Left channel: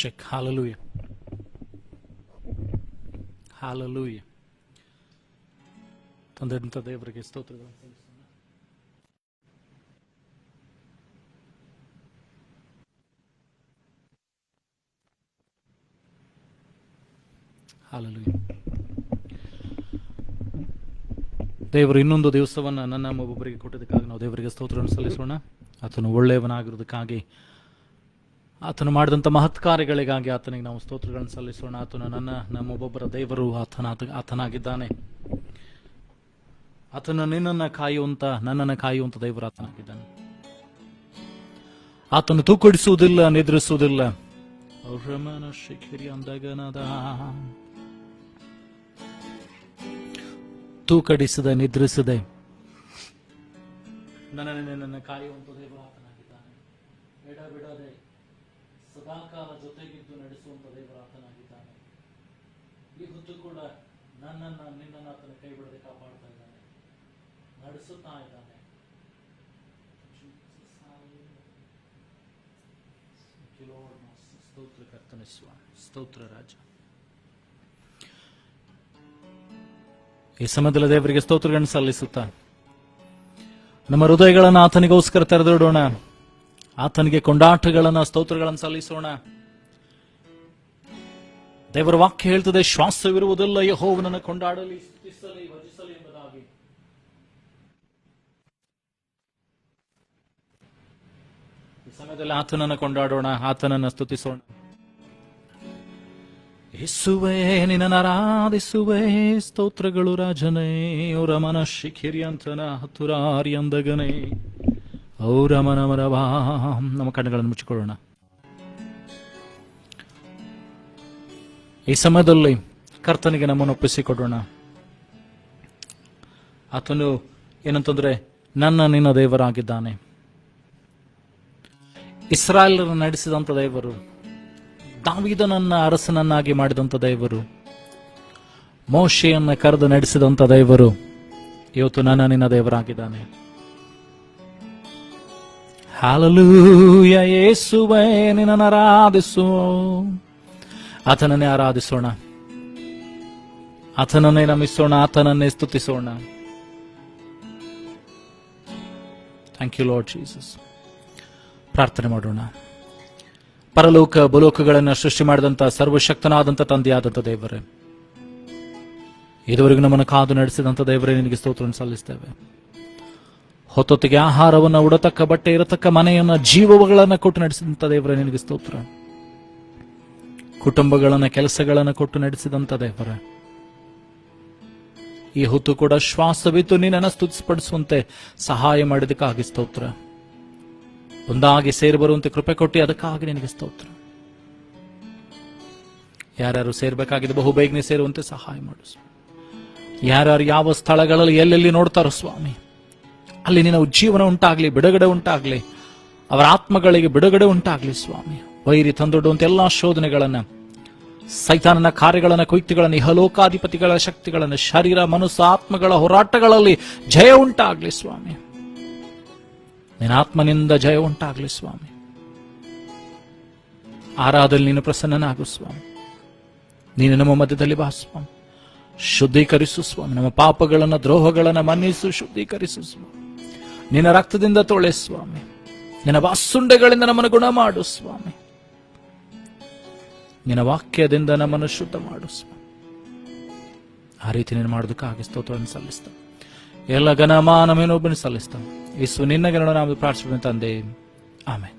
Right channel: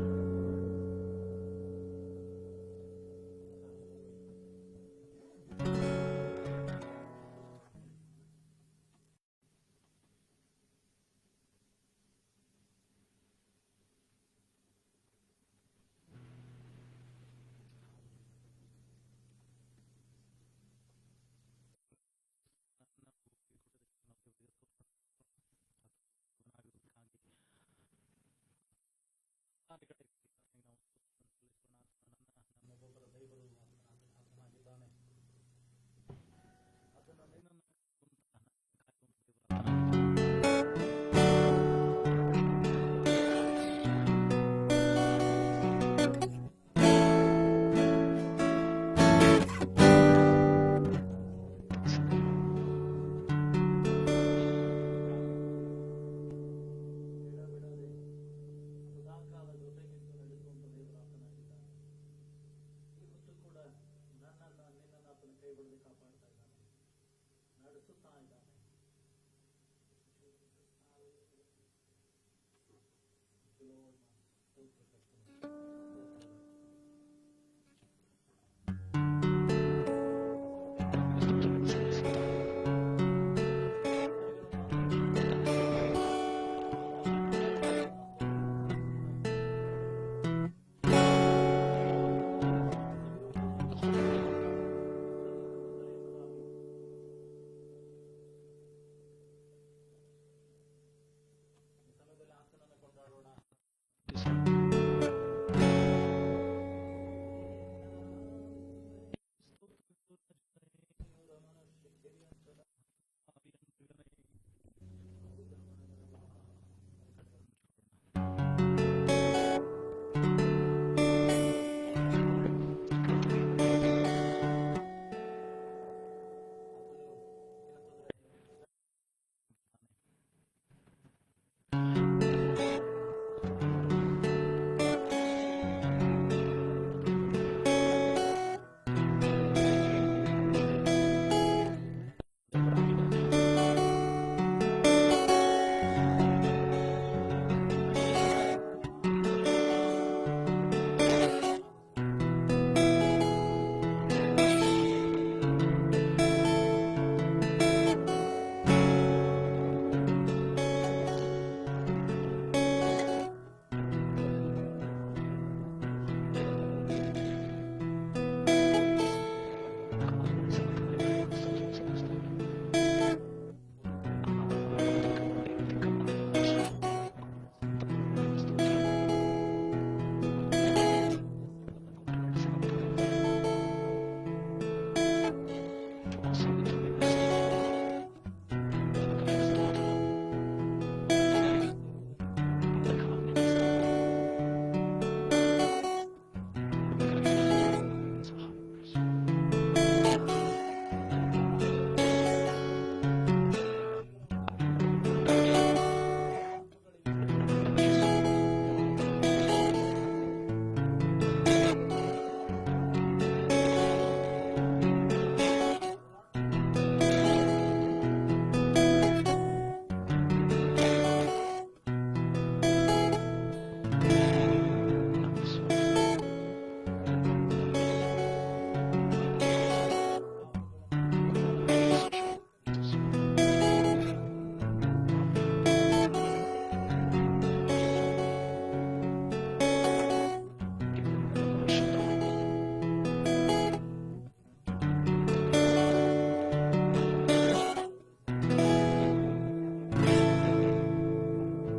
Check. Hallelujah. Hallelujah. ತಂದೆಂತ ದೇವರಿಗೆ ಸ್ತೋತ್ರಗಳು. Hallelujah. ದೇವರು ಇನ್ನೊಂದು ದಿವಸವನ್ನು ನನ್ನ ಒಬ್ಬೊಬ್ಬರಿಗೆ ಕೊಟ್ಟಿದ್ದಕ್ಕಾಗಿ ನಾವು ದೇವರಿಗೆ ಸ್ತೋತ್ರವನ್ನು ಸಲ್ಲಿಸೋಣ. ಆತನು ಒಳ್ಳೆಯವನಾಗಿರೋದಕ್ಕಾಗಿ, ಆತನು ಮಾಡಿದಂಥ ಮಹತ್ ಕಾರ್ಯಗಳಿಗಾಗಿ ಆತನಿಗೆ ನಾವು ಸ್ತೋತ್ರಗಳನ್ನು ಸಲ್ಲಿಸೋಣ. ಆತನು ನಮ್ಮೊಬ್ಬೊಬ್ಬರ ದೇವರು ಆತನಾಗಿದ್ದಾನೆ. ಆತನು ನನ್ನನ್ನು ಕಾಯುವಂತ ದೇವರು ಆತನಾಗಿದ್ದಾನೆ. ಆತನು ತೂಕಡಿಸುವುದಿಲ್ಲ, ನಿದ್ರಿಸುವುದಿಲ್ಲ. ತೂಕಡಿಸದೆ ನಿದ್ರಿಸದೆ ನನ್ನನ್ನು ಕಾಯುವಂತ ದೇವರು ಬಿಡದೆ ಸದಾಕಾಲ ಜೊತೆಗಿದ್ದು ನಡೆಸುವಂತ ದೇವರು ಆತನಾಗಿದ್ದಾನೆ. ಈ ಹೊತ್ತು ಕೂಡ ನಿನ್ನನ್ನು ಆತನ ಕೈ ಬಿಡದೆ ಕಾಪಾಡ್ತಾ ಇದ್ದಾನೆ, ನಡೆಸುತ್ತಾ ಇದ್ದಾನೆ. ಸ್ತೋತ್ರ ಕರ್ತನೆ, ಸ್ತೋತ್ರ ರಾಜ. ಈ ಸಮಯದಲ್ಲಿ ದೇವರಿಗೆ ಸ್ತೋತ್ರಗಳನ್ನು ಸಲ್ಲಿಸುತ್ತಾ ನಮ್ಮ ಹೃದಯಗಳನ್ನು ಆತನಿಗೋಸ್ಕರ ತೆರೆದಿಡೋಣ. ಆತನಿಗೆ ಕೊಂಡಾಟಗಳನ್ನ, ಸ್ತೋತ್ರಗಳನ್ನು ಸಲ್ಲಿಸೋಣ. ದೇವರ ವಾಕ್ಯ ಹೇಳ್ತದೆ, ಶ್ವಾಸವಿರುವುದಿಲ್ಲ ಯೆಹೋವನನ್ನು ಕೊಂಡಾಡಲಿ, ಸ್ತುತಿಸಲಿ, ಭಜಿಸಲಿ ಎಂಬುದಾಗಿ. ಈ ಸಮಯದಲ್ಲಿ ಆತನನ್ನು ಕೊಂಡಾಡೋಣ, ಆತನನ್ನು ಸ್ತುತಿಸೋಣ. ಯೇಸುವೇ ನಿನ್ನನ್ನು ಆರಾಧಿಸುವೆ, ಸ್ತೋತ್ರಗಳು ರಾಜನೇ. ಅವರ ಮನ ಶಿಖಿರಿಯಂತನ ಹತ್ತುರಾರಿಯಂದಗನೇ ಅವರ ಮನಮರವಾ. ನಮ್ಮ ಕಣ್ಣುಗಳನ್ನು ಮುಚ್ಚಿಕೊಳ್ಳೋಣ. ಈ ಸಮಯದಲ್ಲಿ ಕರ್ತನಿಗೆ ನಮ್ಮನ್ನು ಒಪ್ಪಿಸಿಕೊಡೋಣ. ಆತನು ಏನಂತಂದ್ರೆ ನಿನ್ನ ದೇವರಾಗಿದ್ದಾನೆ. ಇಸ್ರಾಯೇಲರನ್ನು ನಡೆಸಿದಂತ ದೇವರು, ದಾವೀದನನ್ನ ಅರಸನನ್ನಾಗಿ ಮಾಡಿದಂತ ದೇವರು, ಮೋಶೆಯನ್ನ ಕರೆದು ನಡೆಸಿದಂತ ದೇವರು ಇವತ್ತು ನಿನ್ನ ದೇವರಾಗಿದ್ದಾನೆ. ಹಲ್ಲೆಲೂಯಾ. ಯೇಸುವೇ ನಿನ್ನನ್ನು ಆರಾಧಿಸು. ಆತನನ್ನೇ ಆರಾಧಿಸೋಣ, ಆತನನ್ನೇ ನಮಿಸೋಣ, ಆತನನ್ನೇ ಸ್ತುತಿಸೋಣ. Thank you Lord Jesus. ಪ್ರಾರ್ಥನೆ ಮಾಡೋಣ. ಪರಲೋಕ ಭೂಲೋಕಗಳನ್ನು ಸೃಷ್ಟಿ ಮಾಡಿದಂತ ಸರ್ವಶಕ್ತನಾದಂಥ ತಂದೆಯಾದಂಥ ದೇವರೇ, ಇದುವರೆಗೂ ನಮ್ಮನ್ನು ಕಾದು ನಡೆಸಿದಂಥ ದೇವರೇ, ನಿನಗೆ ಸ್ತೋತ್ರವನ್ನು ಸಲ್ಲಿಸ್ತೇವೆ. ಹೊತ್ತೊತ್ತಿಗೆ ಆಹಾರವನ್ನು, ಉಡತಕ್ಕ ಬಟ್ಟೆ, ಇರತಕ್ಕ ಮನೆಯನ್ನ, ಜೀವಗಳನ್ನು ಕೊಟ್ಟು ನಡೆಸಿದಂಥ ದೇವರೇ, ನಿನಗೆ ಸ್ತೋತ್ರ. ಕುಟುಂಬಗಳನ್ನ, ಕೆಲಸಗಳನ್ನು ಕೊಟ್ಟು ನಡೆಸಿದಂಥ ದೇವರೇ, ಈ ಹೊತ್ತು ಕೂಡ ಶ್ವಾಸವಿತ್ತು ನಿನ್ನನ್ನು ಸ್ತುತಿಪಡಿಸುವಂತೆ ಸಹಾಯ ಮಾಡಿದಕ್ಕಾಗಿ ಸ್ತೋತ್ರ. ಒಂದಾಗಿ ಸೇರಿ ಬರುವಂತೆ ಕೃಪೆ ಕೊಟ್ಟು ಅದಕ್ಕಾಗಿ ನಿನಗೆ ಸ್ತೋತ್ರ. ಯಾರ್ಯಾರು ಸೇರ್ಬೇಕಾಗಿದೆ ಬಹು ಬೇಗನೆ ಸೇರುವಂತೆ ಸಹಾಯ ಮಾಡು. ಯಾರ್ಯಾರು ಯಾವ ಸ್ಥಳಗಳಲ್ಲಿ ಎಲ್ಲೆಲ್ಲಿ ನೋಡ್ತಾರೋ ಸ್ವಾಮಿ, ಅಲ್ಲಿ ನಿನ್ನ ಉಜ್ಜೀವನ ಉಂಟಾಗ್ಲಿ, ಬಿಡುಗಡೆ ಉಂಟಾಗ್ಲಿ, ಅವರ ಆತ್ಮಗಳಿಗೆ ಬಿಡುಗಡೆ ಉಂಟಾಗ್ಲಿ ಸ್ವಾಮಿ. ವೈರಿ ತಂದೊಡ್ಡುವಂತ ಎಲ್ಲಾ ಶೋಧನೆಗಳನ್ನ, ಸೈತಾನನ ಕಾರ್ಯಗಳನ್ನ, ಕುಯುಕ್ತಿಗಳನ್ನ, ಇಹಲೋಕಾಧಿಪತಿಗಳ ಶಕ್ತಿಗಳನ್ನ, ಶರೀರ ಮನಸ್ಸು ಆತ್ಮಗಳ ಹೋರಾಟಗಳಲ್ಲಿ ಜಯ ಉಂಟಾಗ್ಲಿ ಸ್ವಾಮಿ. ನಿನ್ನ ಆತ್ಮನಿಂದ ಜಯ ಉಂಟಾಗ್ಲಿ ಸ್ವಾಮಿ. ಆರಾಧನೆ ನೀನು ಪ್ರಸನ್ನನಾಗು ಸ್ವಾಮಿ. ನೀನು ನಮ್ಮ ಮಧ್ಯದಲ್ಲಿ ಬಾ ಸ್ವಾಮಿ. ಶುದ್ಧೀಕರಿಸು ಸ್ವಾಮಿ. ನಮ್ಮ ಪಾಪಗಳನ್ನ, ದ್ರೋಹಗಳನ್ನ ಮನ್ನಿಸು, ಶುದ್ಧೀಕರಿಸು ಸ್ವಾಮಿ. ನಿನ್ನ ರಕ್ತದಿಂದ ತೊಳೆ ಸ್ವಾಮಿ. ನಿನ್ನ ವಾಸುಂಡೆಗಳಿಂದ ನಮ್ಮನ್ನು ಗುಣ ಮಾಡು ಸ್ವಾಮಿ. ನಿನ್ನ ವಾಕ್ಯದಿಂದ ನಮ್ಮನ್ನು ಶುದ್ಧ ಮಾಡು ಸ್ವಾಮಿ. ಆ ರೀತಿ ನೀನು ಮಾಡೋದಕ್ಕಾಗಿ ಸ್ತೋತ್ರವನ್ನು ಸಲ್ಲಿಸ್ತೇವೆ. ಎಲ್ಲ ಘನಮಾನಮೇನೊಬ್ಬನು ಸಲ್ಲಿಸ್ತಾನೆ. ಯೇಸು ನಿನ್ನ ಗಣನ ನಾವು ಪ್ರಾರ್ಥನೆ ತಂದೆ, ಆಮೆನ್.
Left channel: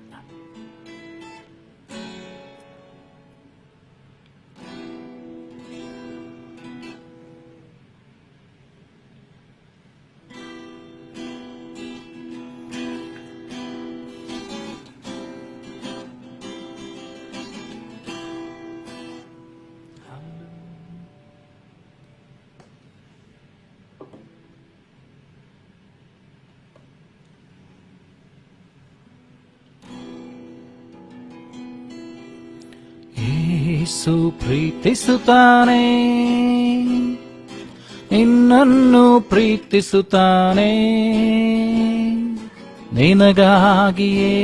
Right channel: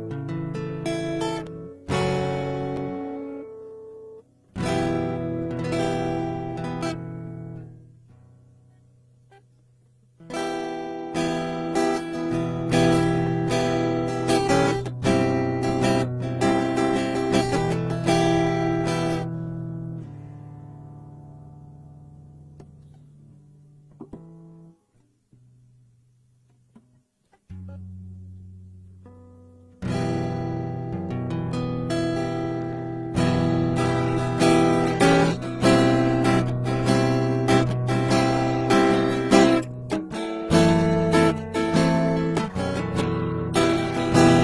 ಯೇಸು ಪ್ರೀತಿಸುತ್ತಾನೆ, ನಿನ್ನನ್ನು ಪ್ರೀತಿಸುತ್ತಾನೆ. ನಿನಗಾಗಿಯೇ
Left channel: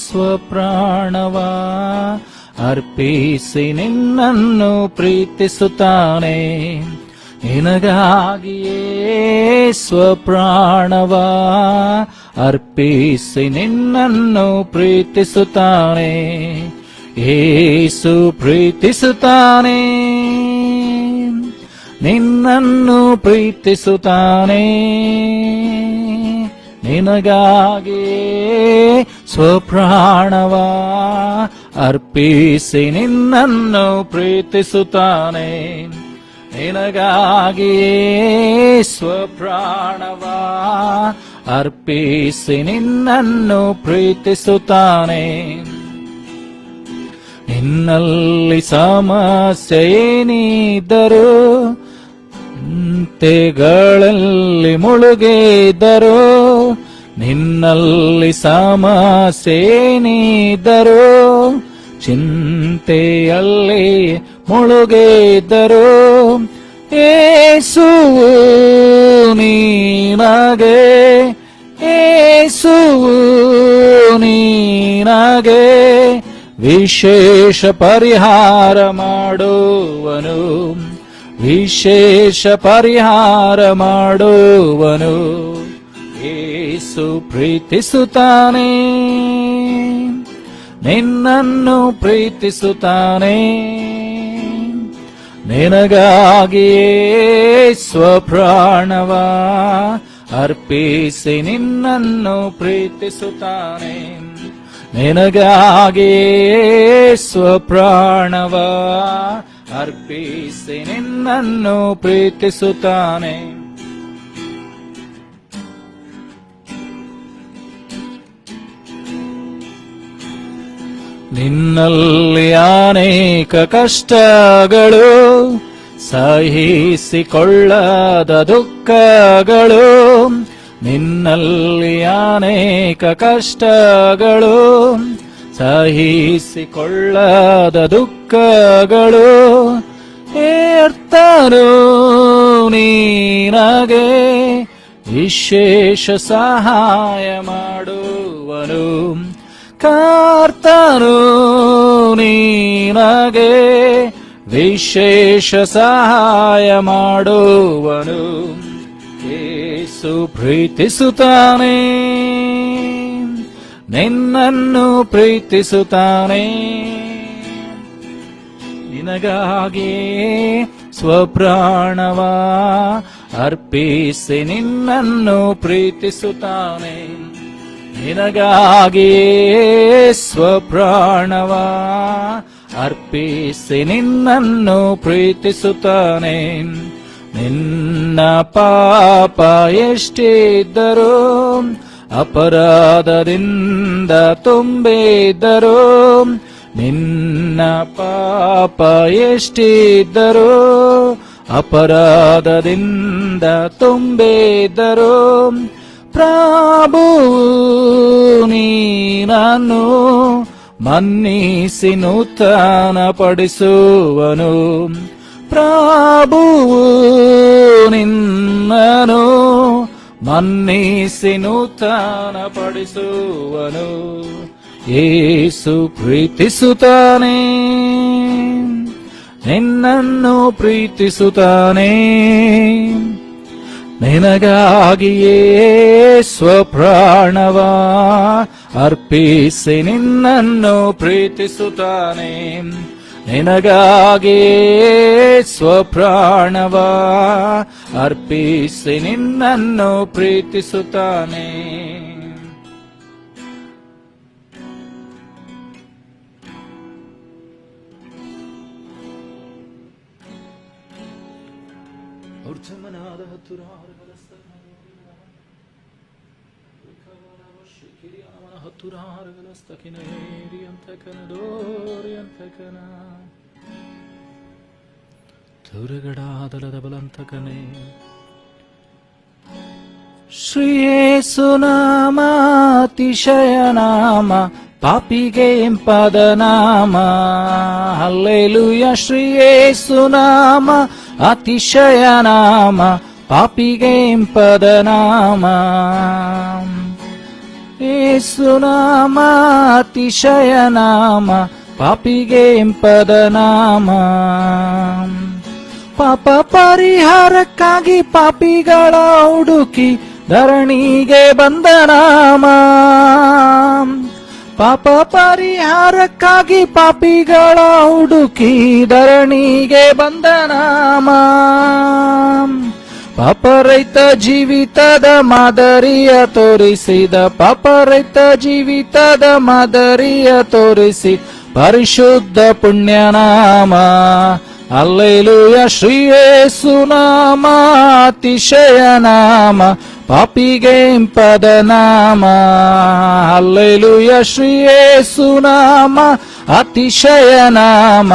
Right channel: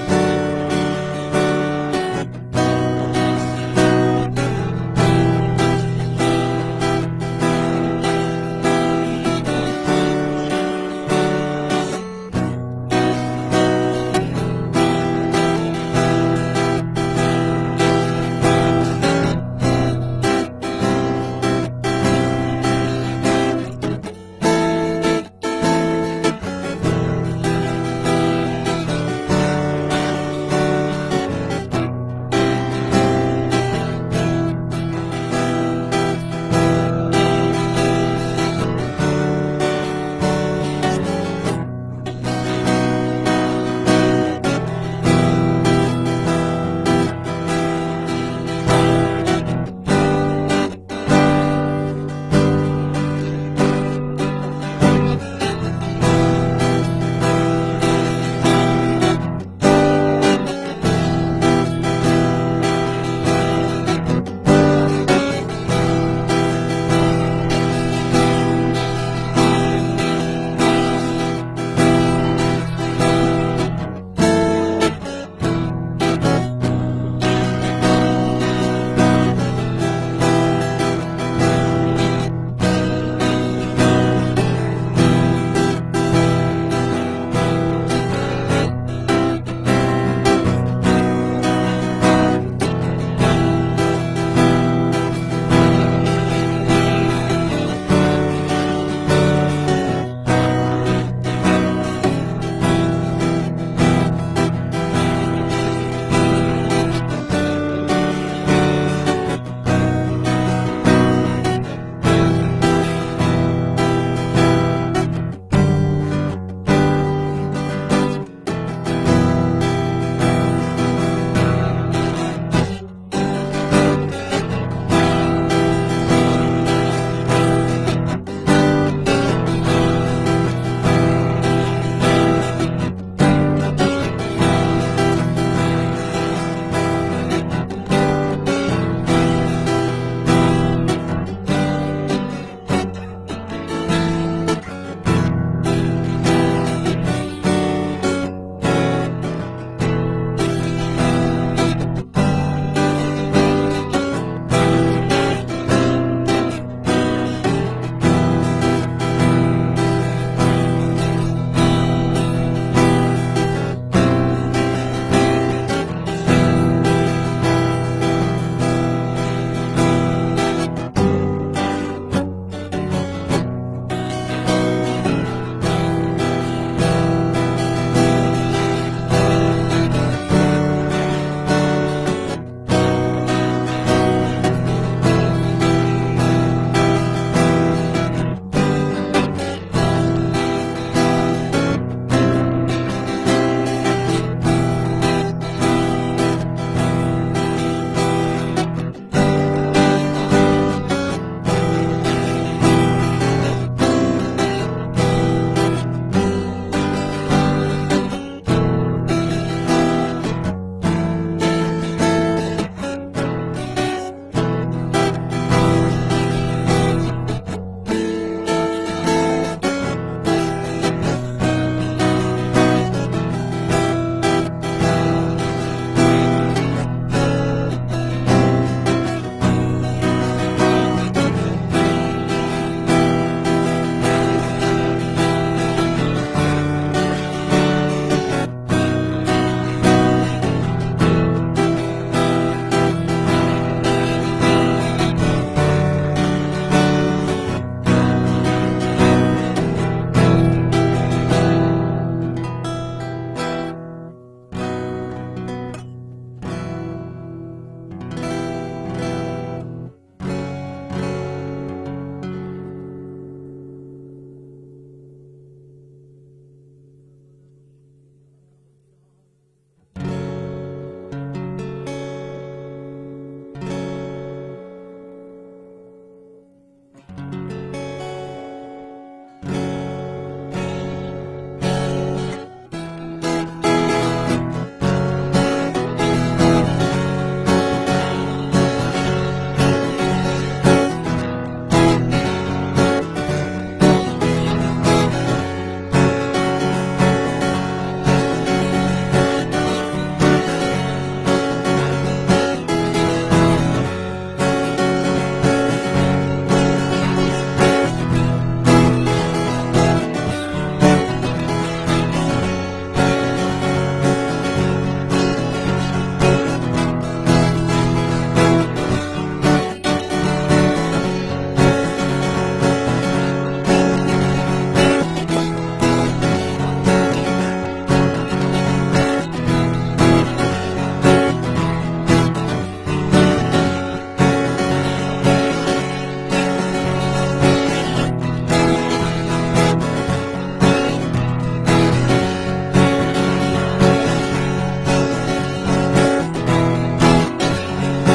ಸ್ವಪ್ರಾಣವ ಅರ್ಪಿಸಿ ನಿನ್ನನ್ನು ಪ್ರೀತಿಸುತ್ತಾನೆ. ನಿನಗಾಗಿಯೇ ಸ್ವಪ್ರಾಣವ ಅರ್ಪಿಸಿ ನಿನ್ನನ್ನು ಪ್ರೀತಿಸುತ್ತಾನೆ. ಯೇಸು ಪ್ರೀತಿಸುತ್ತಾನೆ, ನಿನ್ನನ್ನು ಪ್ರೀತಿಸುತ್ತಾನೆ. ನಿನಗಾಗಿಯೇ ಸ್ವಪ್ರಾಣವ ಅರ್ಪಿಸಿ ನಿನ್ನನ್ನು ಪ್ರೀತಿಸುತ್ತಾನೆ. ನಿನಗಾಗಿಯೇ ಸ್ವಪ್ರಾಣವ ಅರ್ಪಿಸಿ ನಿನ್ನನ್ನು ಪ್ರೀತಿಸುತ್ತಾನೆ. ನಿನ್ನಲ್ಲಿ ಸಮಸ್ಯೆ ಏನಿದ್ದರೂ, ಚಿಂತೆಗಳಲ್ಲಿ ಮುಳುಗಿದ್ದರೂ, ನಿನ್ನಲ್ಲಿ ಸಮಸ್ಯೆ ಏನಿದ್ದರೂ, ಚಿಂತೆಯಲ್ಲಿ ಮುಳುಗಿದ್ದರೂ, ಯೇಸು ನೀನಗೆ, ಯೇಸು ನೀನಗೆ ವಿಶೇಷ ಪರಿಹಾರ ಮಾಡುವನು, ವಿಶೇಷ ಪರಿಹಾರ ಮಾಡುವನು. ಯೇಸು ಪ್ರೀತಿಸುತ್ತಾನೆ, ನಿನ್ನನ್ನು ಪ್ರೀತಿಸುತ್ತಾನೆ. ನಿನಗಾಗಿಯೇ ಸ್ವಪ್ರಾಣವ ಅರ್ಪಿಸಿ ನಿನ್ನನ್ನು ಪ್ರೀತಿಸುತ್ತಾನೆ. ನಿನಗಾಗಿಯೇ ಸ್ವಪ್ರಾಣವ ಅರ್ಪಿಸಿ ನಿನ್ನನ್ನು ಪ್ರೀತಿಸುತ್ತಾನೆ. ನಿನ್ನಲ್ಲಿ ಅನೇಕ ಕಷ್ಟಗಳು, ಸಹಿಸಿಕೊಳ್ಳದ ದುಃಖಗಳು, ನಿನ್ನಲ್ಲಿ ಅನೇಕ ಕಷ್ಟಗಳು, ಸಹಿಸಿಕೊಳ್ಳದ ದುಃಖಗಳು, ಕರ್ತನು ನೀನಗೆ ವಿಶೇಷ ಸಹಾಯ ಮಾಡುವರು. ಕರ್ತನು ನೀನಗೆ ವಿಶೇಷ ಸಹಾಯ ಮಾಡುವನು. ಯೇಸು ಪ್ರೀತಿಸುತ್ತಾನೆ, ನಿನ್ನನ್ನು ಪ್ರೀತಿಸುತ್ತಾನೆ. ನಿನಗಾಗಿಯೇ ಸ್ವಪ್ರಾಣವ ಅರ್ಪಿಸಿ ನಿನ್ನನ್ನು ಪ್ರೀತಿಸುತ್ತಾನೆ. ನಿನಗಾಗಿಯೇ ಸ್ವಪ್ರಾಣವ ಅರ್ಪಿಸಿ ನಿನ್ನನ್ನು ಪ್ರೀತಿಸುತ್ತಾನೆ. ನಿನ್ನ ಪಾಪ ಎಷ್ಟಿದ್ದರೂ, ಅಪರಾಧದಿಂದ ತುಂಬಿದ್ದರೂ, ನಿನ್ನ ಪಾಪ ಎಷ್ಟಿದ್ದರೂ, ಅಪರಾಧದಿಂದ ತುಂಬಿದ್ದರೂ, ಪ್ರಭು ನೀನನ್ನು ಮನ್ನಿಸಿ ನೂತನ ಪಡಿಸುವನು. ಪ್ರಭು ನಿನ್ನನು ಮನ್ನಿಸಿ ನೂತನ ಪಡಿಸುವನು. ಯೇಸು ಪ್ರೀತಿಸುತ್ತಾನೆ, ನಿನ್ನನ್ನು ಪ್ರೀತಿಸುತ್ತಾನೆ. ನಿನಗಾಗಿಯೇ ಸ್ವಪ್ರಾಣವ ಅರ್ಪಿಸಿ ನಿನ್ನನ್ನು ಪ್ರೀತಿಸುತ್ತಾನೆ. ನಿನಗಾಗಿಯೇ ಸ್ವಪ್ರಾಣವ ಅರ್ಪಿಸಿ ನಿನ್ನನ್ನು ಪ್ರೀತಿಸುತ್ತಾನೆ. ಶ್ರೀ ಯೇಸು ನಾಮ ಅತಿಶಯ ನಾಮ, ಪಾಪಿಗೆ ಇಂಪಾದ ನಾಮ. ಹಲ್ಲೆಲೂಯಾ. ಶ್ರೀ ಯೇಸು ನಾಮ ಅತಿಶಯ ನಾಮ, ಪಾಪಿಗೆ ಇಂಪಾದ ನಾಮ. ಯೇಸುನಾಮ ಅತಿಶಯ ನಾಮ, ಪಾಪಿಗೆ ಇಂಪದ ನಾಮ. ಪಾಪ ಪರಿಹಾರಕ್ಕಾಗಿ ಪಾಪಿಗಳ ಹುಡುಕಿ ಧರಣಿಗೆ ಬಂದ ನಾಮ. ಪಾಪ ಪರಿಹಾರಕ್ಕಾಗಿ ಪಾಪಿಗಳ ಹುಡುಕಿ ಧರಣಿಗೆ ಬಂದ ನಾಮ. ಪಾಪರಹಿತ ಜೀವಿತದ ಮಾದರಿಯ ತೋರಿಸಿದ, ಪಾಪರಹಿತ ಜೀವಿತದ ಮಾದರಿಯ ತೋರಿಸಿ ಪರಿಶುದ್ಧ ಪುಣ್ಯನಾಮ. ಹಲ್ಲೆಲೂಯ ಶ್ರೀ ಯೇಸುನಾಮ ಅತಿಶಯ ನಾಮ, ಪಾಪಿಗೆ ಇಂಪದ ನಾಮ. ಹಲ್ಲೆಲೂಯ ಶ್ರೀ ಯೇಸುನಾಮ ಅತಿಶಯ ನಾಮ,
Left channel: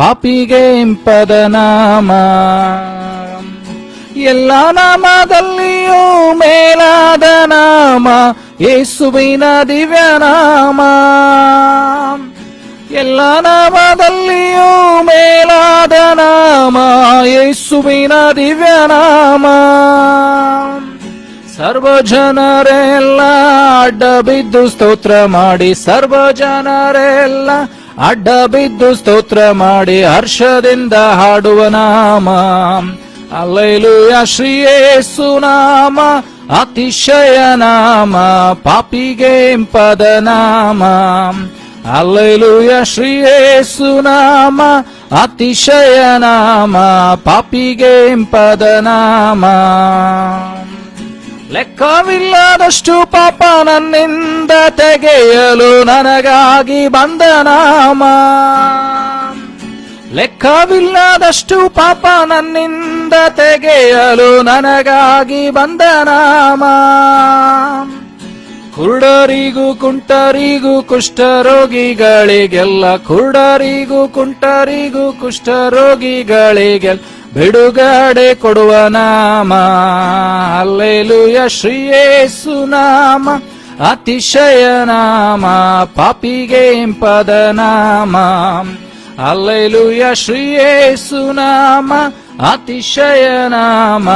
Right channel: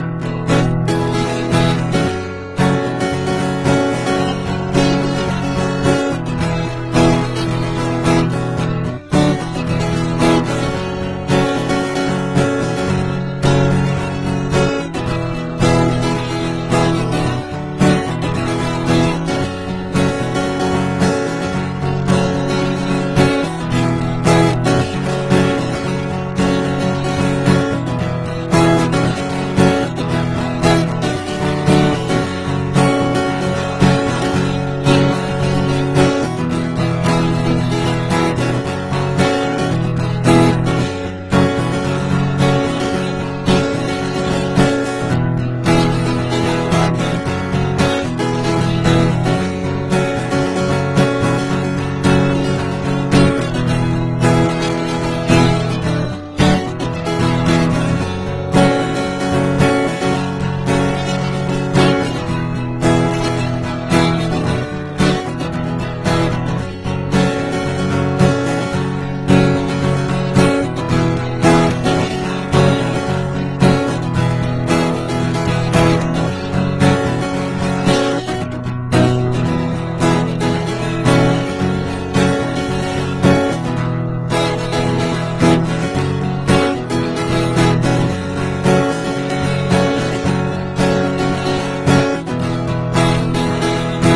ಪಾಪಿಗೆ ಇಂಪದ ನಾಮ. ಎಲ್ಲ ನಾಮದಲ್ಲಿಯೂ ಮೇಲಾದ ನಾಮ ಯೇಸುವಿನ ದಿವ್ಯ ನಾಮ. ಎಲ್ಲ ನಾಮದಲ್ಲಿಯೂ ಮೇಲಾದ ನಾಮ ಯೇಸುವಿನ ದಿವ್ಯ ನಾಮ. ಸರ್ವ ಜನರೆಲ್ಲ ಅಡ್ಡ ಬಿದ್ದು ಸ್ತೋತ್ರ ಮಾಡಿ, ಸರ್ವ ಜನರೆಲ್ಲ ಅಡ್ಡ ಬಿದ್ದು ಸ್ತೋತ್ರ ಮಾಡಿ ಹರ್ಷದಿಂದ ಹಾಡುವ ನಾಮ. ಹಲ್ಲೆಲೂಯ ಶ್ರೀ ಯೇಸುನಾಮ ಅತಿಶಯ ನಾಮ, ಪಾಪಿಗೆ ಇಂಪದ ನಾಮ. ಹಲ್ಲೆಲೂಯ ಶ್ರೀ ಯೇಸುನಾಮ ಅತಿಶಯ ನಾಮ, ಪಾಪಿಗೆ ಇಂಪದ ನಾಮ. ಲೆಕ್ಕವಿಲ್ಲದಷ್ಟು ಪಾಪ ನನ್ನಿಂದ ತೆಗೆಯಲು ನನಗಾಗಿ ಬಂದ ನಾಮ. ಲೆಕ್ಕವಿಲ್ಲದಷ್ಟು ಪಾಪ ನನ್ನಿಂದ ತೆಗೆಯಲು ನನಗಾಗಿ ಬಂದ ನಾಮ. ಕುರುಡರಿಗೂ ಕುಂಟರಿಗೂ ಕುಷ್ಠರೋಗಿಗಳಿಗೆಲ್ಲ, ಕುರುಡರಿಗೂ ಕುಂಟರಿಗೂ ಕುಷ್ಠರೋಗಿಗಳಿಗೆಲ್ಲ ಬಿಡುಗಡೆ ಕೊಡುವ ನಾಮ. ಹಲ್ಲೆಲೂಯ ಶ್ರೀ ಯೇಸುನಾಮ ಅತಿಶಯ ನಾಮ, ಪಾಪಿಗೆ ಇಂಪದ ನಾಮ. ಹಲ್ಲೆಲೂಯ ಶ್ರೀ ಯೇಸುನಾಮ ಅತಿಶಯ ನಾಮ,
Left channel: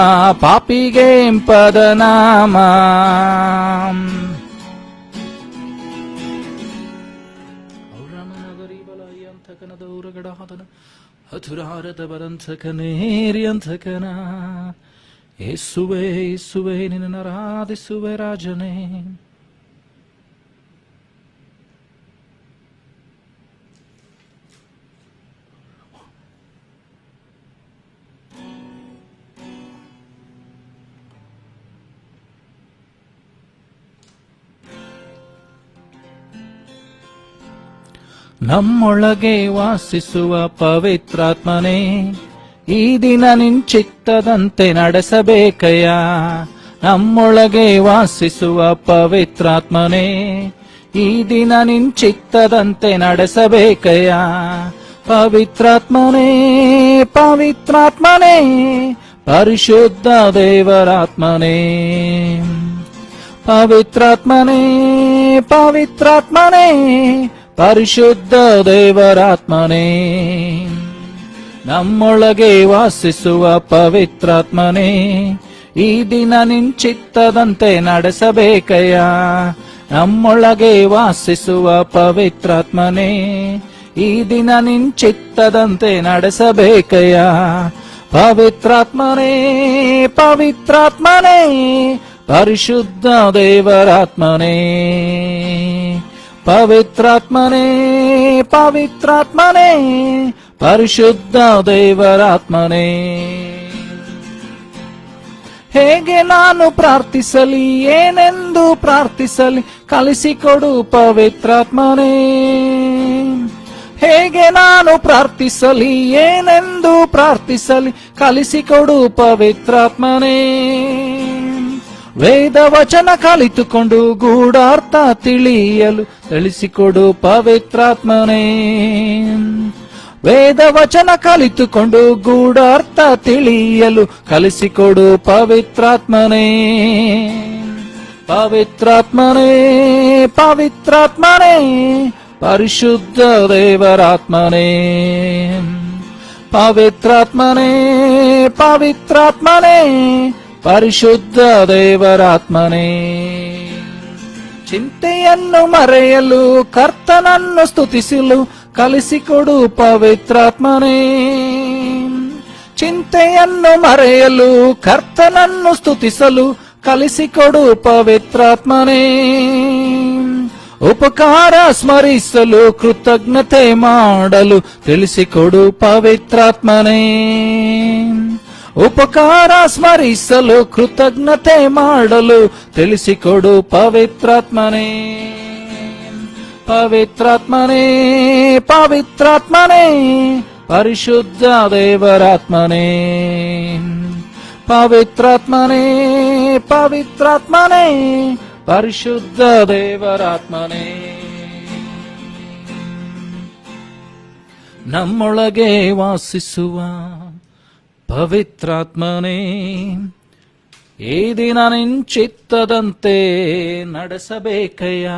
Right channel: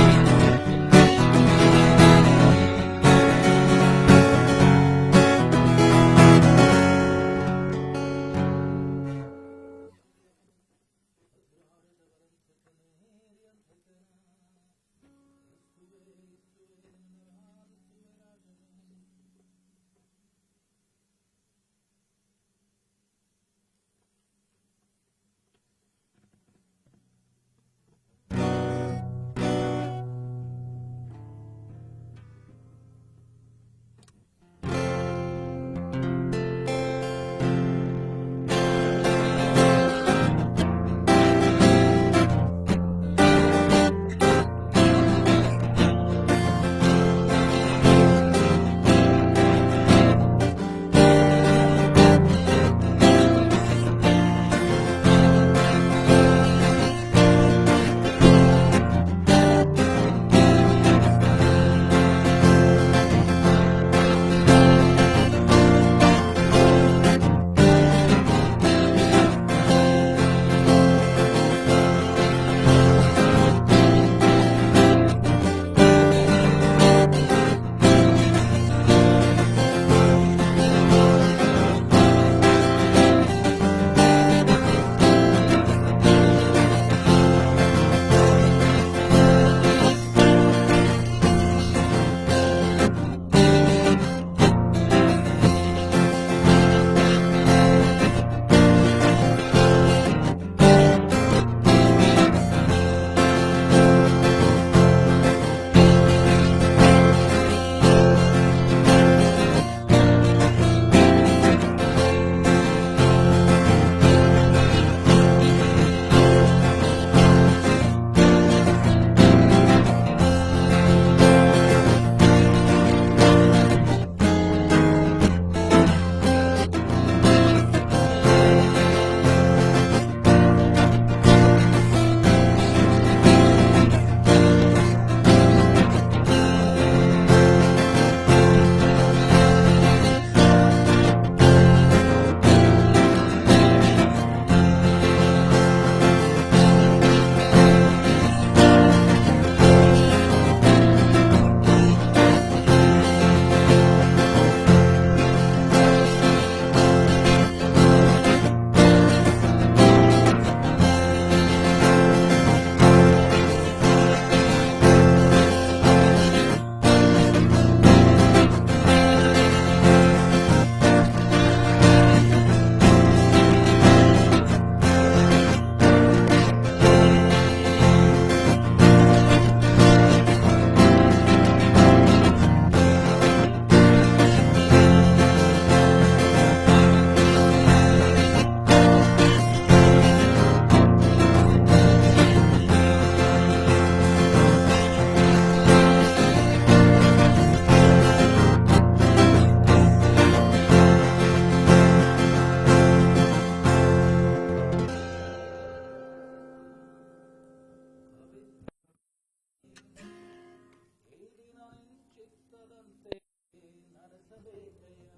ಪಾಪಿಗೆ ಇಂಪದ ನಾಮ. ಹತುರಾರದ ಬರಂಥಕನೇರಿಯಂಥಕನ, ಯೇಸುವೆ ಯೇಸುವೆ ನಿನ್ನ ಆರಾಧಿಸುವೆ ರಾಜನೇ. ನಮ್ಮೊಳಗೆ ವಾಸಿಸುವ ಪವಿತ್ರಾತ್ಮನೇ, ಈ ದಿನ ನಿಂಚಿತ್ತದಂತೆ ನಡೆಸಬೇಕಯ್ಯ. ನಮ್ಮೊಳಗೆ ವಾಸಿಸುವ ಪವಿತ್ರಾತ್ಮನೇ, ಈ ದಿನ ನಿಂಚಿತ್ತದಂತೆ ನಡೆಸಬೇಕಯ್ಯ. ಪವಿತ್ರಾತ್ಮನೇ ಪವಿತ್ರಾತ್ಮನೇ, ಪರಿಶುದ್ಧ ದೇವರಾತ್ಮನೇ. ಪವಿತ್ರಾತ್ಮನೇ ಪವಿತ್ರಾತ್ಮನೇ, ಪರಿಶುದ್ಧ ದೇವರಾತ್ಮನೇ. ನಮ್ಮೊಳಗೆ ವಾಸಿಸುವ ಪವಿತ್ರಾತ್ಮನೇ, ಈ ದಿನ ನಿಂಚಿತ್ತದಂತೆ ನಡೆಸಬೇಕಯ್ಯ. ನಮ್ಮೊಳಗೆ ವಾಸಿಸುವ ಪವಿತ್ರಾತ್ಮನೇ, ಈ ದಿನ ನಿಂಚಿತ್ತದಂತೆ ನಡೆಸಬೇಕಯ್ಯ. ಪವಿತ್ರಾತ್ಮನೇ ಪವಿತ್ರಾತ್ಮನೇ, ಪರಿಶುದ್ಧ ದೇವರಾತ್ಮನೇ. ಪವಿತ್ರಾತ್ಮನೇ ಪವಿತ್ರಾತ್ಮನೇ, ಪರಿಶುದ್ಧ ದೇವರಾತ್ಮನೇ. ಹೇಗೆ ನಾನು ಪ್ರಾರ್ಥಿಸಲಿ, ಏನೆಂದು ಪ್ರಾರ್ಥಿಸಲಿ, ಕಲಿಸಿಕೊಡು ಪವಿತ್ರಾತ್ಮನೇ. ಹೇಗೆ ನಾನು ಪ್ರಾರ್ಥಿಸಲಿ, ಏನೆಂದು ಪ್ರಾರ್ಥಿಸಲಿ, ಕಲಿಸಿಕೊಡು ಪವಿತ್ರಾತ್ಮನೇ. ವೇದ ವಚನ ಕಲಿತುಕೊಂಡು ಗೂಢಾರ್ಥ ತಿಳಿಯಲು ತಿಳಿಸಿಕೊಡು ಪವಿತ್ರಾತ್ಮನೇ. ವೇದ ವಚನ ಕಲಿತುಕೊಂಡು ಗೂಢಾರ್ಥ ತಿಳಿಯಲು ಕಲಿಸಿಕೊಡು ಪವಿತ್ರಾತ್ಮನೇ. ಪವಿತ್ರಾತ್ಮನೇ ಪವಿತ್ರಾತ್ಮನೇ, ಪರಿಶುದ್ಧ ದೇವರಾತ್ಮನೇ. ಪವಿತ್ರಾತ್ಮನೇ ಪವಿತ್ರಾತ್ಮನೇ, ಪರಿಶುದ್ಧ ದೇವರಾತ್ಮನೇ. ಚಿಂತೆಯ ಚಿಂತೆಯನ್ನು ಮರೆಯಲು ಕರ್ತನನ್ನು ಸ್ತುತಿಸಲು ಕಲಿಸಿಕೊಡು ಪವಿತ್ರಾತ್ಮನೇ. ಚಿಂತೆಯನ್ನು ಮರೆಯಲು ಕರ್ತನನ್ನು ಸ್ತುತಿಸಲು ಕಲಿಸಿಕೊಡು ಪವಿತ್ರಾತ್ಮನೇ. ಉಪಕಾರ ಸ್ಮರಿಸಲು ಕೃತಜ್ಞತೆ ಮಾಡಲು ತಿಳಿಸಿಕೊಡು ಪವಿತ್ರಾತ್ಮನೇ. ಉಪಕಾರ ಸ್ಮರಿಸಲು ಕೃತಜ್ಞತೆ ಮಾಡಲು ತಿಳಿಸಿಕೊಡು ಪವಿತ್ರಾತ್ಮನೇ. ಪವಿತ್ರಾತ್ಮನೇ, ಪವಿತ್ರಾತ್ಮನೇ, ಪರಿಶುದ್ಧ ದೇವರಾತ್ಮನೇ. ಪವಿತ್ರಾತ್ಮನೇ, ಪವಿತ್ರಾತ್ಮನೇ, ಪರಿಶುದ್ಧ ದೇವರಾತ್ಮನೇ. ನಮ್ಮೊಳಗೆ ವಾಸಿಸುವ ಪವಿತ್ರಾತ್ಮನೇ, ಈ ದಿನ ನಿಂಚಿತ್ತದಂತೆ ನಡೆಸಬೇಕಯ್ಯ.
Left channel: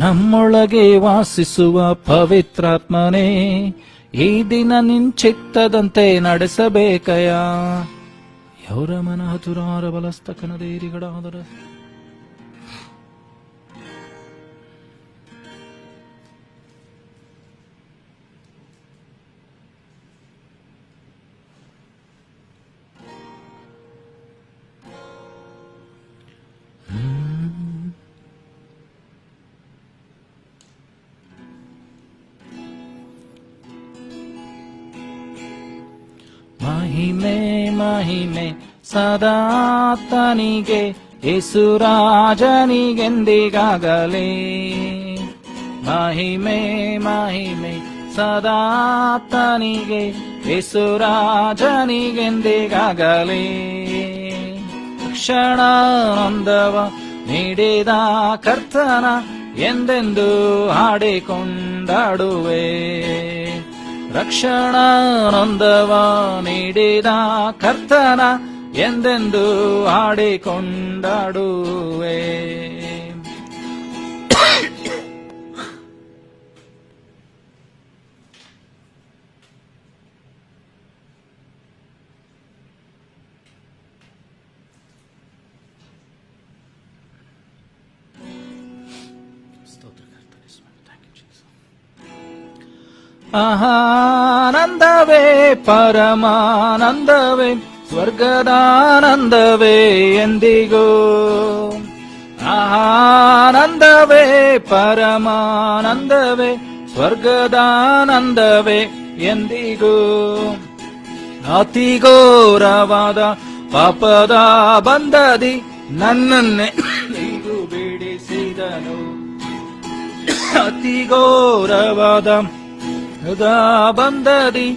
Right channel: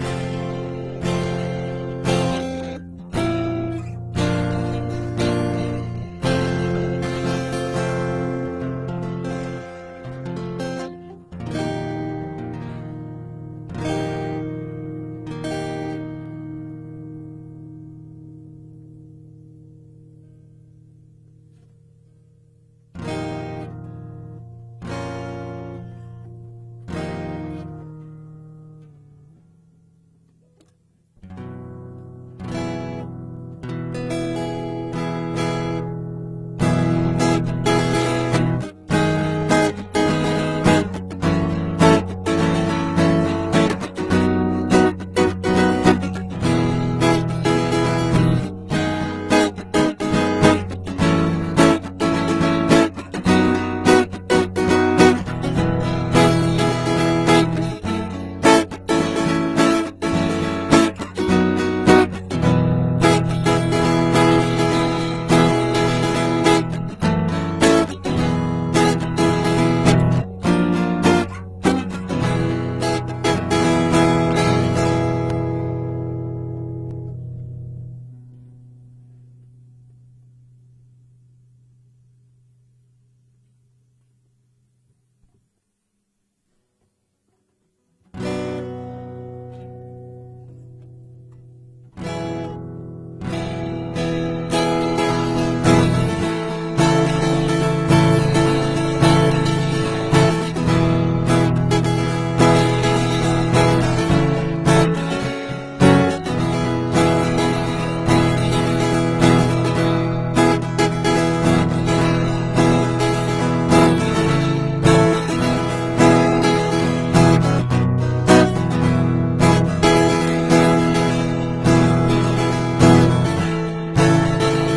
ನಮ್ಮೊಳಗೆ ವಾಸಿಸುವ ಪವಿತ್ರಾತ್ಮನೇ, ಈ ದಿನ ನಿಂಚಿತ್ತದಂತೆ ನಡೆಸಬೇಕಯ್ಯ. ಯೌರಮನ ತುರಾರ ಬಲಸ್ತಕನ ಧೈರ್ಯಗಡಾದರ ಸದಾತ್ಮನಿಗೆ ಯೇಸುರಾಜನಿಗೆಂದಿಗಾಗಲೇ. ಮಹಿಮೆ ಮಹಿಮೆ ಸದಾತ್ಮನಿಗೆ ಯೇಸುರಾಜನಿಗೆಂದಿಗಾಗಲೇ. ಕ್ಷಣ ಅಂದವ ನೀಡಿದ ಕರ್ತನ ಎಂದೆಂದು ಹಾಡಿಕೊಂಡಾಡುವೆ. ತಕ್ಷಣ ನಂದವ ನೀಡಿದ ಕರ್ತನ ಎಂದೆಂದು ಹಾಡಿಕೊಂಡಾಡುವೆ. ಆನಂದವೇ ಪರಮಾನಂದವೇ ಸ್ವರ್ಗದಾನಂದವೇ ಎಂದಿಗೂ. ಆನಂದವೇ ಪರಮಾನಂದವೇ ಸ್ವರ್ಗದಾನಂದವೇ ಎಂದಿಗೂ. ಅತಿ ಘೋರವಾದ ಪಾಪದ ಬಂಧದಿ ನನ್ನನ್ನೇ ಬಿಡಿಸಿದನು. ಅತಿ ಘೋರವಾದ ಬಂಧದಿ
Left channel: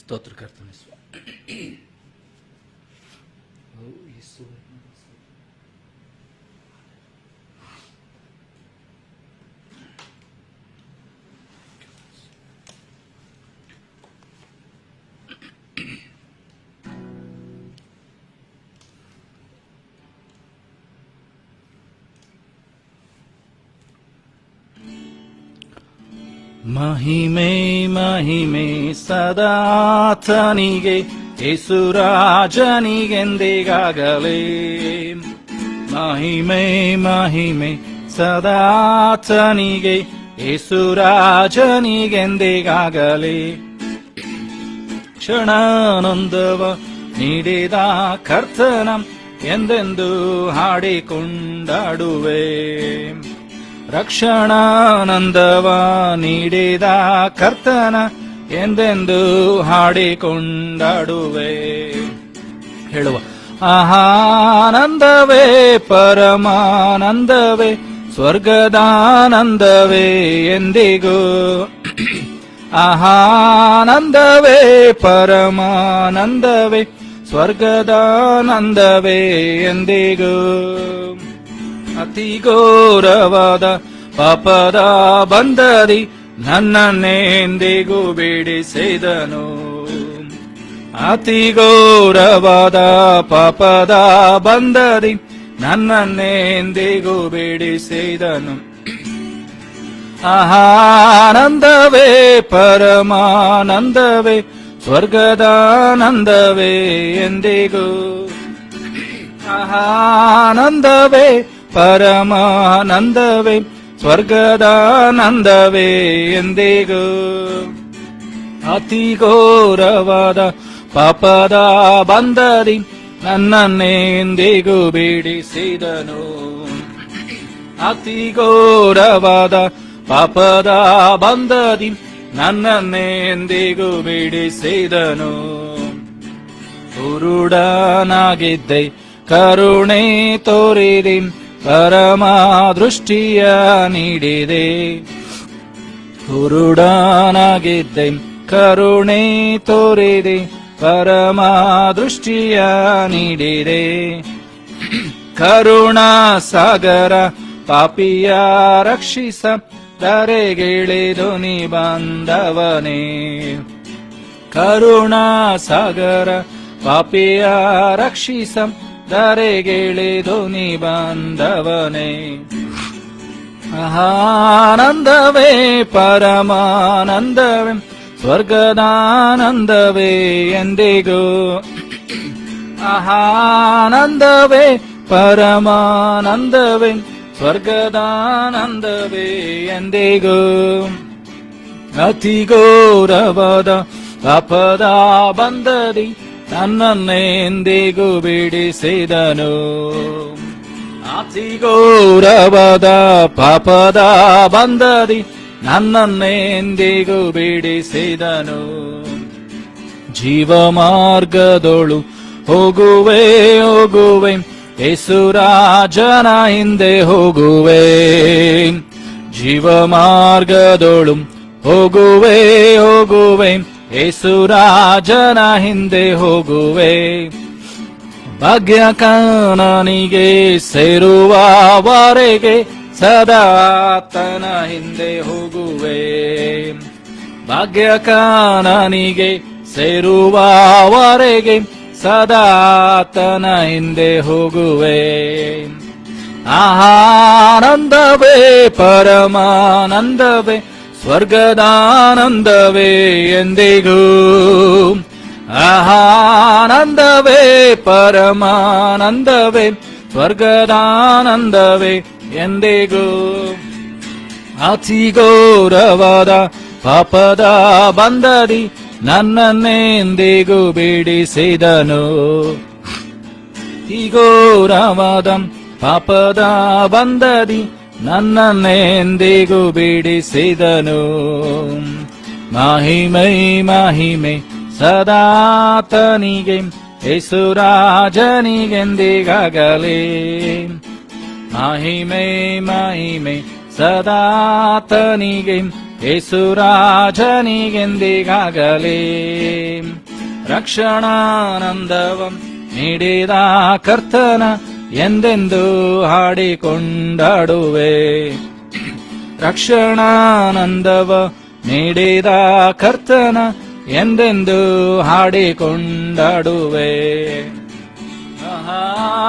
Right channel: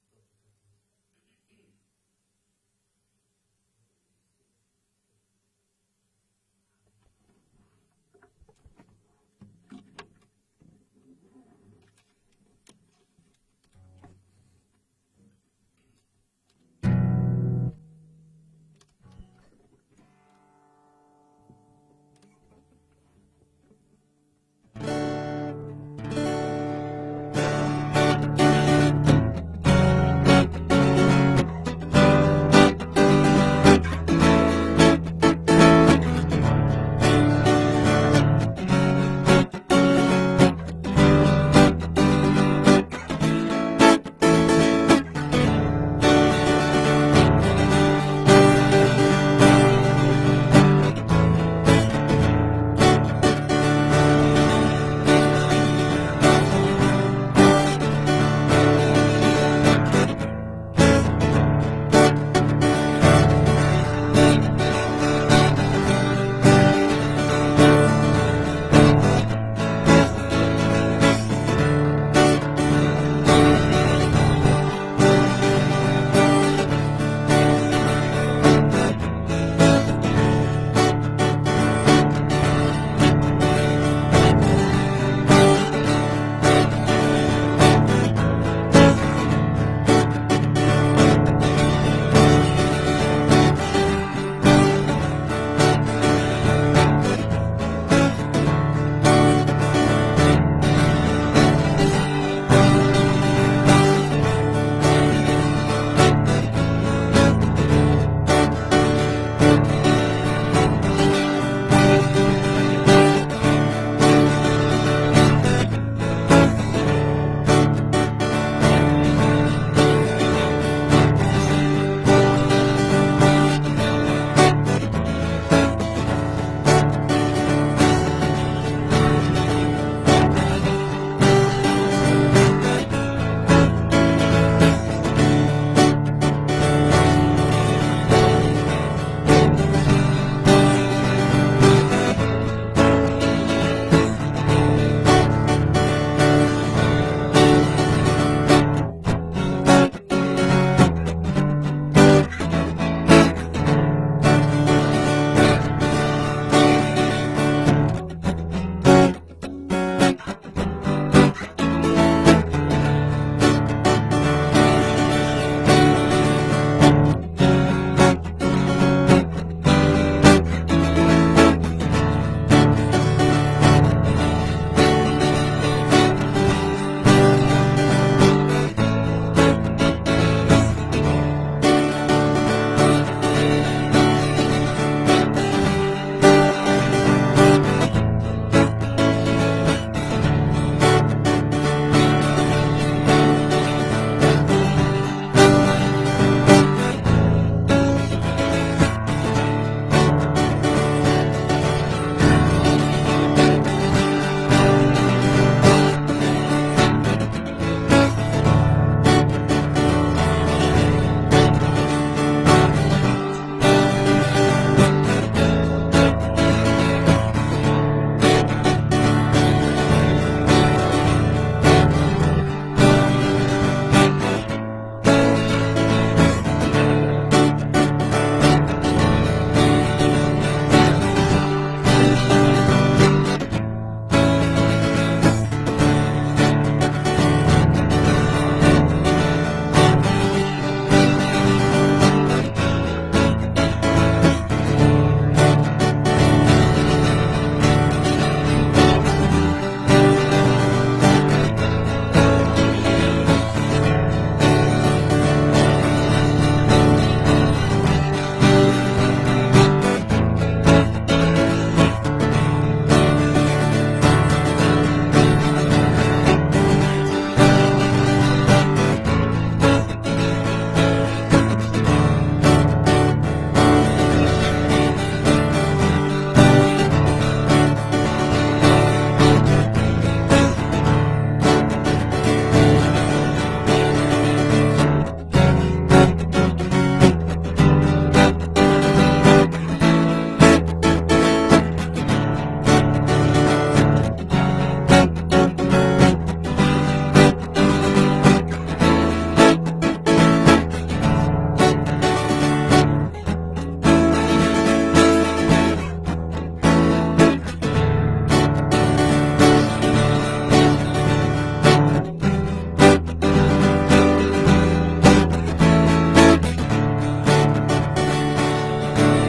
ಸ್ತೋತ್ರ ಕರ್ತನೆ ಸ್ವಾಮಿ. ಮಹಿಮೆ ಮಹಿಮೆ ಸದಾತನಿಗೆ ಯೇಸುರಾಜನಿಗೆಂದಿಗಾಗಲೇ. ಮಹಿಮೆ ಮಹಿಮೆ ಸದಾತನಿಗೆ ಯೇಸುರಾಜನಿಗೆಂದಿಗಾಗಲೇ. ಕ್ಷಣಾನಂದವ ನೀಡಿದ ಕರ್ತನ ಎಂದೆಂದು ಹಾಡಿಕೊಂಡಾಡುವೆ. ರಕ್ಷಣಾನಂದವ ನೀಡಿದ ಕರ್ತನ ಎಂದೆಂದು ಹಾಡಿಕೊಂಡಾಡುವೆ. ಆಹಾನಂದವೇ ಪರಮಾನಂದವೇ ಸ್ವರ್ಗದಾನಂದವೇ ಎಂದಿಗೂ. ಆಹಾನಂದವೇ ಪರಮಾನಂದವೇ ಸ್ವರ್ಗದಾನಂದವೇ ಎಂದಿಗೂ. ಘೋರವಾದ ಪಾಪದ ಬಂಧದಿ ನನ್ನನ್ನೆಂದಿಗೂ ಬಿಡಿಸಿದನು. ಅತಿ ಘೋರವಾದ ಪಾಪದ ಬಂಧದಿ ನನ್ನನ್ನೆಂದಿಗೂ ಬಿಡಿಸಿದನು. ಆನಂದವೇ ಪರಮಾನಂದವೇ ಸ್ವರ್ಗದಾನಂದವೇ ಎಂದಿಗೂ. ಆನಂದವೇ ಪರಮಾನಂದವೇ ಸ್ವರ್ಗದಾನಂದವೇ ಎಂದಿಗೂ. ಅತಿ ಘೋರವಾದ ಪಾಪದ ಬಂಧದಿ ನನ್ನನ್ನೆಂದಿಗೂ ಬಿಡಿಸಿದನು. ಅತಿ ಘೋರವಾದ ಪಾಪದ ಬಂಧದಿ ನನ್ನನ್ನೆಂದಿಗೂ ಬಿಡಿಸಿದನು. ಕುರುಡನಾಗಿದ್ದೆ ಕರುಣೆ ತೋರಿದೆ ಪರಮ ದೃಷ್ಟಿಯ ನೀಡಿದೆ. ಕುರುಡನಾಗಿದ್ದೆ ಕರುಣೆ ತೋರಿದೆ ಪರಮ ದೃಷ್ಟಿಯ ನೀಡಿದೆ. ಕರುಣಾ ಸಾಗರ ಪಾಪಿಯ ರಕ್ಷಿಸ ಕರೆಗಿಳಿದು ನೀ ಬಂದವನೇ. ಕರುಣಾ ಸಾಗರ ಪಾಪಿಯ ರಕ್ಷಿಸ ಕರೆಗಿಳಿದು ನೀ ಬಂದವನೇ. ಆನಂದವೇ ಪರಮಾನಂದವೇ ಸ್ವರ್ಗದಾನಂದವೇ ಎಂದಿಗೂ. ಆನಂದವೇ ಪರಮಾನಂದವೇ ಸ್ವರ್ಗದಾನಂದವೇ ಎಂದಿಗೂ. ಅತಿ ಘೋರವಾದ ಪಾಪದ ಬಂಧದಿ ನನ್ನನ್ನೆಂದಿಗೂ ಬಿಡಿಸಿದನು. ಅತಿ ಘೋರವಾದ ಪಾಪದ ಬಂಧದಿ ನನ್ನನ್ನೆಂದಿಗೂ ಬಿಡಿಸಿದನು. ಜೀವ ಮಾರ್ಗದೊಳು ಹೋಗುವೆ ಹೋಗುವೆ ಯೇಸುರಾಜನ ಹಿಂದೆ ಹೋಗುವೆ. ಜೀವ ಮಾರ್ಗದೊಳು ಹೋಗುವೆ ಹೋಗುವೆ ಯೇಸುರಾಜನ ಹಿಂದೆ ಹೋಗುವೆ. ಭಾಗ್ಯಕನನಿಗೆ ಸೇರುವವರೆಗೆ ಸದಾ ಆತನ ಹಿಂದೆ ಹೋಗುವೆ. ಭಾಗ್ಯಕನನಿಗೆ ಸೇರುವವರೆಗೆ ಸದಾ ಆತನ ಹಿಂದೆ ಹೋಗುವೆ. ಆನಂದವೇ ಪರಮಾನಂದವೇ ಸ್ವರ್ಗದಾನಂದವೇ ಎಂದಿಗೂ. ಆನಂದವೇ ಪರಮಾನಂದವೇ ಸ್ವರ್ಗದಾನಂದವೇ ಎಂದಿಗೂ. ಅತಿ ಘೋರವಾದ ಪಾಪದ ಬಂಧದಿ ನನ್ನನ್ನೆಂದಿಗೂ ಬಿಡಿಸಿದನು. ಅತಿ ಘೋರವಾದ ಪಾಪದ ಬಂಧದಿ ನನ್ನನ್ನೆಂದಿಗೂ ಬಿಡಿಸಿದನು. ಮಹಿಮೆ ಮಹಿಮೆ ಸದಾತನಿಗೆ ಯೇಸುರಾಜನಿಗೆಂದಿಗಾಗಲೇ. ಮಹಿಮೆ ಮಹಿಮೆ ಸದಾತನಿಗೆ ಯೇಸುರಾಜನಿಗೆಂದಿಗಾಗಲೇ. ರಕ್ಷಣಾನಂದವ ನೀಡಿದ ಕರ್ತನ ಎಂದೆಂದು ಹಾಡಿಕೊಂಡಾಡುವೆ. ರಕ್ಷಣಾನಂದವ ನೀಡಿದ ಕರ್ತನ ಎಂದೆಂದು ಹಾಡಿಕೊಂಡಾಡುವೆ.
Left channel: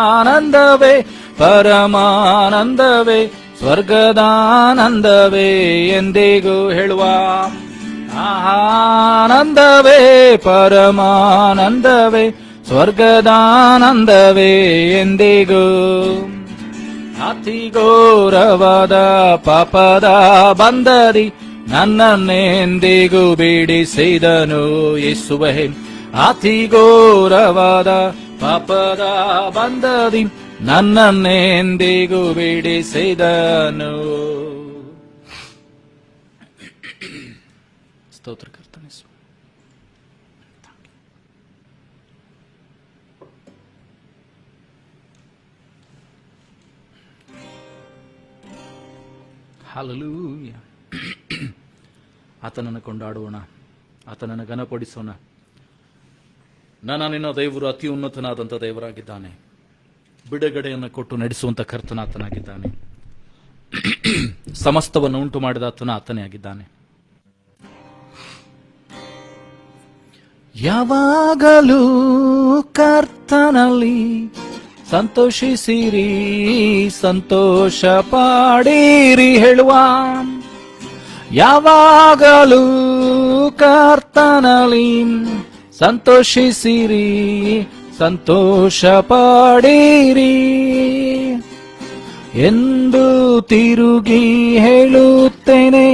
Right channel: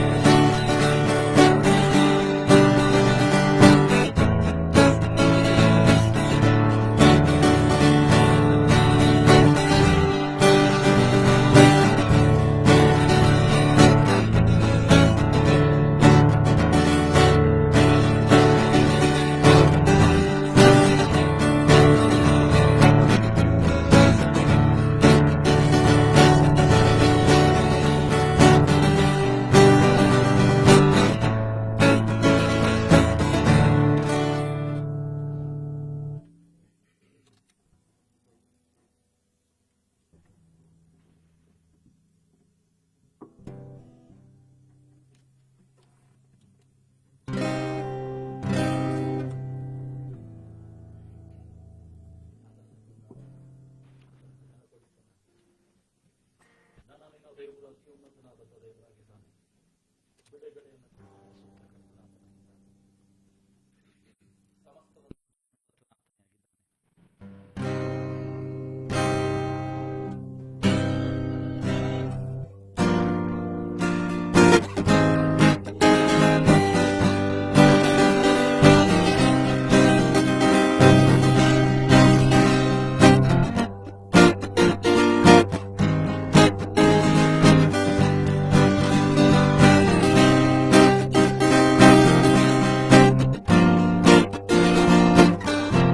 ಆನಂದವೇ ಪರಮಾನಂದವೇ ಸ್ವರ್ಗದಾನಂದವೇ ಎಂದಿಗೂ ಹೇಳುವ. ಆನಂದವೇ ಪರಮಾನಂದವೇ ಸ್ವರ್ಗದಾನಂದವೇ ಎಂದಿಗೂ. ಅತಿ ಘೋರವಾದ ಪಾಪದ ಬಂದರಿ ನನ್ನನ್ನೆಂದಿಗೂ ಬಿಡಿಸಿದನು ಯೇಸುವೇ. ಅತಿ ಘೋರವಾದ ಪಾಪದ ಬಂದರಿ ನನ್ನನ್ನೆಂದಿಗೂ ಬಿಡಿಸಿದನು. ಸ್ತೋತ್ರ ಕರ್ತನೇ. ಹಲ್ಲೆಲೂಯಾ. ಆತನನ್ನು ಕೊಂಡಾಡೋಣ, ಆತನನ್ನು ಘನಪಡಿಸೋಣ. ನಿನ್ನ ದೇವರು ಅತಿ ಉನ್ನತನಾದಂಥ ದೇವರಾಗಿದ್ದಾನೆ. ಬಿಡುಗಡೆಯನ್ನು ಕೊಟ್ಟು ನಡೆಸುವಂತ ಕರ್ತನಾತನಾಗಿದ್ದಾನೆ. ಸಮಸ್ತವನ್ನು ಉಂಟು ಮಾಡಿದ ಆತನೇ ಆಗಿದ್ದಾನೆ. ಯಾವಾಗಲೂ ಕರ್ತನಲ್ಲಿ ಸಂತೋಷಿಸಿರಿ, ಸಂತೋಷ ಪಾಡಿರಿ ಹೇಳುವ. ಯಾವಾಗಲೂ ಕರ್ತನಲ್ಲಿ ಸಂತೋಷಿಸಿರಿ, ಸಂತೋಷ ಪಾಡಿರಿ ಎಂದು ತಿರುಗಿ ಹೇಳುತ್ತೇನೆ,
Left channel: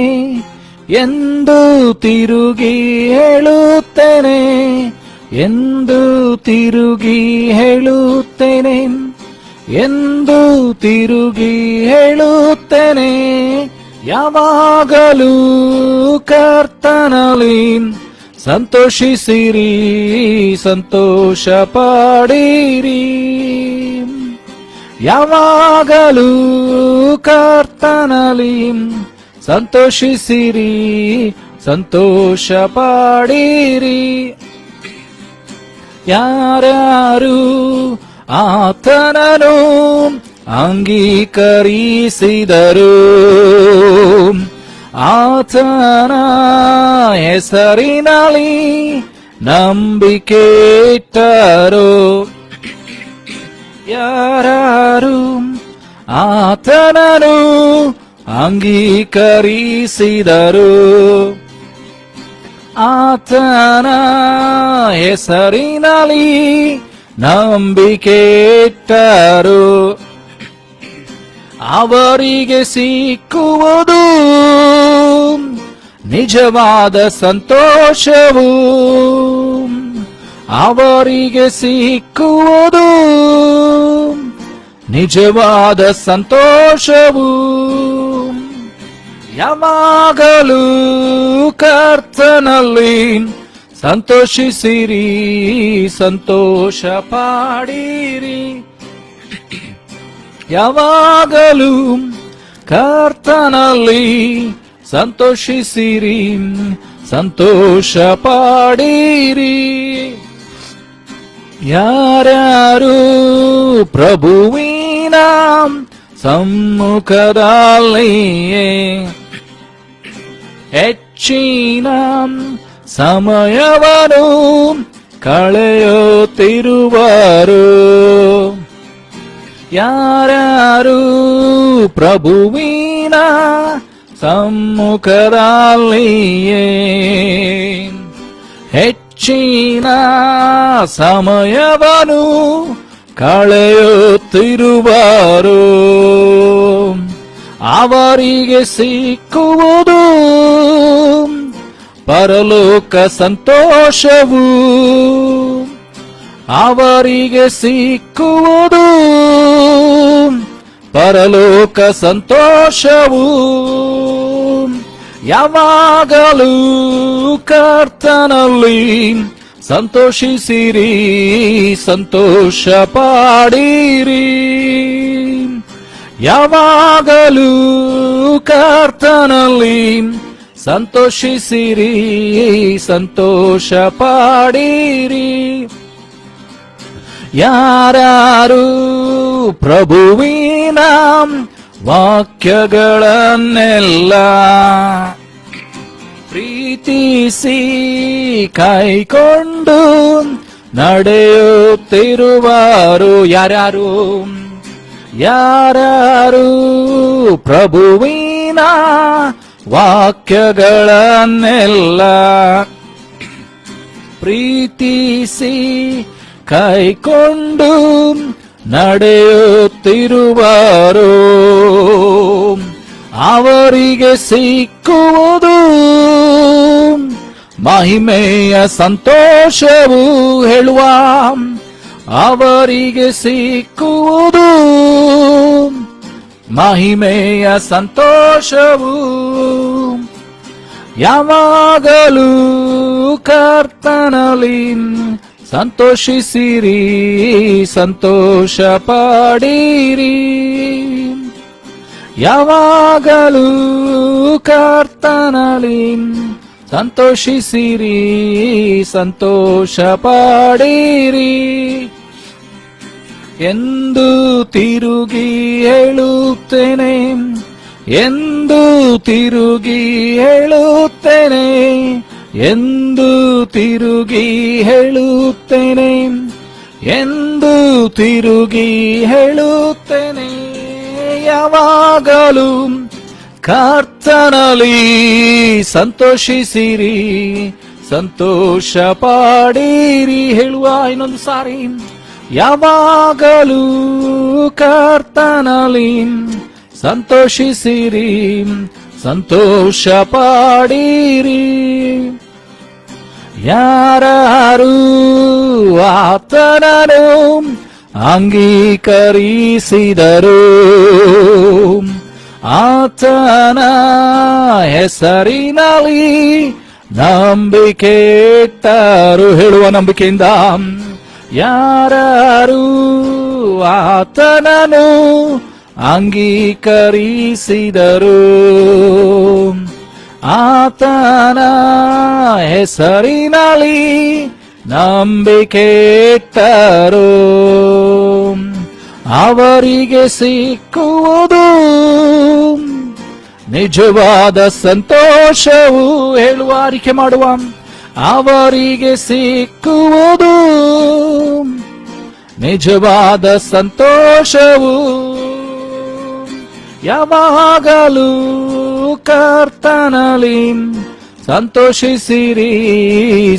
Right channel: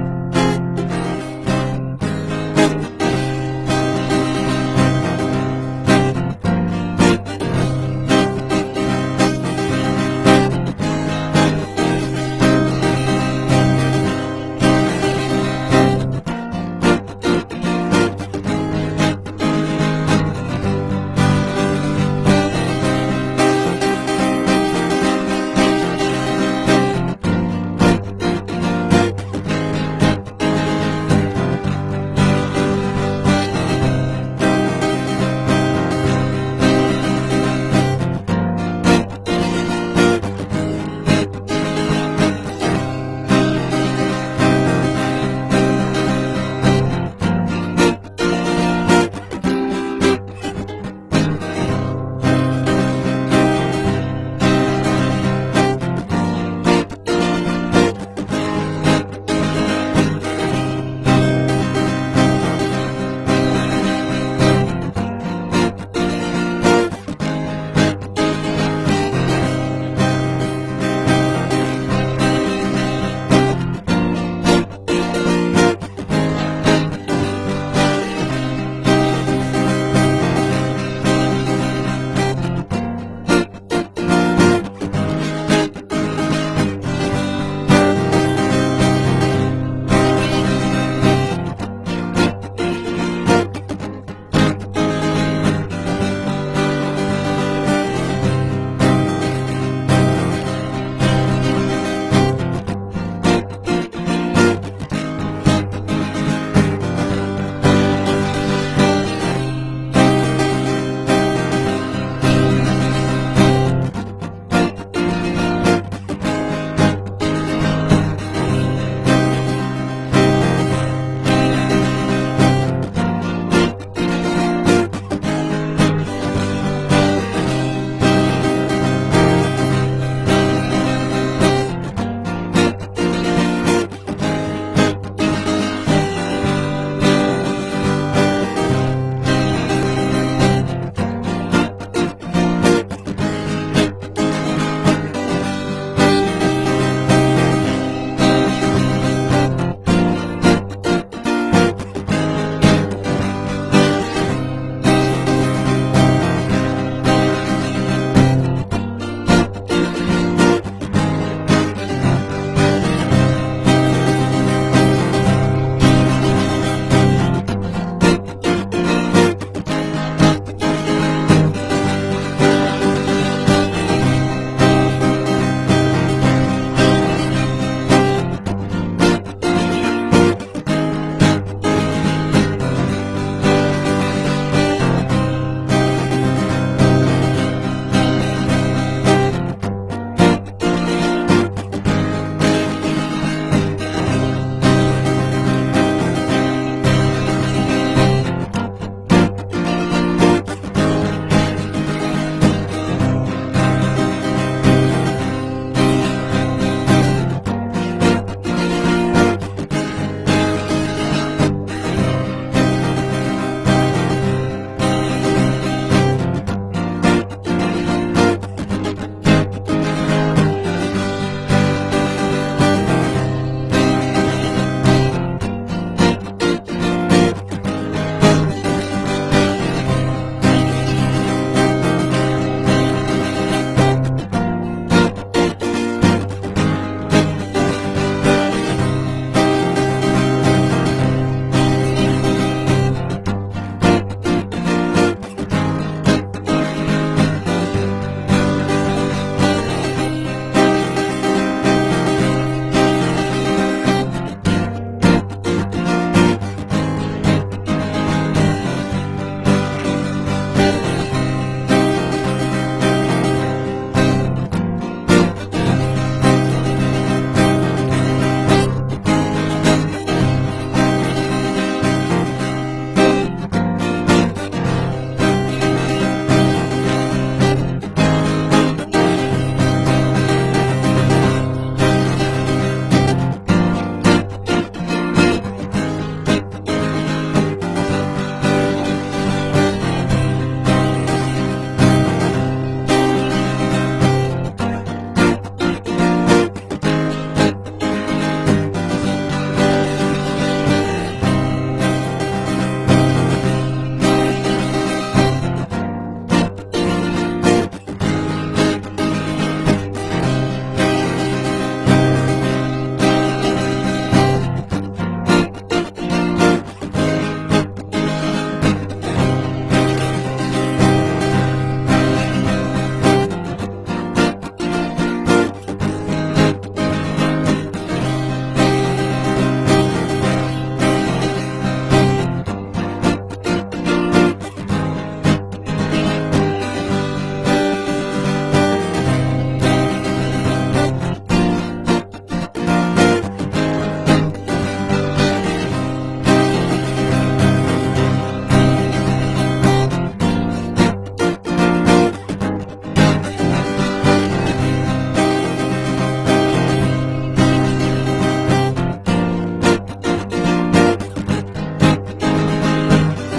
ಎಂದು ತಿರುಗಿ ಹೇಳುತ್ತೇನೆ, ಎಂದು ತಿರುಗಿ ಹೇಳುತ್ತೇನೆ, ಎಂದು ತಿರುಗಿ ಹೇಳುತ್ತೇನೆ. ಯಾವಾಗಲೂ ಕರ್ತನಲ್ಲಿ ಸಂತೋಷಿಸಿರಿ, ಸಂತೋಷ ಪಾಡಿರಿ. ಯಾವಾಗಲೂ ಕರ್ತನಲ್ಲಿ ಸಂತೋಷಿಸಿರಿ, ಸಂತೋಷ ಪಾಡಿರಿ. ಯಾರ್ಯಾರು ಆತನನ್ನು ಅಂಗೀಕರಿಸಿದರು, ಆತನ ಹೆಸರಿನಲ್ಲಿ ನಂಬಿಕೆ ಇಟ್ಟರು. ಯಾರು ಆತನನ್ನು ಅಂಗೀಕರಿಸಿದರು, ಆತನ ಹೆಸರಿನಲ್ಲಿ ನಂಬಿಕೆ ಇಟ್ಟರು. ಅವರಿಗೆ ಸಿಕ್ಕುವುದು ನಿಜವಾದ ಸಂತೋಷವು, ಅವರಿಗೆ ಸಿಕ್ಕುವುದು ನಿಜವಾದ ಸಂತೋಷವು. ಯಾವಾಗಲೂ ಕರ್ತನಲ್ಲಿ ಸಂತೋಷಿಸಿರಿ, ಸಂತೋಷ ಪಾಡಿರಿ. ಯಾವಾಗಲೂ ಕರ್ತನಲ್ಲಿ ಸಂತೋಷಿಸಿರಿ, ಸಂತೋಷ ಪಾಡಿರಿ. ಯಾರ್ಯಾರು ಪ್ರಭುವಿನ ಸಮ್ಮುಖದಲ್ಲಿಯೇ ಹೆಚ್ಚಿನ ಸಮಯವನ್ನು ಕಳೆಯುತ್ತಿರುವರು, ಯಾರ್ಯಾರು ಪ್ರಭುವಿನ ಸಮ್ಮುಖದಲ್ಲಿಯೇ ಹೆಚ್ಚಿನ ಸಮಯವನ್ನು ಕಳೆಯುತ್ತಿರುವರು, ಅವರಿಗೆ ಸಿಕ್ಕುವುದು ಪರಲೋಕ ಸಂತೋಷವು, ಅವರಿಗೆ ಸಿಕ್ಕುವುದು ಪರಲೋಕ ಸಂತೋಷವು. ಯಾವಾಗಲೂ ಕರ್ತನಲ್ಲಿ ಸಂತೋಷಿಸಿರಿ, ಸಂತೋಷ ಪಾಡಿರಿ. ಯಾವಾಗಲೂ ಕರ್ತನಲ್ಲಿ ಸಂತೋಷಿಸಿರಿ, ಸಂತೋಷ ಪಾಡಿರಿ. ಯಾರು ಪ್ರಭುವಿನ ವಾಕ್ಯಗಳನ್ನೆಲ್ಲ ಪ್ರೀತಿಸಿ ಕೈಕೊಂಡು ನಡೆಯುತ್ತಿರುವರು. ಯಾರು ಪ್ರಭುವಿನ ವಾಕ್ಯಗಳನ್ನೆಲ್ಲ ಪ್ರೀತಿಸಿ ಕೈಕೊಂಡು ನಡೆಯುತ್ತಿರುವರು, ಅವರಿಗೆ ಸಿಕ್ಕುವುದು ಮಹಿಮೆಯ ಸಂತೋಷವು. ಹೇಳುವ, ಅವರಿಗೆ ಸಿಕ್ಕುವುದು ಮಹಿಮೆಯ ಸಂತೋಷವು. ಯಾವಾಗಲೂ ಕರ್ತನಲ್ಲಿ ಸಂತೋಷಿಸಿರಿ, ಸಂತೋಷ ಪಡಿರಿ. ಯಾವಾಗಲೂ ಕರ್ತನಲ್ಲಿ ಸಂತೋಷಿಸಿರಿ, ಸಂತೋಷ ಪಡಿರಿ. ಎಂದು ತಿರುಗಿ ಹೇಳುತ್ತೇನೆ, ಎಂದು ತಿರುಗಿ ಹೇಳುತ್ತೇನೆ, ಎಂದು ತಿರುಗಿ ಹೇಳುತ್ತೇನೆ, ಎಂದು ತಿರುಗಿ ಹೇಳುತ್ತೇನೆ. ಯಾವಾಗಲೂ ಕರ್ತನಲ್ಲಿ ಸಂತೋಷಿಸಿರಿ, ಸಂತೋಷ ಪಡಿರಿ. ಹೇಳುವ ಇನ್ನೊಂದು ಸಾರಿ, ಯಾವಾಗಲೂ ಕರ್ತನಲ್ಲಿ ಸಂತೋಷಿಸಿರಿ, ಸಂತೋಷ ಪಡಿರಿ. ಯಾರು ಆತನನ್ನು ಅಂಗೀಕರಿಸಿದರು, ಆತನ ಹೆಸರಿನಲ್ಲಿ ನಂಬಿಕೆ ಇಟ್ಟರು. ಹೇಳುವ ನಂಬಿಕೆಯಿಂದ ಯಾರು ಆತನನ್ನು ಅಂಗೀಕರಿಸಿದರು, ಆತನ ಹೆಸರಿನಲ್ಲಿ ನಂಬಿಕೆ ಇಟ್ಟರು, ಅವರಿಗೆ ಸಿಕ್ಕುವುದು ನಿಜವಾದ ಸಂತೋಷವು. ಹೇಳುವ, ಆರಿಕೆ ಮಾಡುವ, ಅವರಿಗೆ ಸಿಕ್ಕುವುದು ನಿಜವಾದ ಸಂತೋಷವು. ಯಾವಾಗಲೂ ಕರ್ತನಲ್ಲಿ ಸಂತೋಷಿಸಿರಿ,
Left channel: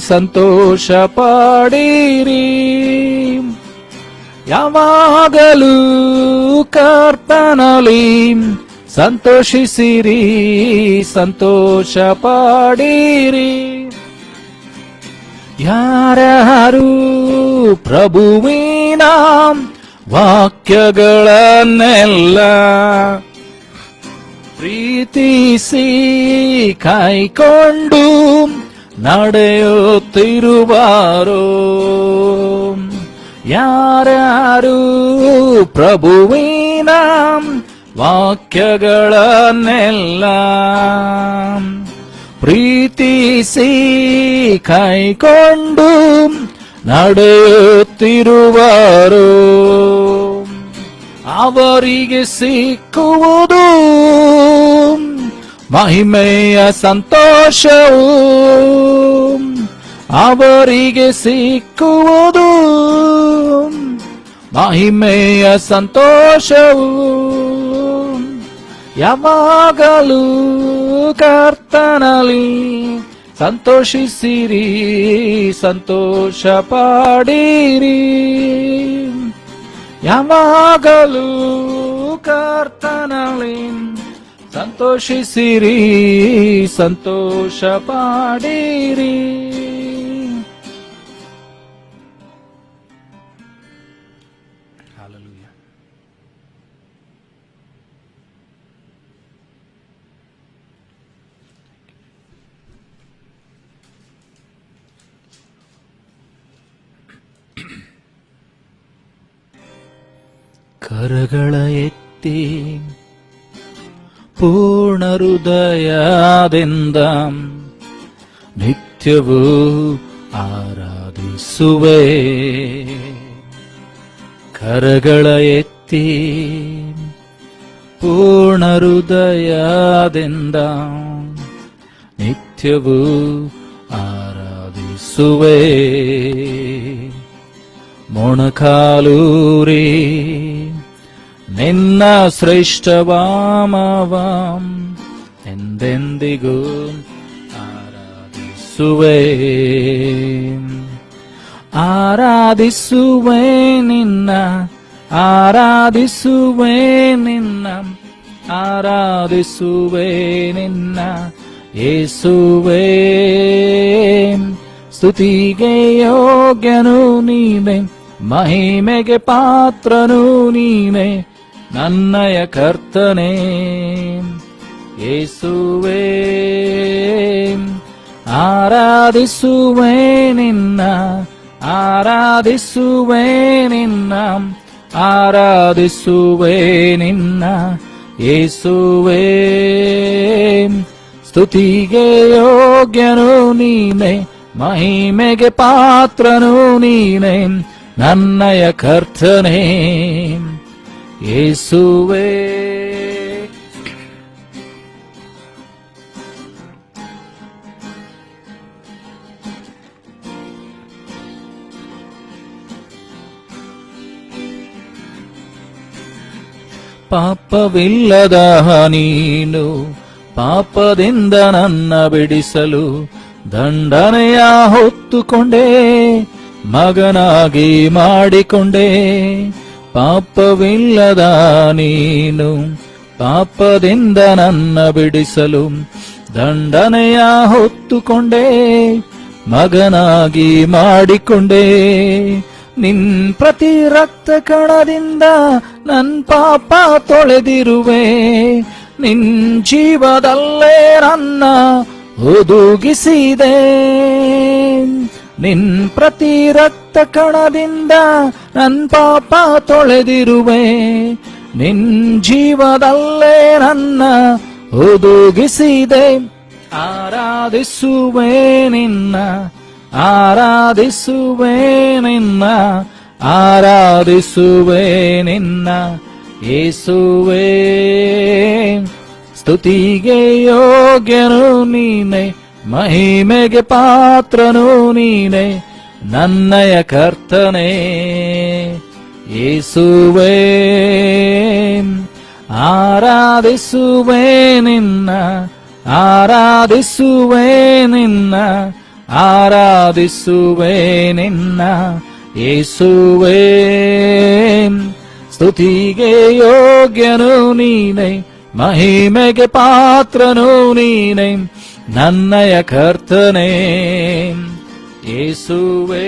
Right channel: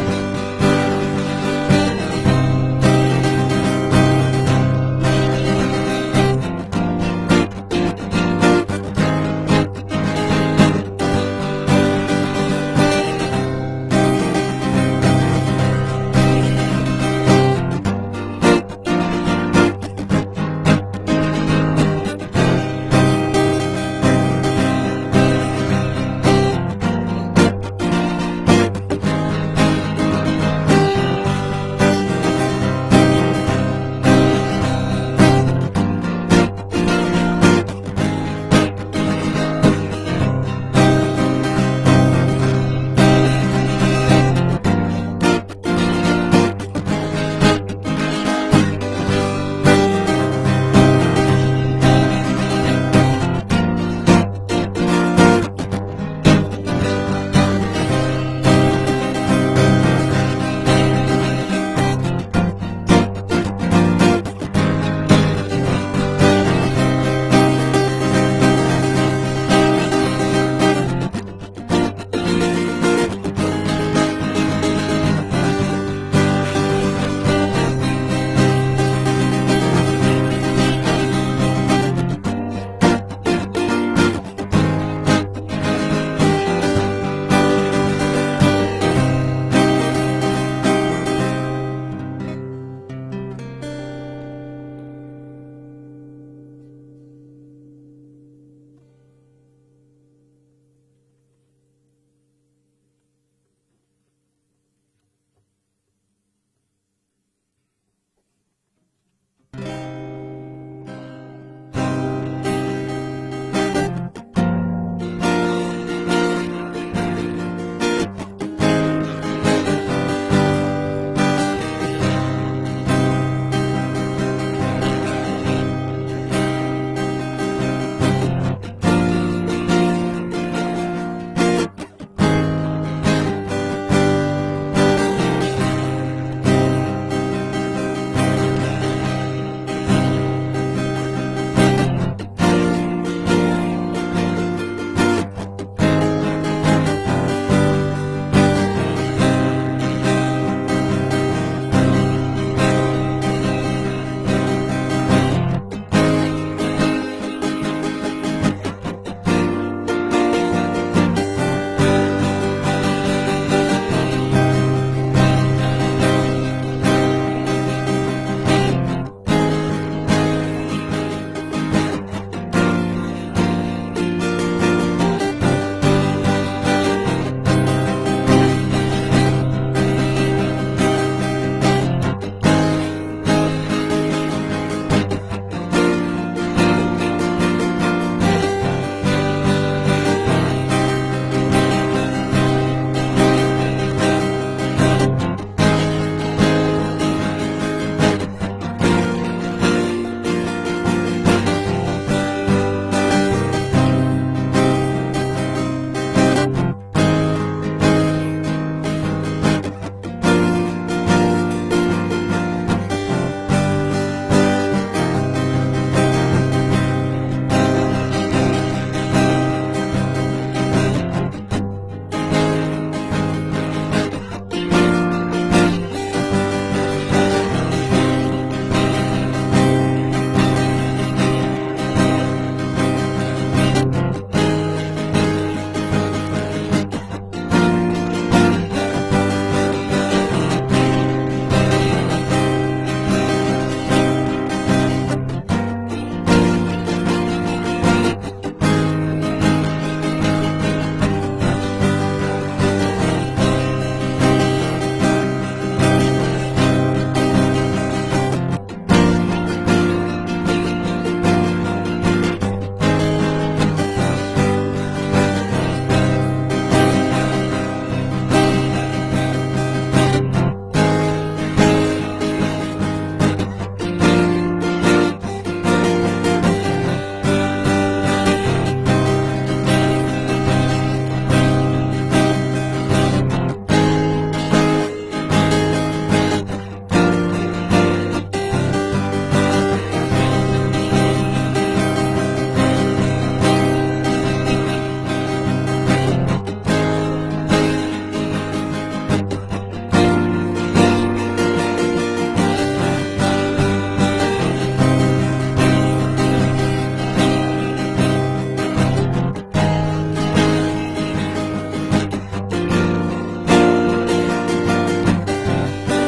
ಸಂತೋಷ ಪಡಿರಿ. ಯಾವಾಗಲೂ ಕರ್ತನಲ್ಲಿ ಸಂತೋಷಿಸಿರಿ, ಸಂತೋಷ ಪಡಿರಿ. ಯಾರು ಪ್ರಭುವಿನ ವಾಕ್ಯಗಳನ್ನೆಲ್ಲ ಪ್ರೀತಿಸಿ ಕೈಕೊಂಡು ನಡೆಯುತ್ತಿರುವರು, ಯಾರು ಪ್ರಭುವಿನ ವಾಕ್ಯಗಳನ್ನೆಲ್ಲ ಪ್ರೀತಿಸಿ ಕೈಕೊಂಡು ನಡೆಯುತ್ತಿರುವರು, ಅವರಿಗೆ ಸಿಕ್ಕುವುದು ಮಹಿಮೆಯ ಸಂತೋಷವು, ಅವರಿಗೆ ಸಿಕ್ಕುವುದು ಮಹಿಮೆಯ ಸಂತೋಷವು. ಯಾವಾಗಲೂ ಕರ್ತನಲ್ಲಿ ಸಂತೋಷಿಸಿರಿ, ಸಂತೋಷ ಪಡಿರಿ. ಯಾವಾಗಲೂ ಕರ್ತನಲ್ಲಿ ಸಂತೋಷಿಸಿರಿ, ಸಂತೋಷ ಪಡಿರಿ. ಕರಗಳ ಎತ್ತಿ ಪೂರ್ಣ ಹೃದಯದಿಂದ ನಿತ್ಯ ನಿತ್ಯವೂ ಆರಾಧಿಸುವೆ. ಕರಗಳ ಎತ್ತಿ ಪೂರ್ಣ ಹೃದಯದಿಂದ ನಿತ್ಯವೂ ಆರಾಧಿಸುವೆ. ಮೊಣಕಾಲೂರಿ ನಿನ್ನ ಶ್ರೇಷ್ಠವಾಮವ ಎಂದೆಂದಿಗೂ ಸುವೆ. ಆರಾಧಿಸುವೆ ನಿನ್ನ, ಆರಾಧಿಸುವೆ ನಿನ್ನ, ಆರಾಧಿಸುವೆ ನಿನ್ನ ಯೇಸುವೇ. ಸ್ತುತಿಗೆ ಯೋಗ್ಯನು ನೀನೆ, ಮಹಿಮೆಗೆ ಪಾತ್ರನು ನೀನೆ, ನನ್ನಯ ಕರ್ತನೇ ಯೇಸುವೇ. ಆರಾಧಿಸುವೆ ನಿನ್ನ, ಆರಾಧಿಸುವೆ ನಿನ್ನ, ಆರಾಧಿಸುವೆ ನಿನ್ನ ಯೇಸುವೇ. ಸ್ತುತಿಗೆ ಯೋಗ್ಯನು ನೀನೆ, ಮಹಿಮೆಗೆ ಪಾತ್ರನು ನೀನೆ, ನನ್ನಯ ಕರ್ತನೇ ಯೇಸುವೇ. ಪಾಪವಿಲ್ಲದ ನೀನು ಪಾಪದಿಂದ ನನ್ನ ಬಿಡಿಸಲು ದಂಡನೆಯ ಹೊತ್ತುಕೊಂಡೆ, ಮಗನಾಗಿ ಮಾಡಿಕೊಂಡೆ. ಪಾಪವಿಲ್ಲದ ನೀನು ಪಾಪದಿಂದ ನನ್ನ ಬಿಡಿಸಲು ದಂಡನೆಯ ಹೊತ್ತುಕೊಂಡೆ, ಮಗನಾಗಿ ಮಾಡಿಕೊಂಡೆ. ನಿನ್ ಪ್ರತಿ ರಕ್ತ ಕಣದಿಂದ ನನ್ ಪಾಪ ತೊಳೆದಿರುವೆ, ನಿನ್ ಜೀವದಲ್ಲೇ ನನ್ನ ಒದಗಿಸಿದೆ. ನಿನ್ ಪ್ರತಿ ರಕ್ತ ಕಣದಿಂದ ನನ್ ಪಾಪ ತೊಳೆದಿರುವೆ, ನಿನ್ ಜೀವದಲ್ಲೇ ನನ್ನ ಒದಗಿಸಿದೆ. ಆರಾಧಿಸುವೆ ನಿನ್ನ, ಆರಾಧಿಸುವೆ ನಿನ್ನ, ಆರಾಧಿಸುವೆ ನಿನ್ನ ಯೇಸುವೇ. ಸ್ತುತಿಗೆ ಯೋಗ್ಯನು ನೀನೆ, ಮಹಿಮೆಗೆ ಪಾತ್ರನು ನೀನೆ, ನನ್ನಯ ಕರ್ತನೇ ಯೇಸುವೇ. ಆರಾಧಿಸುವೆ ನಿನ್ನ, ಆರಾಧಿಸುವೆ ನಿನ್ನ, ಆರಾಧಿಸುವೆ ನಿನ್ನ ಯೇಸುವೇ. ಸ್ತುತಿಗೆ ಯೋಗ್ಯನು ನೀನೆ, ಮಹಿಮೆಗೆ ಪಾತ್ರನು ನೀನೆ, ನನ್ನಯ ಕರ್ತನೇ ಯೇಸುವೇ.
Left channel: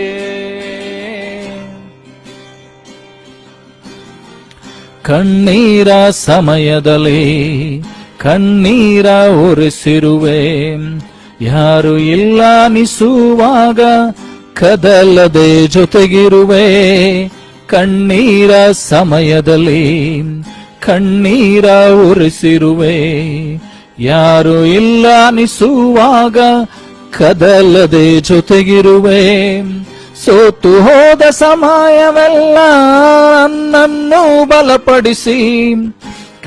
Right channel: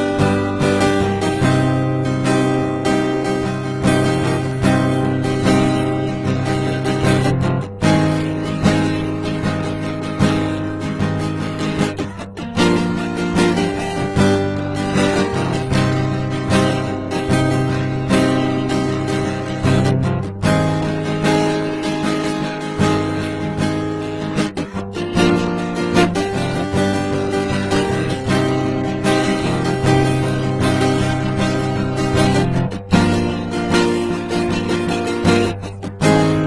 ಕಣ್ಣೀರ ಸಮಯದಲ್ಲಿ ಕಣ್ಣೀರ ಒರೆಸಿರುವೆ, ಯಾರು ಇಲ್ಲ ಅನಿಸುವಾಗ ಕದಲದೆ ಜೊತೆಗಿರುವೆ. ಕಣ್ಣೀರ ಸಮಯದಲ್ಲಿ ಕಣ್ಣೀರ ಒರೆಸಿರುವೆ, ಯಾರು ಇಲ್ಲ ಅನಿಸುವಾಗ ಕದಲದೆ ಜೊತೆಗಿರುವೆ. ಸೋತು ಹೋದ ಸಮಯವೆಲ್ಲ ನನ್ನನ್ನು ಬಲಪಡಿಸಿ,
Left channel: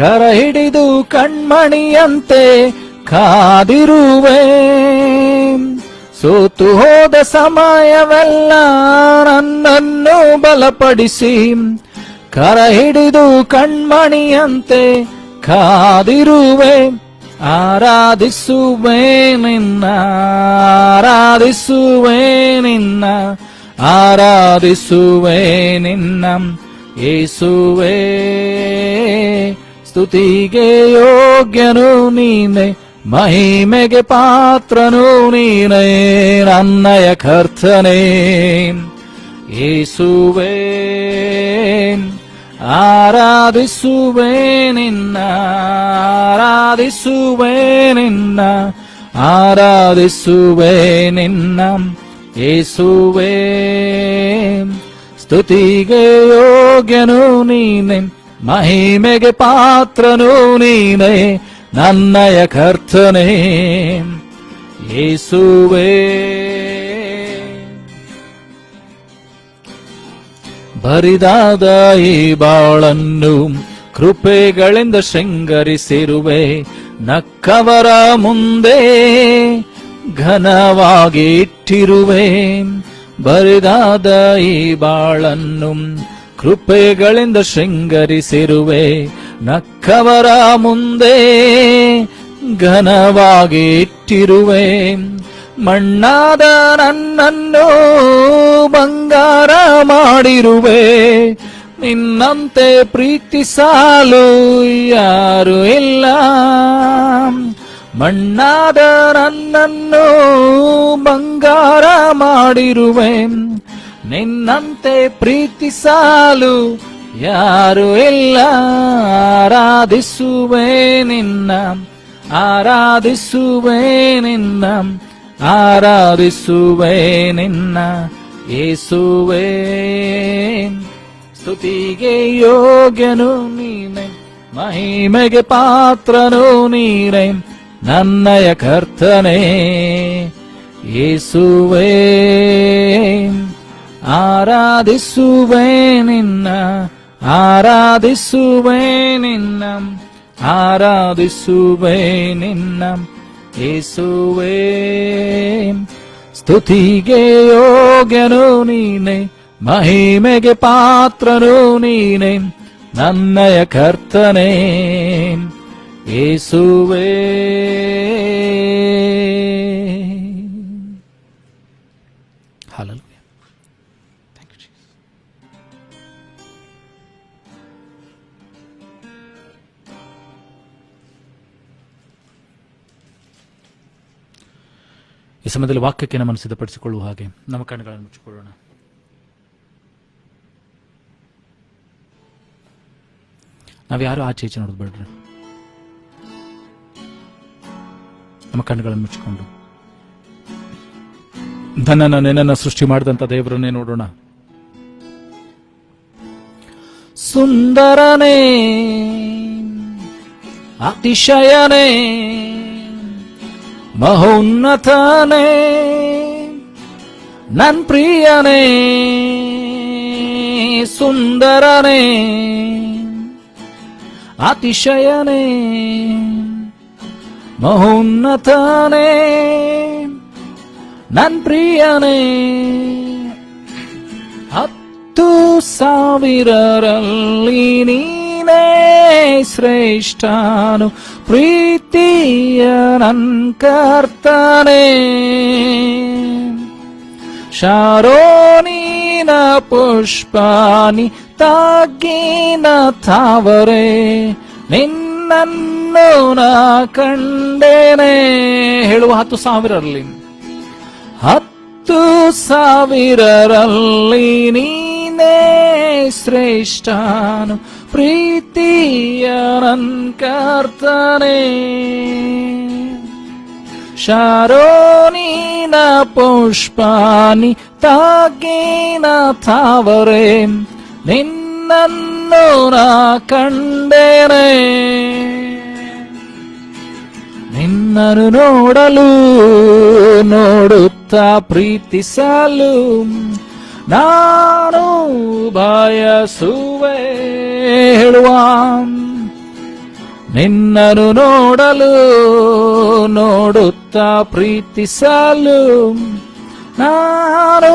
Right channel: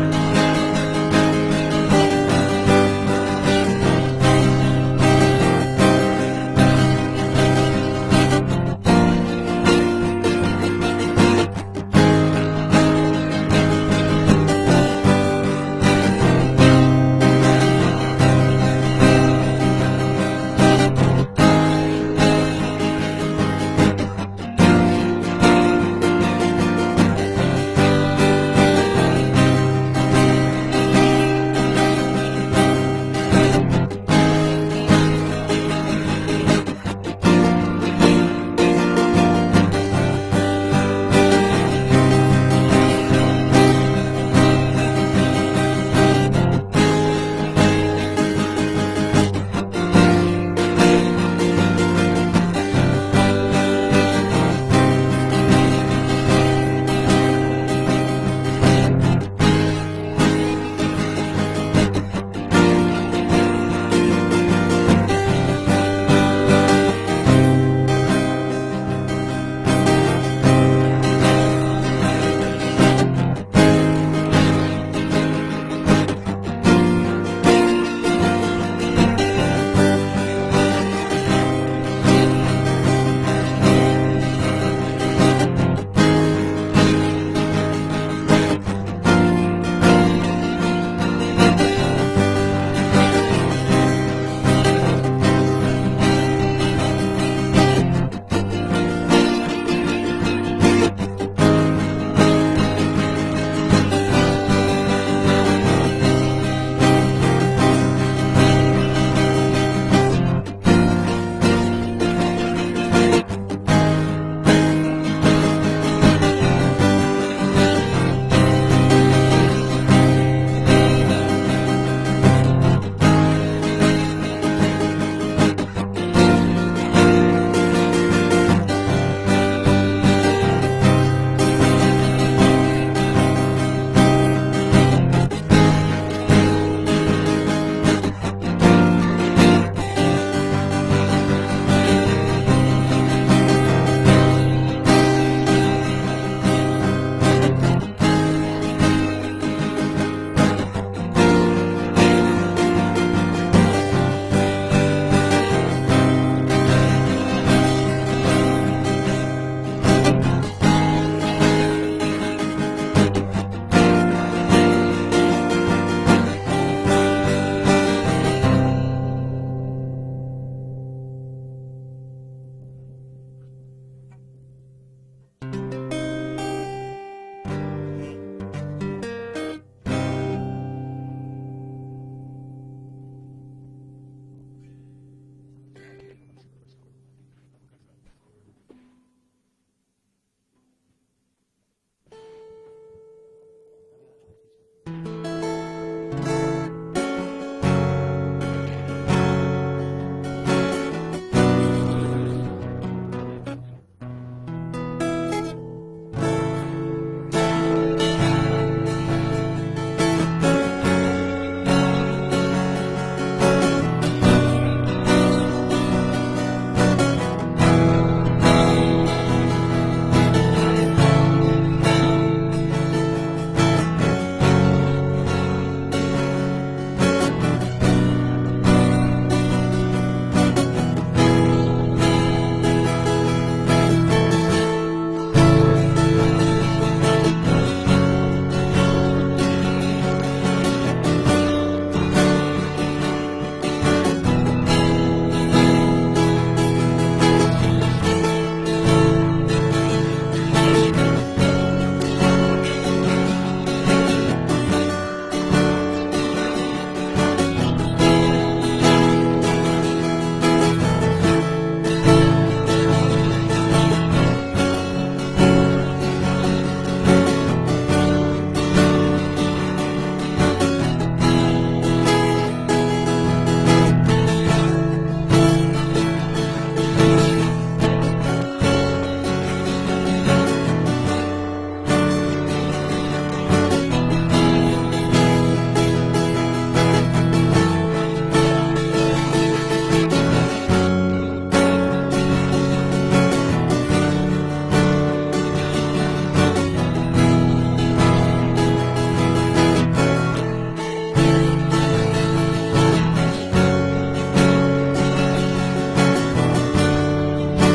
ಕರ ಹಿಡಿದು ಕಣ್ಮಣಿಯಂತೆ ಕಾದಿರುವೆ. ಸೋತು ಹೋದ ಸಮಯವೆಲ್ಲ ನನ್ನನ್ನು ಬಲಪಡಿಸಿ, ಕರ ಹಿಡಿದು ಕಣ್ಮಣಿಯಂತೆ ಕಾದಿರುವೆ. ಆರಾಧಿಸುವೆ ನಿನ್ನ, ಆರಾಧಿಸುವೆ ನಿನ್ನ, ಆರಾಧಿಸುವೆ ನಿನ್ನ ಯೇಸುವೇ. ಸ್ತುತಿಗೆ ಯೋಗ್ಯನು ನೀನೆ, ಮಹಿಮೆಗೆ ಪಾತ್ರನು ನೀನೆ, ನನ್ನಯ ಕರ್ತನೇ ಯೇಸುವೇ. ಆರಾಧಿಸುವೆ ನಿನ್ನ, ಆರಾಧಿಸುವೆ ನಿನ್ನ, ಆರಾಧಿಸುವೆ ನಿನ್ನ ಯೇಸುವೇ. ಸ್ತುತಿಗೆ ಯೋಗ್ಯನು ನೀನೆ, ಮಹಿಮೆಗೆ ಪಾತ್ರನು ನೀನೆ, ನನ್ನಯ ಕರ್ತನೇ ಯೇಸುವೇ. ಬರಿದಾದ ಈ ಬಾಳನ್ನು ಕೃಪೆಗಳಿಂದ ಶೃಂಗರಿಸಿರುವೆ. ನಕ್ಕವರ ಮುಂದೆ ಘನವಾಗಿ ಇಟ್ಟಿರುವೆ. ಬರಿದಾದ ಈ ಬಾಳನ್ನು ಕೃಪೆಗಳಿಂದ ಶೃಂಗರಿಸಿರುವೆ. ನಕ್ಕವರ ಮುಂದೆ ಘನವಾಗಿ ಇಟ್ಟಿರುವೆ. ಮಣ್ಣಾದ ನನ್ನನ್ನು ಬಂಗಾರ ಮಾಡಿರುವೆ. ನಿನ್ನಂತೆ ಪ್ರೀತಿಸಲು ಯಾರು ಇಲ್ಲ. ಮಣ್ಣಾದ ನನ್ನನ್ನು ಬಂಗಾರ ಮಾಡಿರುವೆ. ನಿನ್ನಂತೆ ಪ್ರೀತಿಸಲು ಯಾರು ಇಲ್ಲ. ಆರಾಧಿಸುವೆ ನಿನ್ನ, ಆರಾಧಿಸುವೆ ನಿನ್ನ, ಆರಾಧಿಸುವೆ ನಿನ್ನ ಯೇಸುವೇ. ಸ್ತುತಿಗೆ ಯೋಗ್ಯನು ನೀನೆ, ಮಹಿಮೆಗೆ ಪಾತ್ರನು ನೀನೆ, ನನ್ನಯ ಕರ್ತನೇ ಯೇಸುವೇ. ಆರಾಧಿಸುವೆ ನಿನ್ನ, ಆರಾಧಿಸುವೆ ನಿನ್ನ, ಆರಾಧಿಸುವೆ ನಿನ್ನ ಯೇಸುವೇ. ಸ್ತುತಿಗೆ ಯೋಗ್ಯನು ನೀನೆ, ಮಹಿಮೆಗೆ ಪಾತ್ರನು ನೀನೆ, ನನ್ನಯ ಕರ್ತನೇ ಯೇಸುವೇ. ಹಲ್ಲೆಲೂಯಾ. Thank you Jesus. ಈ ಸಮಯದಲ್ಲಿ ವಾಕ್ಯಕ್ಕೆ ನಮ್ಮನ್ನು ಸಿದ್ಧಪಡಿಸಿಕೊಳ್ಳುವ ಹಾಗೆ ನಮ್ಮ ಕಣ್ಣುಗಳನ್ನು ಮುಚ್ಚಿಕೊಳ್ಳೋಣ. ನಾವ್ಯಾರು ಆಚೆ ಈಚೆ ನೋಡೋದು ಬೇಡ್ರಿ. ನಮ್ಮ ಕಣ್ಣುಗಳನ್ನು ಮುಚ್ಚಿಕೊಂಡು ತನ್ನನ್ನು ನಿನ್ನನ್ನು ಸೃಷ್ಟಿ ಮಾಡಿದಂತ ದೇವರನ್ನೇ ನೋಡೋಣ. ಸುಂದರನೇ, ಅತಿಶಯನೇ, ಮಹೋನ್ನತನೇ, ನನ್ ಪ್ರಿಯನೇ. ಸುಂದರನೇ, ಅತಿಶಯನೇ, ಮಹೋನ್ನತನೇ, ನನ್ ಪ್ರಿಯನೇ. 10,000ರಲ್ಲಿ ನೀನೇ ಶ್ರೇಷ್ಠನು, ಪ್ರೀತಿಯ ನನ್ ಕರ್ತನೇ. ಶಾರೋನಿನ ಪುಷ್ಪಾನಿ ತಾಕಿನ ತಾವರೆ, ನಿನ್ನನ್ನು ನಾ ಕಂಡೇನೆ. ಹೇಳುವ 10,000ರಲ್ಲಿ, 10,000ರಲ್ಲಿ ನೀನೇ ಶ್ರೇಷ್ಠನು, ಪ್ರೀತಿಯ ನನ್ ಕರ್ತನೇ. ಶಾರೋನಿನ ಪುಷ್ಪಾನಿ ತಾಕಿನ ತಾವರೆ, ನಿನ್ನನ್ನು ನಾ ಕಂಡೇನೆ. ನಿನ್ನನ್ನು ನೋಡಲು ನೋಡುತ್ತಾ ಪ್ರೀತಿಸಲು ನಾನು ಬಯಸುವೆ. ಹೇಳುವ ನಿನ್ನನ್ನು ನೋಡಲು ನೋಡುತ್ತಾ ಪ್ರೀತಿಸಲು ನಾನು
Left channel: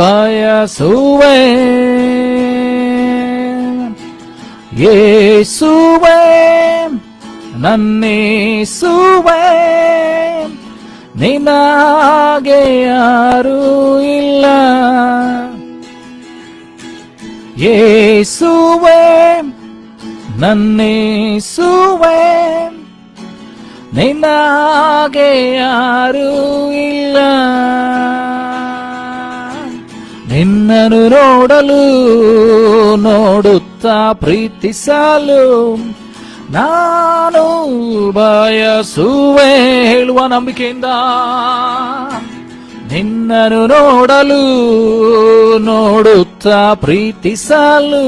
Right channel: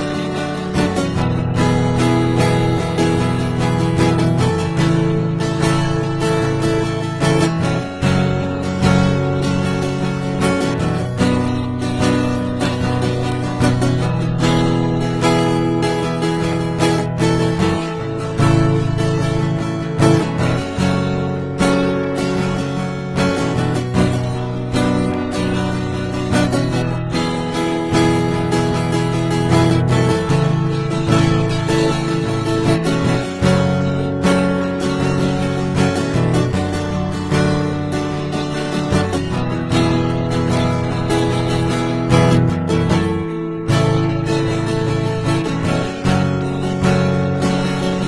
ಬಯಸುವೆ. ಯೇಸುವೇ, ನನ್ನೇಸುವೆ, ನಿನಗೆ ಯಾರೂ ಇಲ್ಲ. ಯೇಸುವೇ, ನನ್ನೇಸುವೆ, ನಿನಗೆ ಯಾರೂ ಇಲ್ಲ. ನಿನ್ನನ್ನು ನೋಡಲು ನೋಡುತ್ತಾ ಪ್ರೀತಿಸಲು ನಾನು ಬಯಸುವೆ. ಹೇಳುವ ನಂಬಿಕೆಯಿಂದ, ನಿನ್ನನ್ನು ನೋಡಲು ನೋಡುತ್ತಾ ಪ್ರೀತಿಸಲು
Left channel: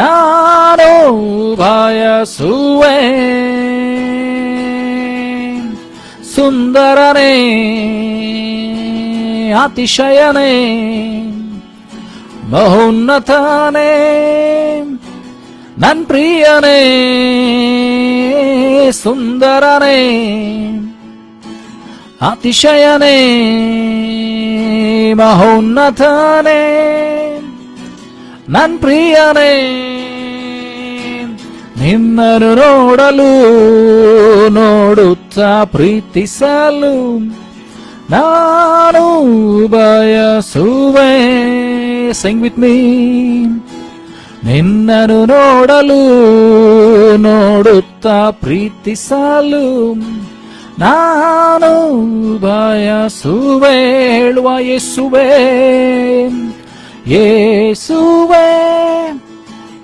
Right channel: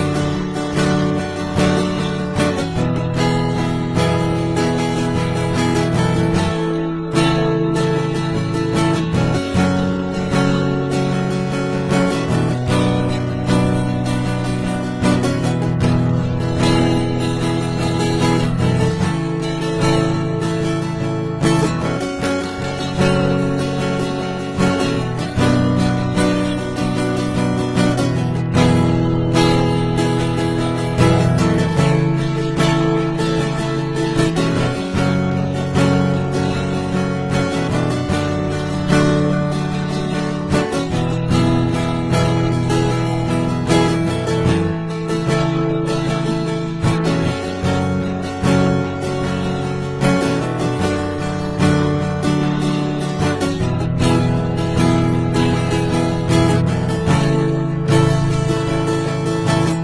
ನಾನು ಬಯಸುವೆ. ಸುಂದರನೇ, ಅತಿಶಯನೇ, ಮಹೋನ್ನತನೇ ನನ್ ಪ್ರಿಯನೇ, ಸುಂದರನೇ, ಅತಿಶಯನೇ, ಮಹೋನ್ನತನೇ ನನ್ ಪ್ರಿಯನೇ, ನಿನ್ನನ್ನು ನೋಡಲು ನೋಡುತ್ತಾ ಪ್ರೀತಿಸಲು ನಾನು ಬಯಸುವೆ. Sing with me. ನಿನ್ನನ್ನು ನೋಡಲು ನೋಡುತ್ತಾ ಪ್ರೀತಿಸಲು ನಾನು ಬಯಸುವೆ. ಹೇಳುವ ಯೇಸುವೇ, ಯೇಸುವೇ,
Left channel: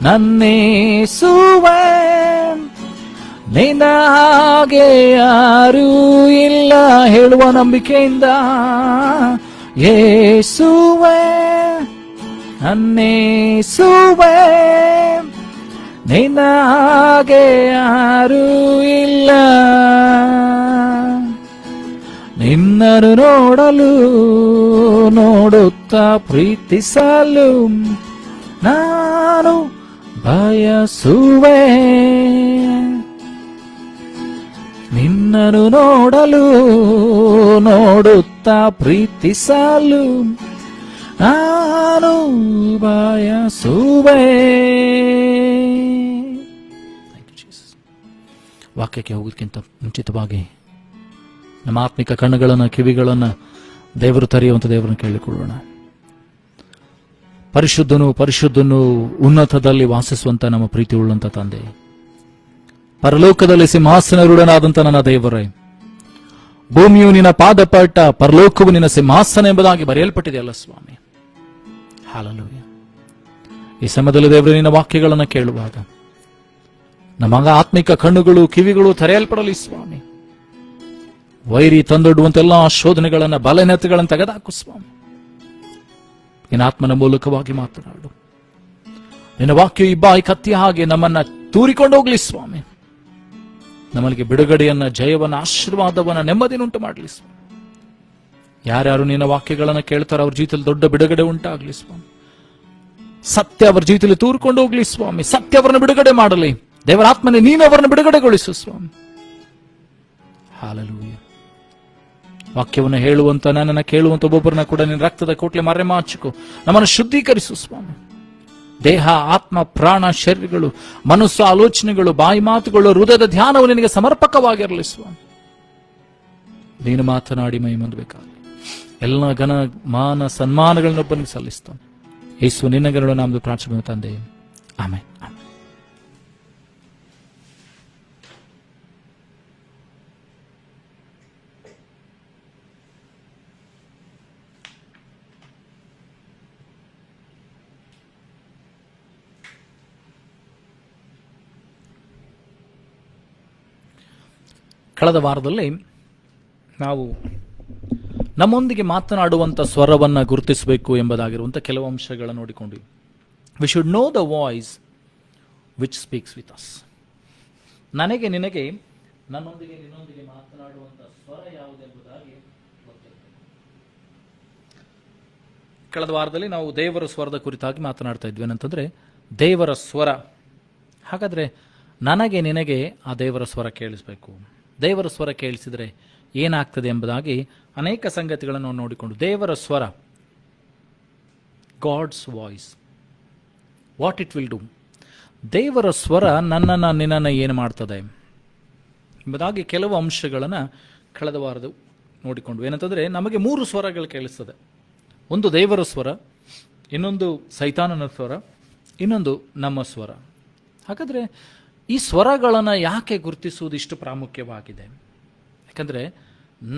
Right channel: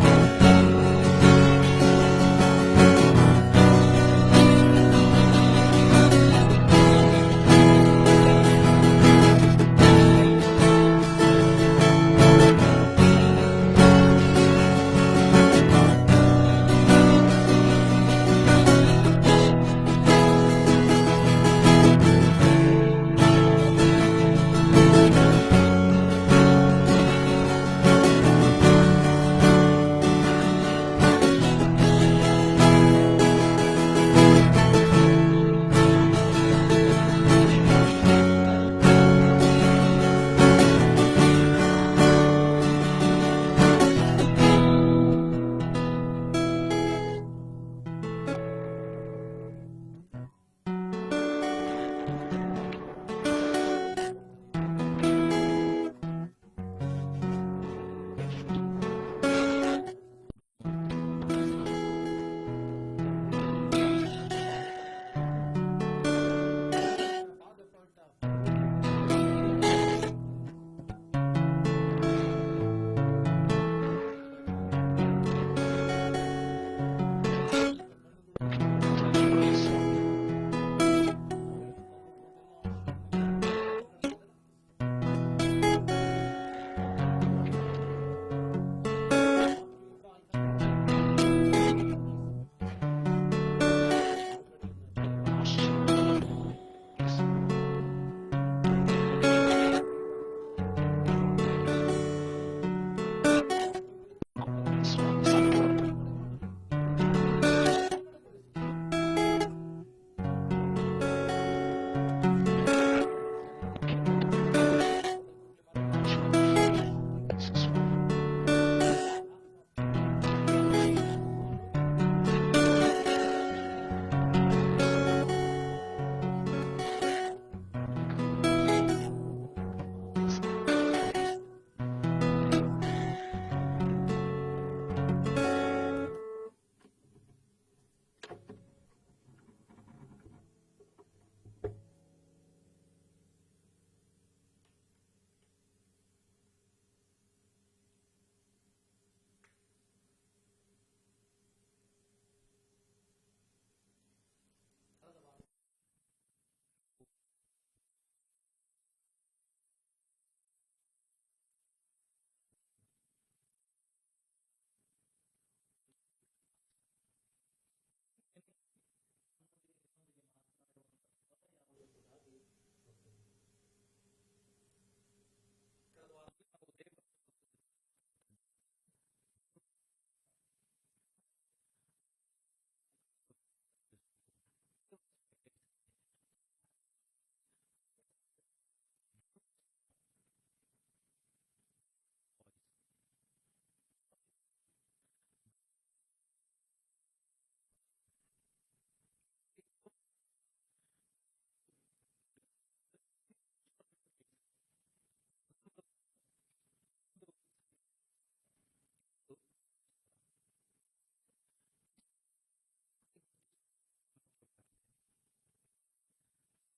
ನನ್ನೇಸುವೆ, ನಿನ್ನ ಹಾಗೆ ಯಾರೂ ಇಲ್ಲ. ಹೇಳುವ ನಂಬಿಕೆಯಿಂದ, ಯೇಸುವೇ, ನನ್ನೇಸುವೆ, ನಿನ್ನ ಹಾಗೆ ಯಾರೂ ಇಲ್ಲ. ನಿನ್ನನ್ನು ನೋಡಲು ನೋಡುತ್ತಾ ಪ್ರೀತಿಸಲು ನಾನು ಬಯಸುವೆ. ನಿನ್ನನ್ನು ನೋಡಲು ನೋಡುತ್ತಾ ಪ್ರೀತಿಸಲು ನಾನು ಬಯಸುವೆ. ವಾಕ್ಯಕ್ಕೆ ಹೋಗೋದಕ್ಕಿಂತ ಮುಂಚಿತವಾಗಿ ನಮ್ಮ ಆತ್ಮಿಕ ಕಣ್ಣುಗಳನ್ನು ಕಿವಿಗಳನ್ನು ದೇವರು ತೆರೆಯುವಂತ ದೇವರನ್ನು ಕೇಳಿಕೊಳ್ಳೋಣ. ಪರಿಶುದ್ಧನು ಪರಿಶುದ್ಧನು ಉನ್ನತದಲ್ಲಿ ವಾಸಿಸುವಂತ ನಮ್ಮ ಪ್ರೀತಿ ಉಳ್ಳಂತ ತಂದೆ, ಪರಲೋಕದಲ್ಲಿ ಸಿಂಹಾಸನರೂಢನಾದಂತ ನನ್ನ ದೇವರೇ, ಭೂಮಿಯು ನಿನ್ನ ಪಾದಪಟ್ಟ, ಪರಲೋಕವು ನಿನ್ನ ಸಿಂಹಾಸನ ಎಂಬುದಾಗಿ ಬರೆಯಲ್ಪಟ್ಟಿದೆಯಲ್ಲ ಸ್ವಾಮಿ. ಈ ಸಮಯದಲ್ಲಿ ದೇವರೇ ನಿನ್ನ ವಾಕ್ಯಗಳನ್ನು ಕೇಳುವಾಗ ನಮ್ಮ ಆತ್ಮಿಕ ಕಣ್ಣುಗಳು ಕಿವಿಗಳು ತೆರೆಯಲ್ಪಡಲಿ ಸ್ವಾಮಿ. ವೈರಿ ತಂದೊಡ್ಡುವಂತೆಲ್ಲ ಶೋಧನೆಗಳನ್ನ ಬಲಹೀನತೆಗಳನ್ನು ತೆಗೆದಾಕು ಸ್ವಾಮಿ. ನಿನ್ನ ಆತ್ಮನ ಮೂಲಕವಾಗಿ ಮಾತನಾಡು. ನಿನ್ನ ವಾಕ್ಯ ಇಬ್ಬಾಯಿ ಕತ್ತಿ ಹಾಗೆ ನಮ್ಮನ್ನ ತೂರಿಕೊಂಡು ಹೋಗ್ಲಿ ಸ್ವಾಮಿ. ನಮ್ಮಲ್ಲಿಗೆ ಬಿಡುಗಡೆಯನ್ನ, ಜಯವನ್ನ, ಆಶೀರ್ವಾದವನ್ನ, ನೆಮ್ಮದಿನುಂಟು ಮಾಡಲಿ ಸ್ವಾಮಿ. ಯಾರ್ಯಾರು ನಿನ್ನ ವಾಕ್ಯಗಳನ್ನ ಕೇಳ್ತಾರೋ ಅವ್ರ ಜೀವಿತದಲ್ಲಿ ದೊಡ್ಡ ಬಿಡುಗಡೆ ಉಂಟಾಗ್ಲಿ ಸ್ವಾಮಿ. ಸತ್ಯ ಅವರ ಜೀವಿತದಲ್ಲಿ ತೂರಿಕೊಂಡು ಹೋಗ್ಲಿ ಸ್ವಾಮಿ. ಸತ್ಯ ಅವರನ್ನು ಬಿಡುಗಡೆ ಮಾಡಲಿ. ದೇವರ ಆತ್ಮನೇ ನೀನು ಅವರನ್ನು ಬಿಡುಗಡೆಗೊಳಿಸು ಸ್ವಾಮಿ. ವಾಕ್ಯವನ್ನು ಹೇಳುವಂತ, ನನ್ನನ್ನು ಕೇಳುವಂತ ಒಬ್ಬೊಬ್ಬರನ್ನ ಕೂಡ ನಿನ್ನ ರಕ್ತದ ಕೋಟ್ಲೆ ಮರೆಮಾಚಿಕೊ ನಮ್ಮನ್ನು ಶುದ್ಧೀಕರಿಸು ಸ್ವಾಮಿ. ದೇಹ, ಆತ್ಮ, ಪ್ರಾಣ, ಶರೀರಗಳು, ಮನಸ್ಸು, ಆಲೋಚನೆಗಳು, ಬಾಯಿ ಮಾತುಗಳು, ಹೃದಯದ ಧ್ಯಾನವು ನಿನಗೆ ಸಮರ್ಪಕವಾಗಿರಲಿ ಸ್ವಾಮಿ. ನೀನು ಮಾತನಾಡಿ ಮೈ ಹೊಂದಬೇಕಾಗಲಿ. ಎಲ್ಲ ಘನ ಮಾನ ಸನ್ಮಾನಗಳನ್ನೊಬ್ಬನಿಗೆ ಸಲ್ಲಿಸ್ತಾನೆ. ಯೇಸು ನಿನ್ನಗಳು ನಮ್ದು ಪ್ರಾರ್ಥನೆ ತಂದೆ, ಆಮೆನ್. ಕಳೆದ ವಾರದಲ್ಲಿ ನಾವು ನಮ್ಮೊಂದಿಗೆ ಮಾತನಾಡುವಂಥ ಸ್ವರವನ್ನು ಗುರುತಿಸಬೇಕು ಎಂಬುದಾಗಿರುವಂಥ ಕೆಲವು ಅಂಶಗಳನ್ನು ನೋಡಿಕೊಂಡ್ವಿ. We should know the voice which speaks with us. ನನಗೆ ನಿನಗೆ, ನನ್ನೊಂದಿಗೆ ನಿನ್ನೊಂದಿಗೆ ಮಾತನಾಡುವಂಥ ಸ್ವರ ಯಾವುದೆಂಬುದಾಗಿ ಗೊತ್ತಿರಬೇಕು. ಕಳೆದ ವಾರದಲ್ಲಿ ನಾವು ದೇವರ ಸ್ವರದ ಕುರಿತಾಗಿ ಮಾತನಾಡ್ತಾ ಇದ್ವಿ. ಏನಂತಂದ್ರೆ ದೇವರ ಸ್ವರ. ಹಾಗಾದ್ರೆ ನನಗೆ ನಿನಗೆ ಆ ದೇವರ ಸ್ವರ ಕೇಳಿಸ್ಬೇಕು. ದೇವರ ಸ್ವರ ಕೇಳಿಸಿದ್ರೆ ಏನಾಗ್ತದೆ ಎಂಬುದಾಗಿ ಅನೇಕ ಸಂಗತಿಗಳನ್ನು ನಾವು ನೋಡಿಕೊಂಡು, ದೇವರ ಸ್ವರ, God's voice, what it will do. ದೇವರ ಸ್ವರ ನನ್ನನ್ನು ನಿನ್ನನ್ನು ಏನು ಮಾಡ್ತದೆ ಎಂಬುದಾಗಿ ಕೆಲವು ಅಂಶಗಳನ್ನು ಕಳೆದ ವಾರದ ನೋಡಿಕೊಂಡು. ಏನಂತಂದರೆ ನಮಗೆ 3 ಸ್ವರಗಳು ಕೇಳಿಸ್ತದೆ. ಒಂದು ದೇವರ ಸ್ವರ, ಇನ್ನೊಂದು ಸೈತಾನನ ಸ್ವರ, ಇನ್ನೊಂದು ನಮ್ಮ ಸ್ವರ. ಹಾಗಾದರೆ ಈ ಸ್ವರಗಳನ್ನು ಯಾಕೆ ಗುರುತಿಸುವುದು ಇಷ್ಟು ಪ್ರಾಮುಖ್ಯವಾಗಿದೆ? ಯಾಕಂದರೆ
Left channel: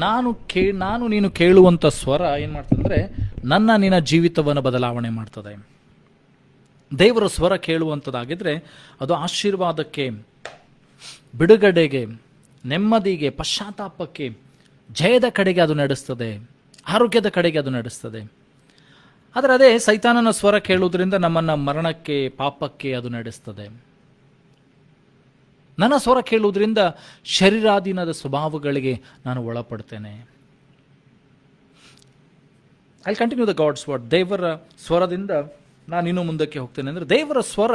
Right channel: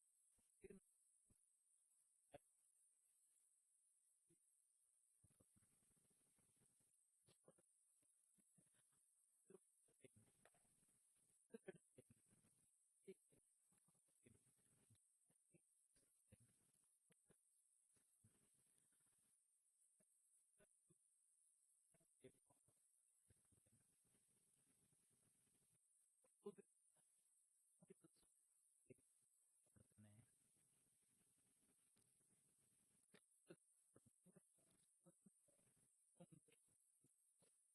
ನಾನು ನೀನು ಕೇಳುವಂಥ ಸ್ವರ ಏನು ಮಾಡ್ತಂದರೆ ನಿನ್ನ ಜೀವಿತವನ್ನು ಬದಲಾವಣೆ ಮಾಡ್ತದೆ. ದೇವರ ಸ್ವರ ಕೇಳುವಂಥದ್ದಾಗಿದ್ದರೆ ಅದು ಆಶೀರ್ವಾದಕ್ಕೆ, ಬಿಡುಗಡೆಗೆ, ನೆಮ್ಮದಿಗೆ, ಪಶ್ಚಾತ್ತಾಪಕ್ಕೆ, ಜಯದ ಕಡೆಗೆ ಅದು ನಡೆಸ್ತದೆ, ಆರೋಗ್ಯದ ಕಡೆಗೆ ಅದು ನಡೆಸ್ತದೆ. ಆದರೆ ಅದೇ ಸೈತಾನನ ಸ್ವರ ಕೇಳುವುದರಿಂದ ನಮ್ಮನ್ನು ಮರಣಕ್ಕೆ, ಪಾಪಕ್ಕೆ ಅದು ನಡೆಸ್ತದೆ. ನನ್ನ ಸ್ವರ ಕೇಳುವುದರಿಂದ ಶರೀರಾಧೀನದ ಸ್ವಭಾವಗಳಿಗೆ ನಾನು ಒಳಪಡ್ತೇನೆ. I continue the God's word. ದೇವರ ಸ್ವರದಿಂದ ನಾನು ಇನ್ನೂ ಮುಂದಕ್ಕೆ ಹೋಗ್ತೇನೆ ಅಂದರೆ ದೇವರ ಸ್ವರ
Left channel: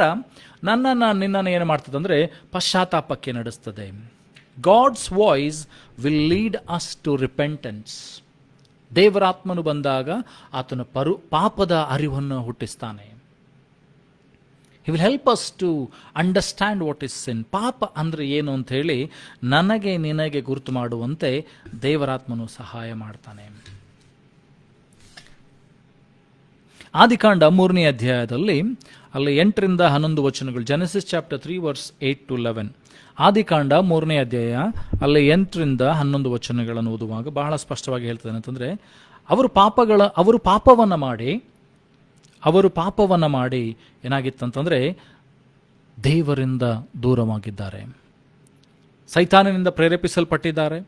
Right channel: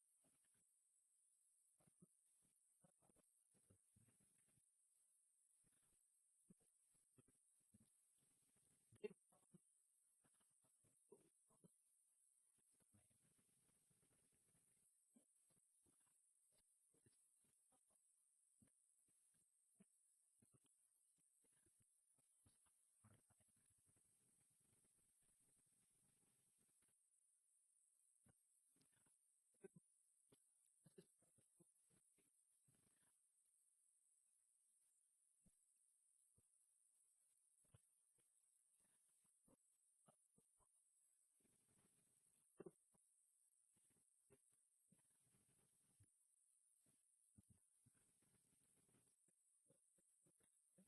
ನಿನ್ನನ್ನು ಏನು ಮಾಡ್ತದೆ ಅಂದರೆ ಪಶ್ಚಾತ್ತಾಪಕ್ಕೆ ನಡೆಸ್ತದೆ. God's voice will lead us to repentance. ದೇವರಾತ್ಮನು ಬಂದಾಗ ಆತನ ಪಾಪದ ಅರಿವನ್ನು ಹುಟ್ಟಿಸ್ತಾನೆ. He will help us to understand what is sin. ಪಾಪ ಅಂದರೆ ಏನು ಅಂತ ಹೇಳಿ ನನಗೆ ನಿನಗೆ ಗುರುತು ಮಾಡುವಂತೆ ದೇವರಾತ್ಮನು ಸಹಾಯ ಮಾಡ್ತಾನೆ. ಆದಿಕಾಂಡ 3ನೇ ಅಧ್ಯಾಯದಲ್ಲಿ ಅಲ್ಲಿ 8ರಿಂದ 11 ವಚನಗಳು, ಜೆನೆಸಿಸ್ ಚಾಪ್ಟರ್ 3 ವರ್ಸ್ 8 to 11. ಆದಿಕಾಂಡ 3ನೇ ಅಧ್ಯಾಯ ಅಲ್ಲಿ 8ರಿಂದ 11 ವಚನಗಳನ್ನು ಓದುವಾಗ ಬಹಳ ಸ್ಪಷ್ಟವಾಗಿ ಹೇಳ್ತದೆ ಅಂತಂದರೆ, ಅವರು ಪಾಪವನ್ನು ಮಾಡಿ ಏನಾಗಿತ್ತಂತಂದರೆ ದೇವರಿಂದ ದೂರವಾಗಿದ್ದಾರೆ, ಸೈತಾನನಿಂದ ಪ್ರೇರೇಪಿಸಲ್ಪಟ್ಟಿದ್ದಾರೆ,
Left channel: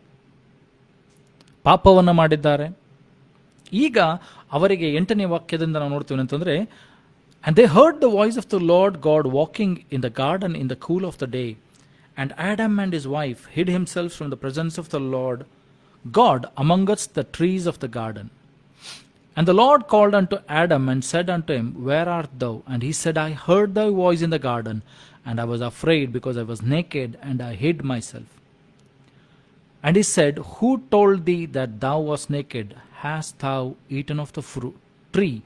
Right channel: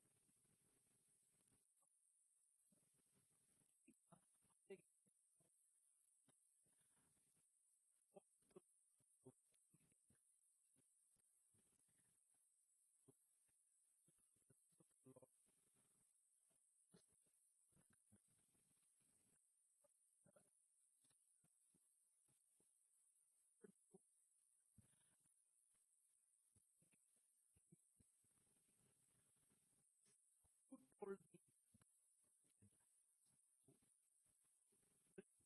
ಪಾಪವನ್ನು ಮಾಡಿದ್ದಾರೆ. ಈಗ ಅವರಿಗೆ 8ನೇ ವಾಕ್ಯದಿಂದ ನಾವು ನೋಡ್ತೀವಿ ಅಂತಂದರೆ, and they heard the voice of the Lord God walking in the garden in the cool of the day, and Adam and his wife hid himself from the presence of the Lord God amongst the trees of the garden. And the Lord called unto Adam and said unto him, Where art thou? And he said, I heard thy voice in the garden, and I was afraid, because I was naked, and I hid myself. And he said, Who told thee that thou wast naked? Hast thou eaten of the tree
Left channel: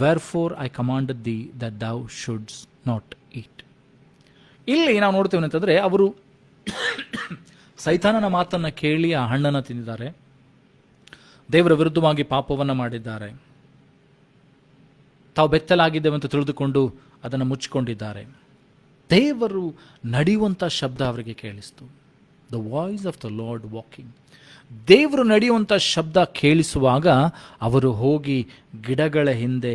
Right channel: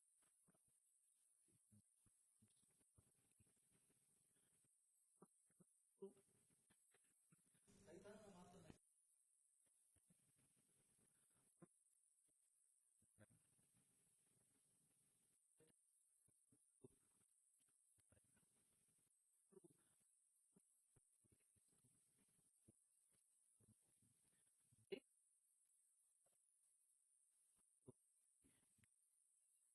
wherefore I commanded thee that thou shouldst not eat? ಇಲ್ಲಿ ನಾವು ನೋಡ್ತೇವೆ ಅಂತಂದರೆ, ಅವರು ಸೈತಾನನ ಮಾತನ್ನು ಕೇಳಿ ಆ ಹಣ್ಣನ್ನು ತಿಂದಿದ್ದಾರೆ, ದೇವರ ವಿರುದ್ಧವಾಗಿ ಪಾಪವನ್ನು ಮಾಡಿದ್ದಾರೆ, ತಾವು ಬೆತ್ತಲಾಗಿದ್ದೇವೆ ಅಂತ ತಿಳಿದುಕೊಂಡು ಅದನ್ನು ಮುಚ್ಚಿಕೊಂಡಿದ್ದಾರೆ. ದೇವರು ನಡೆಯುವಂಥ ಶಬ್ದ ಅವರಿಗೆ ಕೇಳಿಸ್ತು. The voice of the Lord walking. ದೇವರು ನಡೆಯುವಂಥ ಶಬ್ದ ಕೇಳಿಸುವಾಗ ಅವರು ಹೋಗಿ ಗಿಡಗಳ ಹಿಂದೆ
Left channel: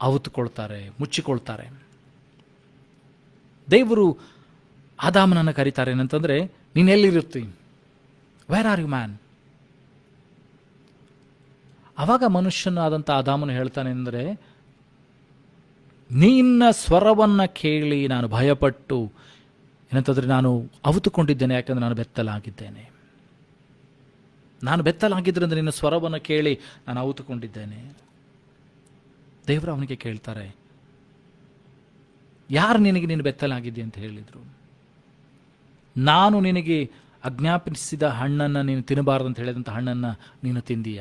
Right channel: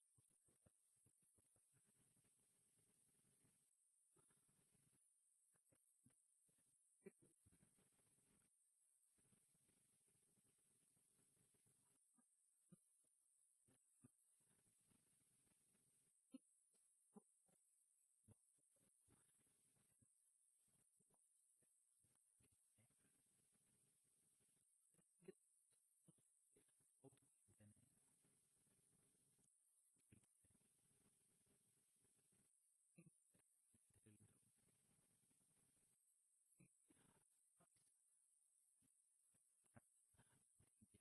ಅವುತುಕೊಳ್ತಾರೆ, ಮುಚ್ಚಿಕೊಳ್ತಾರೆ. ದೇವರು ಆದಾಮನನ್ನು ಕರೀತಾರೆ ಏನಂತಂದರೆ, ನೀನು ಎಲ್ಲಿರುತ್ತಿ? Where are you man? ಆವಾಗ ಮನುಷ್ಯನಾದಂಥ ಆದಾಮನು ಹೇಳ್ತಾನೆ ಅಂದರೆ, ನಿನ್ನ ಸ್ವರವನ್ನು ಕೇಳಿ ನಾನು ಭಯಪಟ್ಟು ಏನಂತಂದರೆ ನಾನು ಅವುತುಕೊಂಡಿದ್ದೇನೆ, ಯಾಕಂದರೆ ನಾನು ಬೆತ್ತಲಾಗಿದ್ದೇನೆ. ನಾನು ಬೆತ್ತಲಾಗಿದ್ದರಿಂದ ನಿನ್ನ ಸ್ವರವನ್ನು ಕೇಳಿ ನಾನು ಅವುತುಕೊಂಡಿದ್ದೇನೆ. ದೇವರು ಅವನಿಗೆ ಕೇಳ್ತಾರೆ, ಯಾರು ನಿನಗೆ ನೀನು ಬೆತ್ತಲಾಗಿದ್ದೆ ಅಂತ ಹೇಳಿದರು? ನಾನು ನಿನಗೆ ಆಜ್ಞಾಪಿಸಿದ ಹಣ್ಣನ್ನು ನೀನು ತಿನ್ನಬಾರದು ಅಂತ ಹೇಳಿದಂಥ ಹಣ್ಣನ್ನು ನೀನು ತಿಂದೀಯ.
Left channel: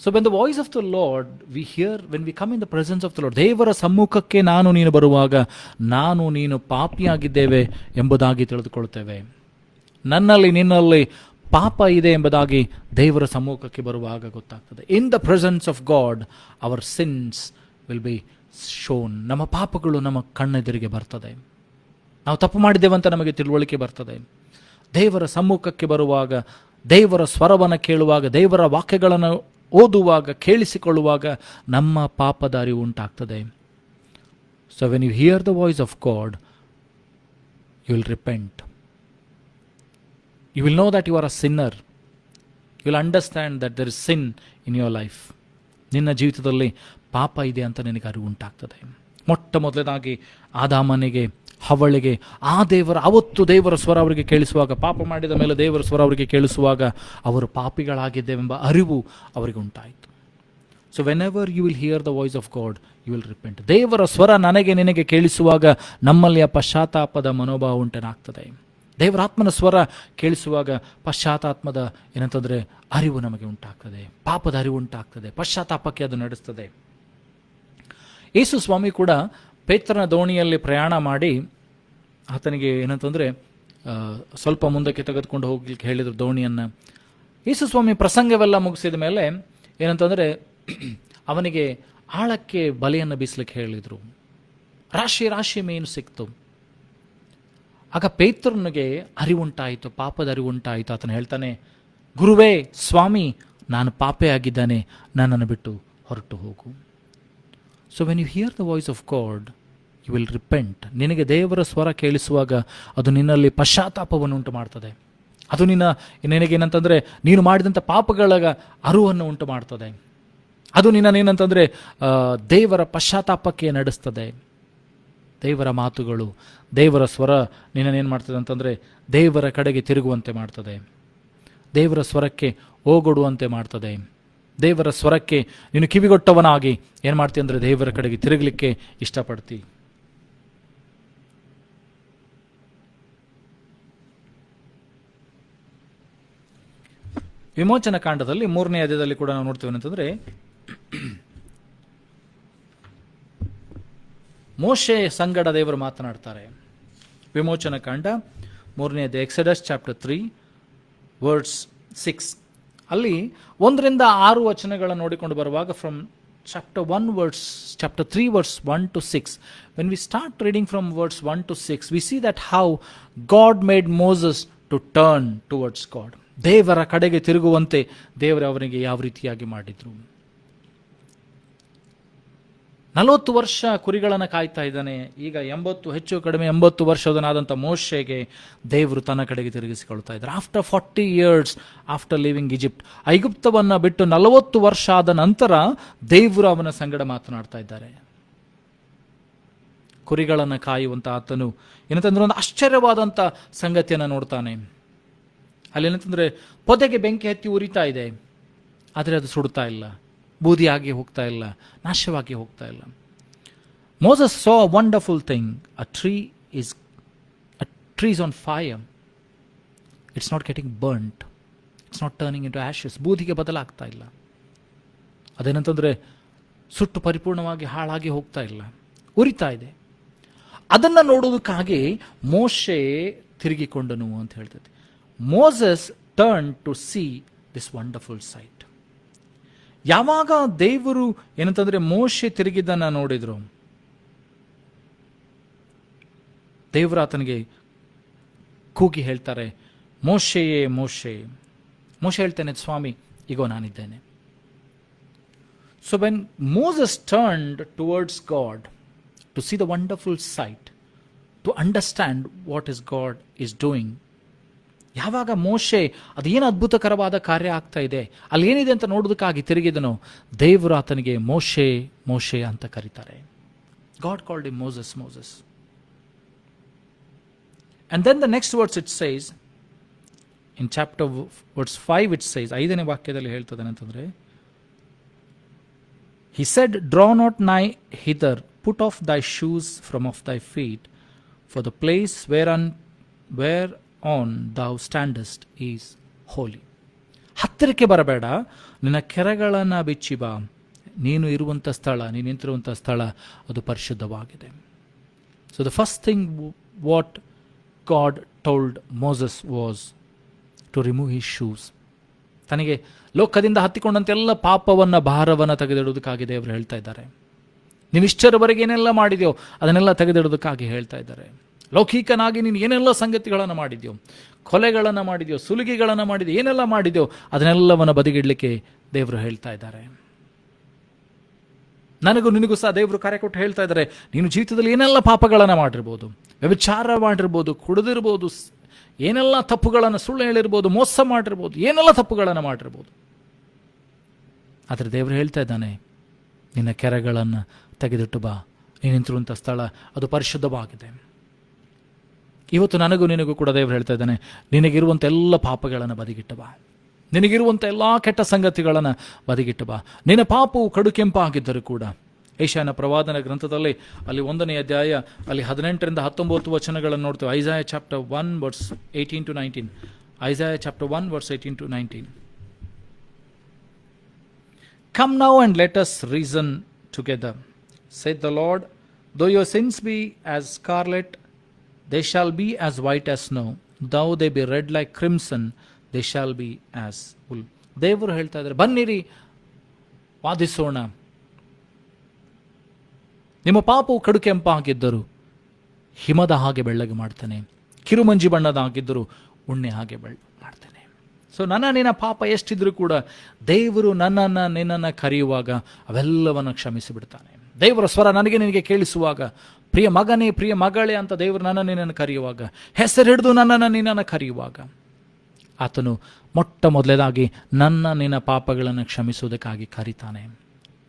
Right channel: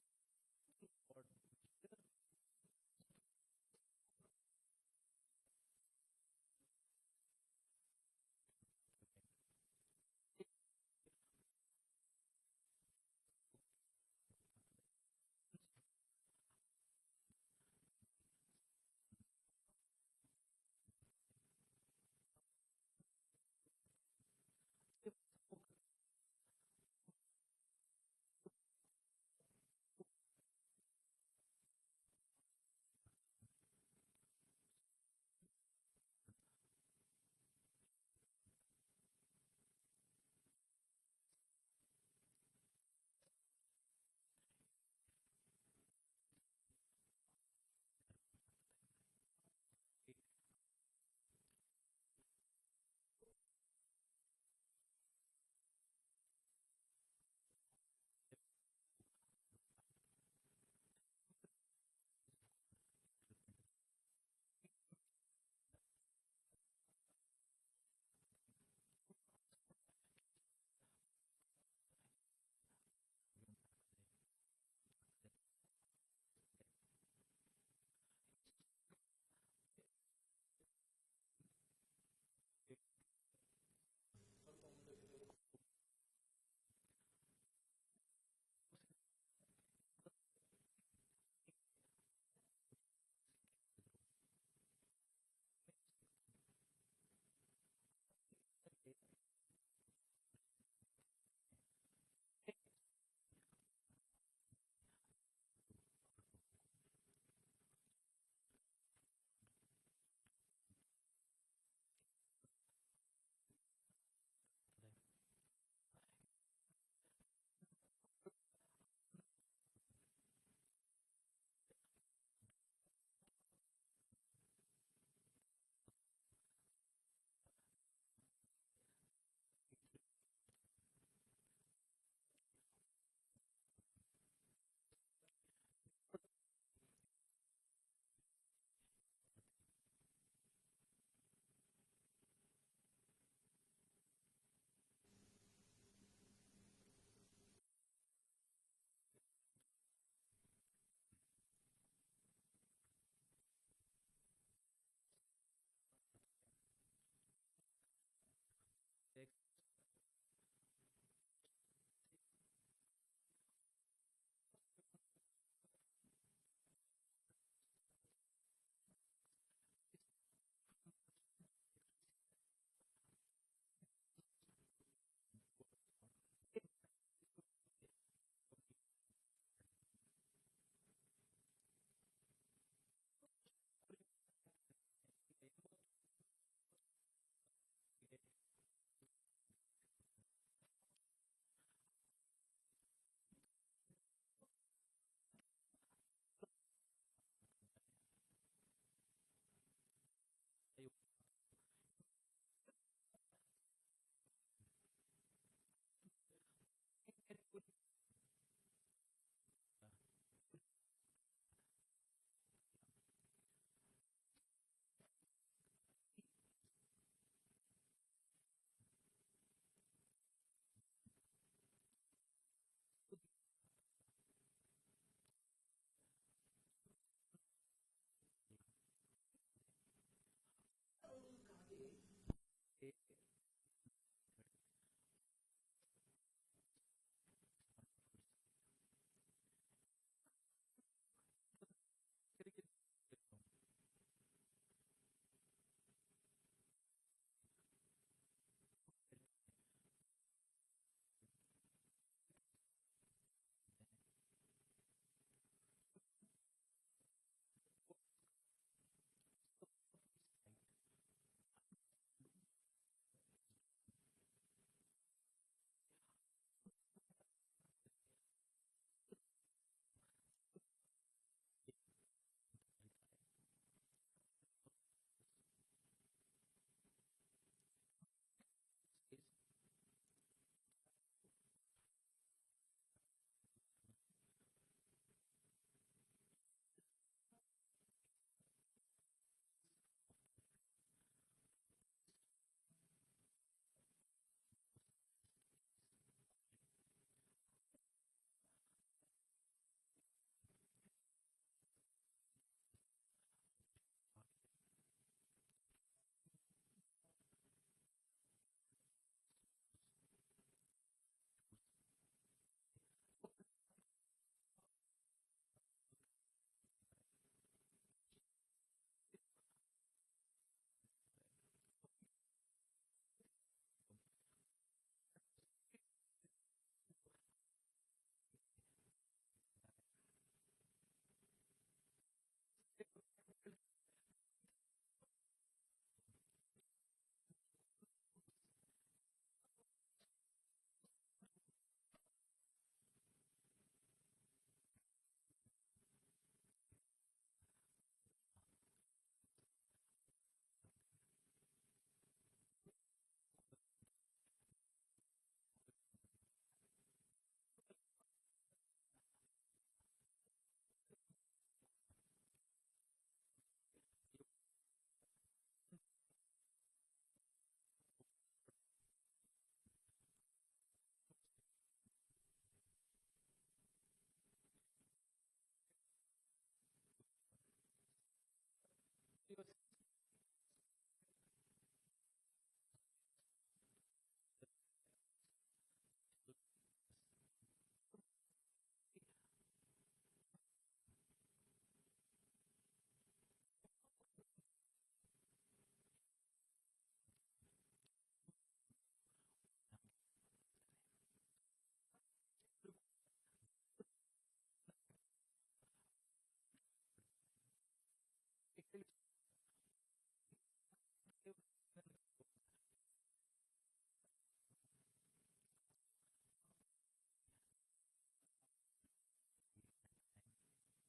So when the voice of the Lord we hear, when we come in the presence of the Lord, ದೇವರ ಸಮ್ಮುಖಕ್ಕೆ ನಾನು ನೀನು ಬರುವಾಗ ನಾನು ನೀನು ಪಾಪಿಯಾಗಿದ್ದೇವೆ ಎಂಬುದಾಗಿ ತಿಳಿದುಕೊಳ್ತೇವೆ. ನನ್ನಲ್ಲಿ ನಿನ್ನಲ್ಲಿ ಪಾಪ ಇದೆ ಎಂಬುದಾಗಿ ದೇವರ ಸಮ್ಮುಖಕ್ಕೆ ಬರುವಾಗ ಗೊತ್ತಾಗ್ತದೆ. In the presence of God our sins will be shown. ನಮ್ಮ ಪಾಪಗಳು ನಮ್ಮ ಕಣ್ಣೆದುರಿಗೆ ಬರ್ತದೆ, ನಾವು ತಪ್ಪು ಮಾಡಿದ್ದೇವೆ ಅಂತ ನಮಗೆ ತಿಳುವಳಿಕೆ ಬರ್ತದೆ. ದೇವರ ಸಮ್ಮುಖಕ್ಕೆ ಬರುವಾಗ, ದೇವರ ಸ್ವರವನ್ನು ಕೇಳುವಾಗ, ದೇವರ ವಾಕ್ಯಗಳನ್ನು ಓದುವಾಗ, ಕೇಳಿಸಿಕೊಳ್ಳುವಾಗ ನಮ್ಮ ಪಾಪದ ಅರಿವು ಉಂಟಾಗ್ತದೆ. So when you hear the voice of God you will repent. You will know that you are a sinner. You will understand that there is sin in your life. ನಿನ್ನ ಜೀವಿತದಲ್ಲಿ ಪಾಪ ಇದೆ ಅಂತ ನಿನಗೆ ಅರಿವು ಉಂಟಾಗ್ತದೆ. ಮೊಟ್ಟ ಮೊದಲನೇದಾಗಿ ಆದಾಮನಿಗೆ, ಹವ್ವಳಿಗೆ ಅವತ್ತು ದೇವರ ಸ್ವರ ಅವರಿಗೆ ಕೇಳಿಸುವಾಗ, ಪಾಪ ಮಾಡಿದ ಮೇಲೆ ದೇವರ ಸ್ವರ ಅವರಿಗೆ ಕೇಳಿಸುವಾಗ ಅವರು ಪಾಪಿಗಳಾಗಿದ್ದೇವೆಂಬ ಅರಿವು ಅವರಿಗೆ ಉಂಟಾಯಿತು. So whenever you will hear the voice of God you will repent. ದೇವರ ಸ್ವರ ನನಗೆ ನಿನಗೆ ಕೇಳಿಸುವಾಗ ನಮ್ಮಲ್ಲಿ ಆ ಪಶ್ಚಾತ್ತಾಪದ ಮನೋಭಾವ ಉಂಟನಾಗ್ತದೆ. ದೇವರಾತ್ಮನ ಸ್ವರ ಕೇಳಿಸುವಾಗ ಪಶ್ಚಾತ್ತಾತ್ಮದ ಏನಂತಂದರೆ ಅರಿವು ನಮಗೆ ಉಂಟಾಗ್ತದೆ, ಪಾಪದ ಅರಿವು ಉಂಟಾಗ್ತದೆ, ಪಶ್ಚಾತ್ತಾಪಕ್ಕೆ ಅದು ನಡೆಸ್ತದೆ. ಯೇಸು ಸ್ವಾಮಿ ಕೂಡ ಪೇತ್ರನ ದೋಣಿಯಲ್ಲಿ ಪ್ರಯಾಣ ಮಾಡಿ ಆತನಿಗೆ ಏನಂತಂದರೆ ಸ್ವಲ್ಪ ಮುಂದಕ್ಕೆ ತೆಗೆದುಕೊಂಡು ಹೋಗ್ಲಿಕ್ಕೆ ಹೇಳಿದರು ದೋಣಿಯನ್ನು. ಯೇಸು ಸ್ವಾಮಿ ಪ್ರಸಂಗವೆಲ್ಲ ಮುಗಿಸಿದ ಮೇಲೆ ಏನಂತಂದರೆ ಅವನಿಗೆ ಆಳಕ್ಕೆ ಬಲೆಯನ್ನು ಬೀಸಲಿಕ್ಕೆ ಹೇಳಿದರು. ರಾಶಿ ರಾಶಿ ಮೀನು ಸಿಕ್ತು. ಆಗ ಪೇತ್ರನಿಗೆ ಅರಿವುಂಟಾಯಿತು, ಪಾಪದ ಅರಿವುಂಟಾಯಿತು. ಆತನು ಹೇಳ್ತಾನೆ, ಗುರುವೇ, ಸ್ವಾಮಿ, ನಾನು ಪಾಪೇ ಆಗಿದ್ದಾನೆ, ನನ್ನನ್ನು ಬಿಟ್ಟು ಹೊರಟು ಹೋಗು. So when you hear the voice of God you will repent. ನಿನಗೆ ದೇವರ ಸ್ವರ ಕೇಳಿಸುವಾಗ ಅದು ನಿನ್ನಲ್ಲಿ ಪಶ್ಚಾತ್ತಾಪವನ್ನು ಉಂಟು ಮಾಡ್ತದೆ. ಅದು ನಿನಗೇನಂತಂದರೆ ನೀನು ಮಾಡಿದಂಥ ಪಾಪಗಳ ಅರಿವನ್ನು ಉಂಟು ಮಾಡ್ತದೆ. ಅದು ನಿನ್ನನೇನಂತಂದರೆ ದೇವರ ಪಶ್ಚಾತ್ತಾಪಕ್ಕೆ ನಡೆಸ್ತದೆ. ದೇವರ ಮಾತುಗಳು, ದೇವರ ಸ್ವರ ನಿನ್ನನೇನು ಮಾಡ್ತದೆ ಅಂತಂದರೆ ದೇವರ ಕಡೆಗೆ ತಿರುಗುವಂತೆ ಮಾಡ್ತದೆ, ದೇವರ ಸ್ವರಕ್ಕೆ ಓಗೊಡುವಂತೆ ಮಾಡ್ತದೆ. ದೇವರ ಸ್ವರಕ್ಕೆ ನೀನು ಕಿವಿಗೊಟ್ಟವನಾಗಿ ಏನು ಮಾಡ್ತೀಯ ಅಂದರೆ ದೇವರ ಕಡೆಗೆ ತಿರುಗಲಿಕ್ಕೆ ಇಷ್ಟಪಡ್ತಿ. ವಿಮೋಚನ ಕಾಂಡದಲ್ಲಿ 3ನೇ ಅಧ್ಯಾಯದಲ್ಲಿ ಕೂಡ ನಾವು ನೋಡ್ತೀವಿ ಅಂತಂದ್ರೆ, ಮೋಶೆ ಸಂಗಡ ದೇವರು ಮಾತನಾಡ್ತಾರೆ. ವಿಮೋಚನ ಕಾಂಡ 3ನೇ ಅಧ್ಯಾಯ, ಎಕ್ಸಡಸ್ ಚಾಪ್ಟರ್ 3 ವರ್ಡ್ಸ್ 6. ಅಲ್ಲಿ 1ರಿಂದ 6 ವಚನಗಳನ್ನು ನೋಡಿಕೊಂಡು ಬರುವಾಗ, from chapter 3 verse 1 to 6, when we start reading from verse 1 to 6, we see that how God made Moses to turn towards God. ದೇವರ ಕಡೆಗೆ ತಿರುಗುವಂತೆ ದೇವರು ಅವನಿಗೆ ಯಾವ ರೀತಿಯಾಗಿ ಮಾಡಿದ್ರು. 40 ವರ್ಷ ಕುರಿಗಳನ್ನು ಕಾಯ್ತಾ ಇದ್ದಾನೆ. ಈಗ 80 ಹೆಚ್ಚು ಕಡಿಮೆ 80 ವರ್ಷದನಾದಂಥ ಮೋಶೆಗೆ ದೇವರು ತನ್ನ ಕಡೆಗೆ ತಿರುಗಿಸಿಕೊಳ್ತಾ ಇದ್ದಾರೆ. After 40 years after living Egypt, ಐಗುಪ್ತವನ್ನು ಬಿಟ್ಟು 40 ವರ್ಷ ಆದ ನಂತರ ದೇವರು ಅವನ ಸಂಗಡ ಮಾತನಾಡ್ತಾ ಇದ್ದಾರೆ. ಕುರಿಗಳನ್ನು ಕಾಯುವಂತ ಆತನು ಏನಂತಂದ್ರೆ ಒಂದು ಆಶ್ಚರ್ಯವಾದಂಥ ಸಂಗತಿಯನ್ನು ನೋಡ್ತಾನೆ. ಅಲ್ಲಿ ಏನಂತಂದ್ರೆ, ಪೊದೆಗೆ ಬೆಂಕಿ ಹತ್ತಿ ಉರಿತಾ ಇದೆ, ಆದರೆ ಅದು ಸುಡ್ತಾ ಇಲ್ಲ, ಬೂದಿಯಾಗಿ ಹೋಗ್ತಾ ಇಲ್ಲ, ನಾಶವಾಗಿ ಹೋಗ್ತಾ ಇಲ್ಲ. Moses saw a wonderful thing. A tree is on fire. It's not getting burnt. It's not turning into ashes. ಬೂದಿಗೆ ಬದಲಾಗ್ತಾ ಇಲ್ಲ. ಅದೇನಂತಂದ್ರೆ ಸುಟ್ಟು ಪರಿಪೂರ್ಣವಾಗಿ ಹಾಳಾಗಿ ಹೋಗ್ತಾ ಇಲ್ಲ, ಉರಿತಾ ಇದೆ. ಅದನ್ನ ನೋಡುವುದಕ್ಕಾಗಿ ಮೋಶೆ ತಿರುಗಿಕೊಂಡನು ಅಂತ ಹೇಳ್ತದೆ. Moses turned to see this wonderful sight. ಯಾವಾಗ ದೇವರು ಏನಂತಂದ್ರೆ ಮೋಶೆ ತಿರುಗಿದ್ದನ್ನ ನೋಡಿದ್ರು, ದೇವರು ಆತನಿಗೆ ಕೂಗಿ ಹೇಳ್ತಾರೆ, ಮೋಶೆಯೇ ಮೋಶೆ. ಮೋಶೆ ಹೇಳ್ತಾನೆ, ಸ್ವಾಮಿ ಈಗೋ ನಾನಿದ್ದೇನೆ. So when Moses turned towards God to see the wonderful sight, to understand what is God is doing, ಯಾವಾಗ ಮೋಶೆ ಅದೇನು ಅದ್ಭುತಕರವಾದ ಕಾರ್ಯ ಆಗ್ತಾ ಇದೆ, ಅಲ್ಲಿ ಏನಿದೆ ಅಂತ ನೋಡೋದಕ್ಕಾಗಿ ತಿರುಗಿದನು, ದೇವರು ಆತನಿಗೆ ಮೋಶೆ ಮೋಶೆ ಅಂತ ಕರೀತಾರೆ. God called him Moses Moses. And then the next words it says, in chapter verse 5 it says, 5ನೇ ವಾಕ್ಯದಲ್ಲಿ ಹೇಳ್ತದೆ ಅಂತಂದ್ರೆ, he said, draw not nigh hither, put off thy shoes from off thy feet, for the place whereon thou standest is holy. ಹತ್ತಿರಕ್ಕೆ ಬರಬೇಡ, ನಿನ್ನ ಕೆರಗಳನ್ನು ಬಿಚ್ಚಿ ಬಾ, ನೀನು ಇರುವಂಥ ಸ್ಥಳ, ನೀನು ನಿಂತಿರುವಂಥ ಸ್ಥಳ ಅದು ಪರಿಶುದ್ಧವಾಗಿದೆ. So the first thing what God told Moses was to remove his shoes. ತನಗೆ ಲೋಕದಿಂದ ಹತ್ತಿಕೊಂಡಂತೆಲ್ಲ ಪಾಪವನ್ನ ಭಾರವನ್ನ ತೆಗೆದಿಡುವುದಕ್ಕಾಗಿ ದೇವರು ಹೇಳ್ತಾ ಇದ್ದಾರೆ. ನೀನು ಇಷ್ಟರವರೆಗೆ ಏನೆಲ್ಲ ಮಾಡಿದ್ಯೋ ಅದನ್ನೆಲ್ಲ ತೆಗೆದಿಡುವುದಕ್ಕಾಗಿ ಹೇಳ್ತಾ ಇದ್ದಾರೆ. ಲೌಕಿಕನಾಗಿ ನೀನು ಏನೆಲ್ಲ ಸಂಗತಿಗಳನ್ನು ಮಾಡಿದ್ಯೋ, ಕೊಲೆಗಳನ್ನು ಮಾಡಿದ್ಯೋ, ಸುಲಿಗೆಗಳನ್ನು ಮಾಡಿದ್ಯೋ, ಏನೆಲ್ಲ ಮಾಡಿದ್ಯೋ ಅದನ್ನೆಲ್ಲವನ್ನು ಬದಿಗಿಡ್ಲಿಕ್ಕೆ ದೇವರು ಹೇಳ್ತಾ ಇದ್ದಾರೆ. ನನಗೂ ನಿನಗೂ ಸಹ ದೇವರು ಕರೆ ಕೊಟ್ಟು ಹೇಳ್ತಾ ಇದ್ದಾರೆ, ನೀನು ಜೀವಿತದಲ್ಲಿ ಏನೆಲ್ಲ ಪಾಪಗಳನ್ನು ಮಾಡಿರ್ಬೋದು, ವ್ಯಭಿಚಾರ ಮಾಡಿರ್ಬೋದು, ಕುಡಿದಿರ್ಬೋದು, ಏನೆಲ್ಲ ತಪ್ಪುಗಳನ್ನು, ಸುಳ್ಳು ಹೇಳಿರ್ಬೋದು, ಮೋಸ ಮಾಡಿರ್ಬೋದು, ಏನೆಲ್ಲ ತಪ್ಪುಗಳನ್ನು ಮಾಡಿರ್ಬೋದು, ಆದರೆ ದೇವರು ಹೇಳ್ತಾ ಇದ್ದಾನೆ, ನಿನ್ನ ಕೆರೆಗಳನ್ನು ತೆಗೆದಿಟ್ಟು ಬಾ, ನೀನು ನಿಂತಿರುವಂಥ ಸ್ಥಳ ಅದು ಪರಿಶುದ್ಧವಾಗಿದೆ. ಇವತ್ತು ನನಗೂ ನಿನಗೂ ಕೂಡ ದೇವರು ಹೇಳ್ತಾ ಇದ್ದಾನೆ, ನಿನಗಿರುವಂಥ ಎಲ್ಲ ಪಾಪಗಳನ್ನು ಬದಿಗಿಟ್ಟು ಬಾ, ನಿನಗಿರುವಂಥ ಎಲ್ಲ ಕೆಟ್ಟ ಸಂಗತಿಗಳನ್ನು ಬದಿಗಿಟ್ಟು ಬಾ. ನಿನ್ನ ಪಾಪವು ಕಡು ಕೆಂಪಾಗಿದ್ದರೂ ಕೂಡ, ಏಷಾಯನ ಪ್ರವಾದನ ಗ್ರಂಥದಲ್ಲಿ ಅಲ್ಲಿ 1ನೇ ಅಧ್ಯಾಯ ಅಲ್ಲಿ 18ರಿಂದ 19 ವಚನಗಳನ್ನು ನೋಡ್ತೇವೆ. Isaiah chapter 1 verse 18 to 19. Isaiah chapter 1 verse 18 to 19. Come now and let us reason together, saith the Lord. Though your sins be as scarlet, they shall be as white as snow. Though they be red like crimson, they shall be as wool. ದೇವರು ಹೇಳ್ತಾ ಇದ್ದಾರೆ, ಬನ್ನಿರಿ ವಾದಿಸೋಣ. ನಿಮ್ಮ ಪಾಪವು ಕಡು ಕೆಂಪಾಗಿದ್ದರು ಹಿಮದ ಹಾಗೆ ಬೆಳ್ಳಗೆ ಮಾಡ್ತಾನೆ, ಕಿರುಮಂಜಿ ಬಣ್ಣದಾಗಿದ್ದರು ಉಣ್ಣೆ ಹಾಗೆ ಮಾಡ್ತಾನೆ. ಸೊ ನಿನ್ನ ಪಾಪ ಎಷ್ಟಿದ್ರೂ ಕೂಡ ದೇವರು ನಿನ್ನನ್ನು ಕರೆಯುವಾಗ ಅವೆಲ್ಲವನ್ನು ಕ್ಷಮಿಸಿ ಬಿಡ್ತಾನೆ. ದೇವರ ಸ್ವರ ನನಗೆ ನಿನಗೆ ಕೇಳಿಸುವಾಗ, ಪ್ರಿಯ ಮಗನೇ ಪ್ರಿಯ ಮಗಳೇ ಅಂತ ದೇವರು ನಿನ್ನನ್ನು ಕರೆಯುವಾಗ, ಹೆಸರು ಹಿಡಿದು ನಿನ್ನನ್ನು ಕರೆಯುವಾಗ, ಆತನು ಮೊಟ್ಟ ಮೊದಲೇದಾಗಿ ನಿನ್ನ ಪಾಪಗಳನ್ನು ಕ್ಷಮಿಸುವುದಕ್ಕಾಗಿ ಕರೀತಾನೆ.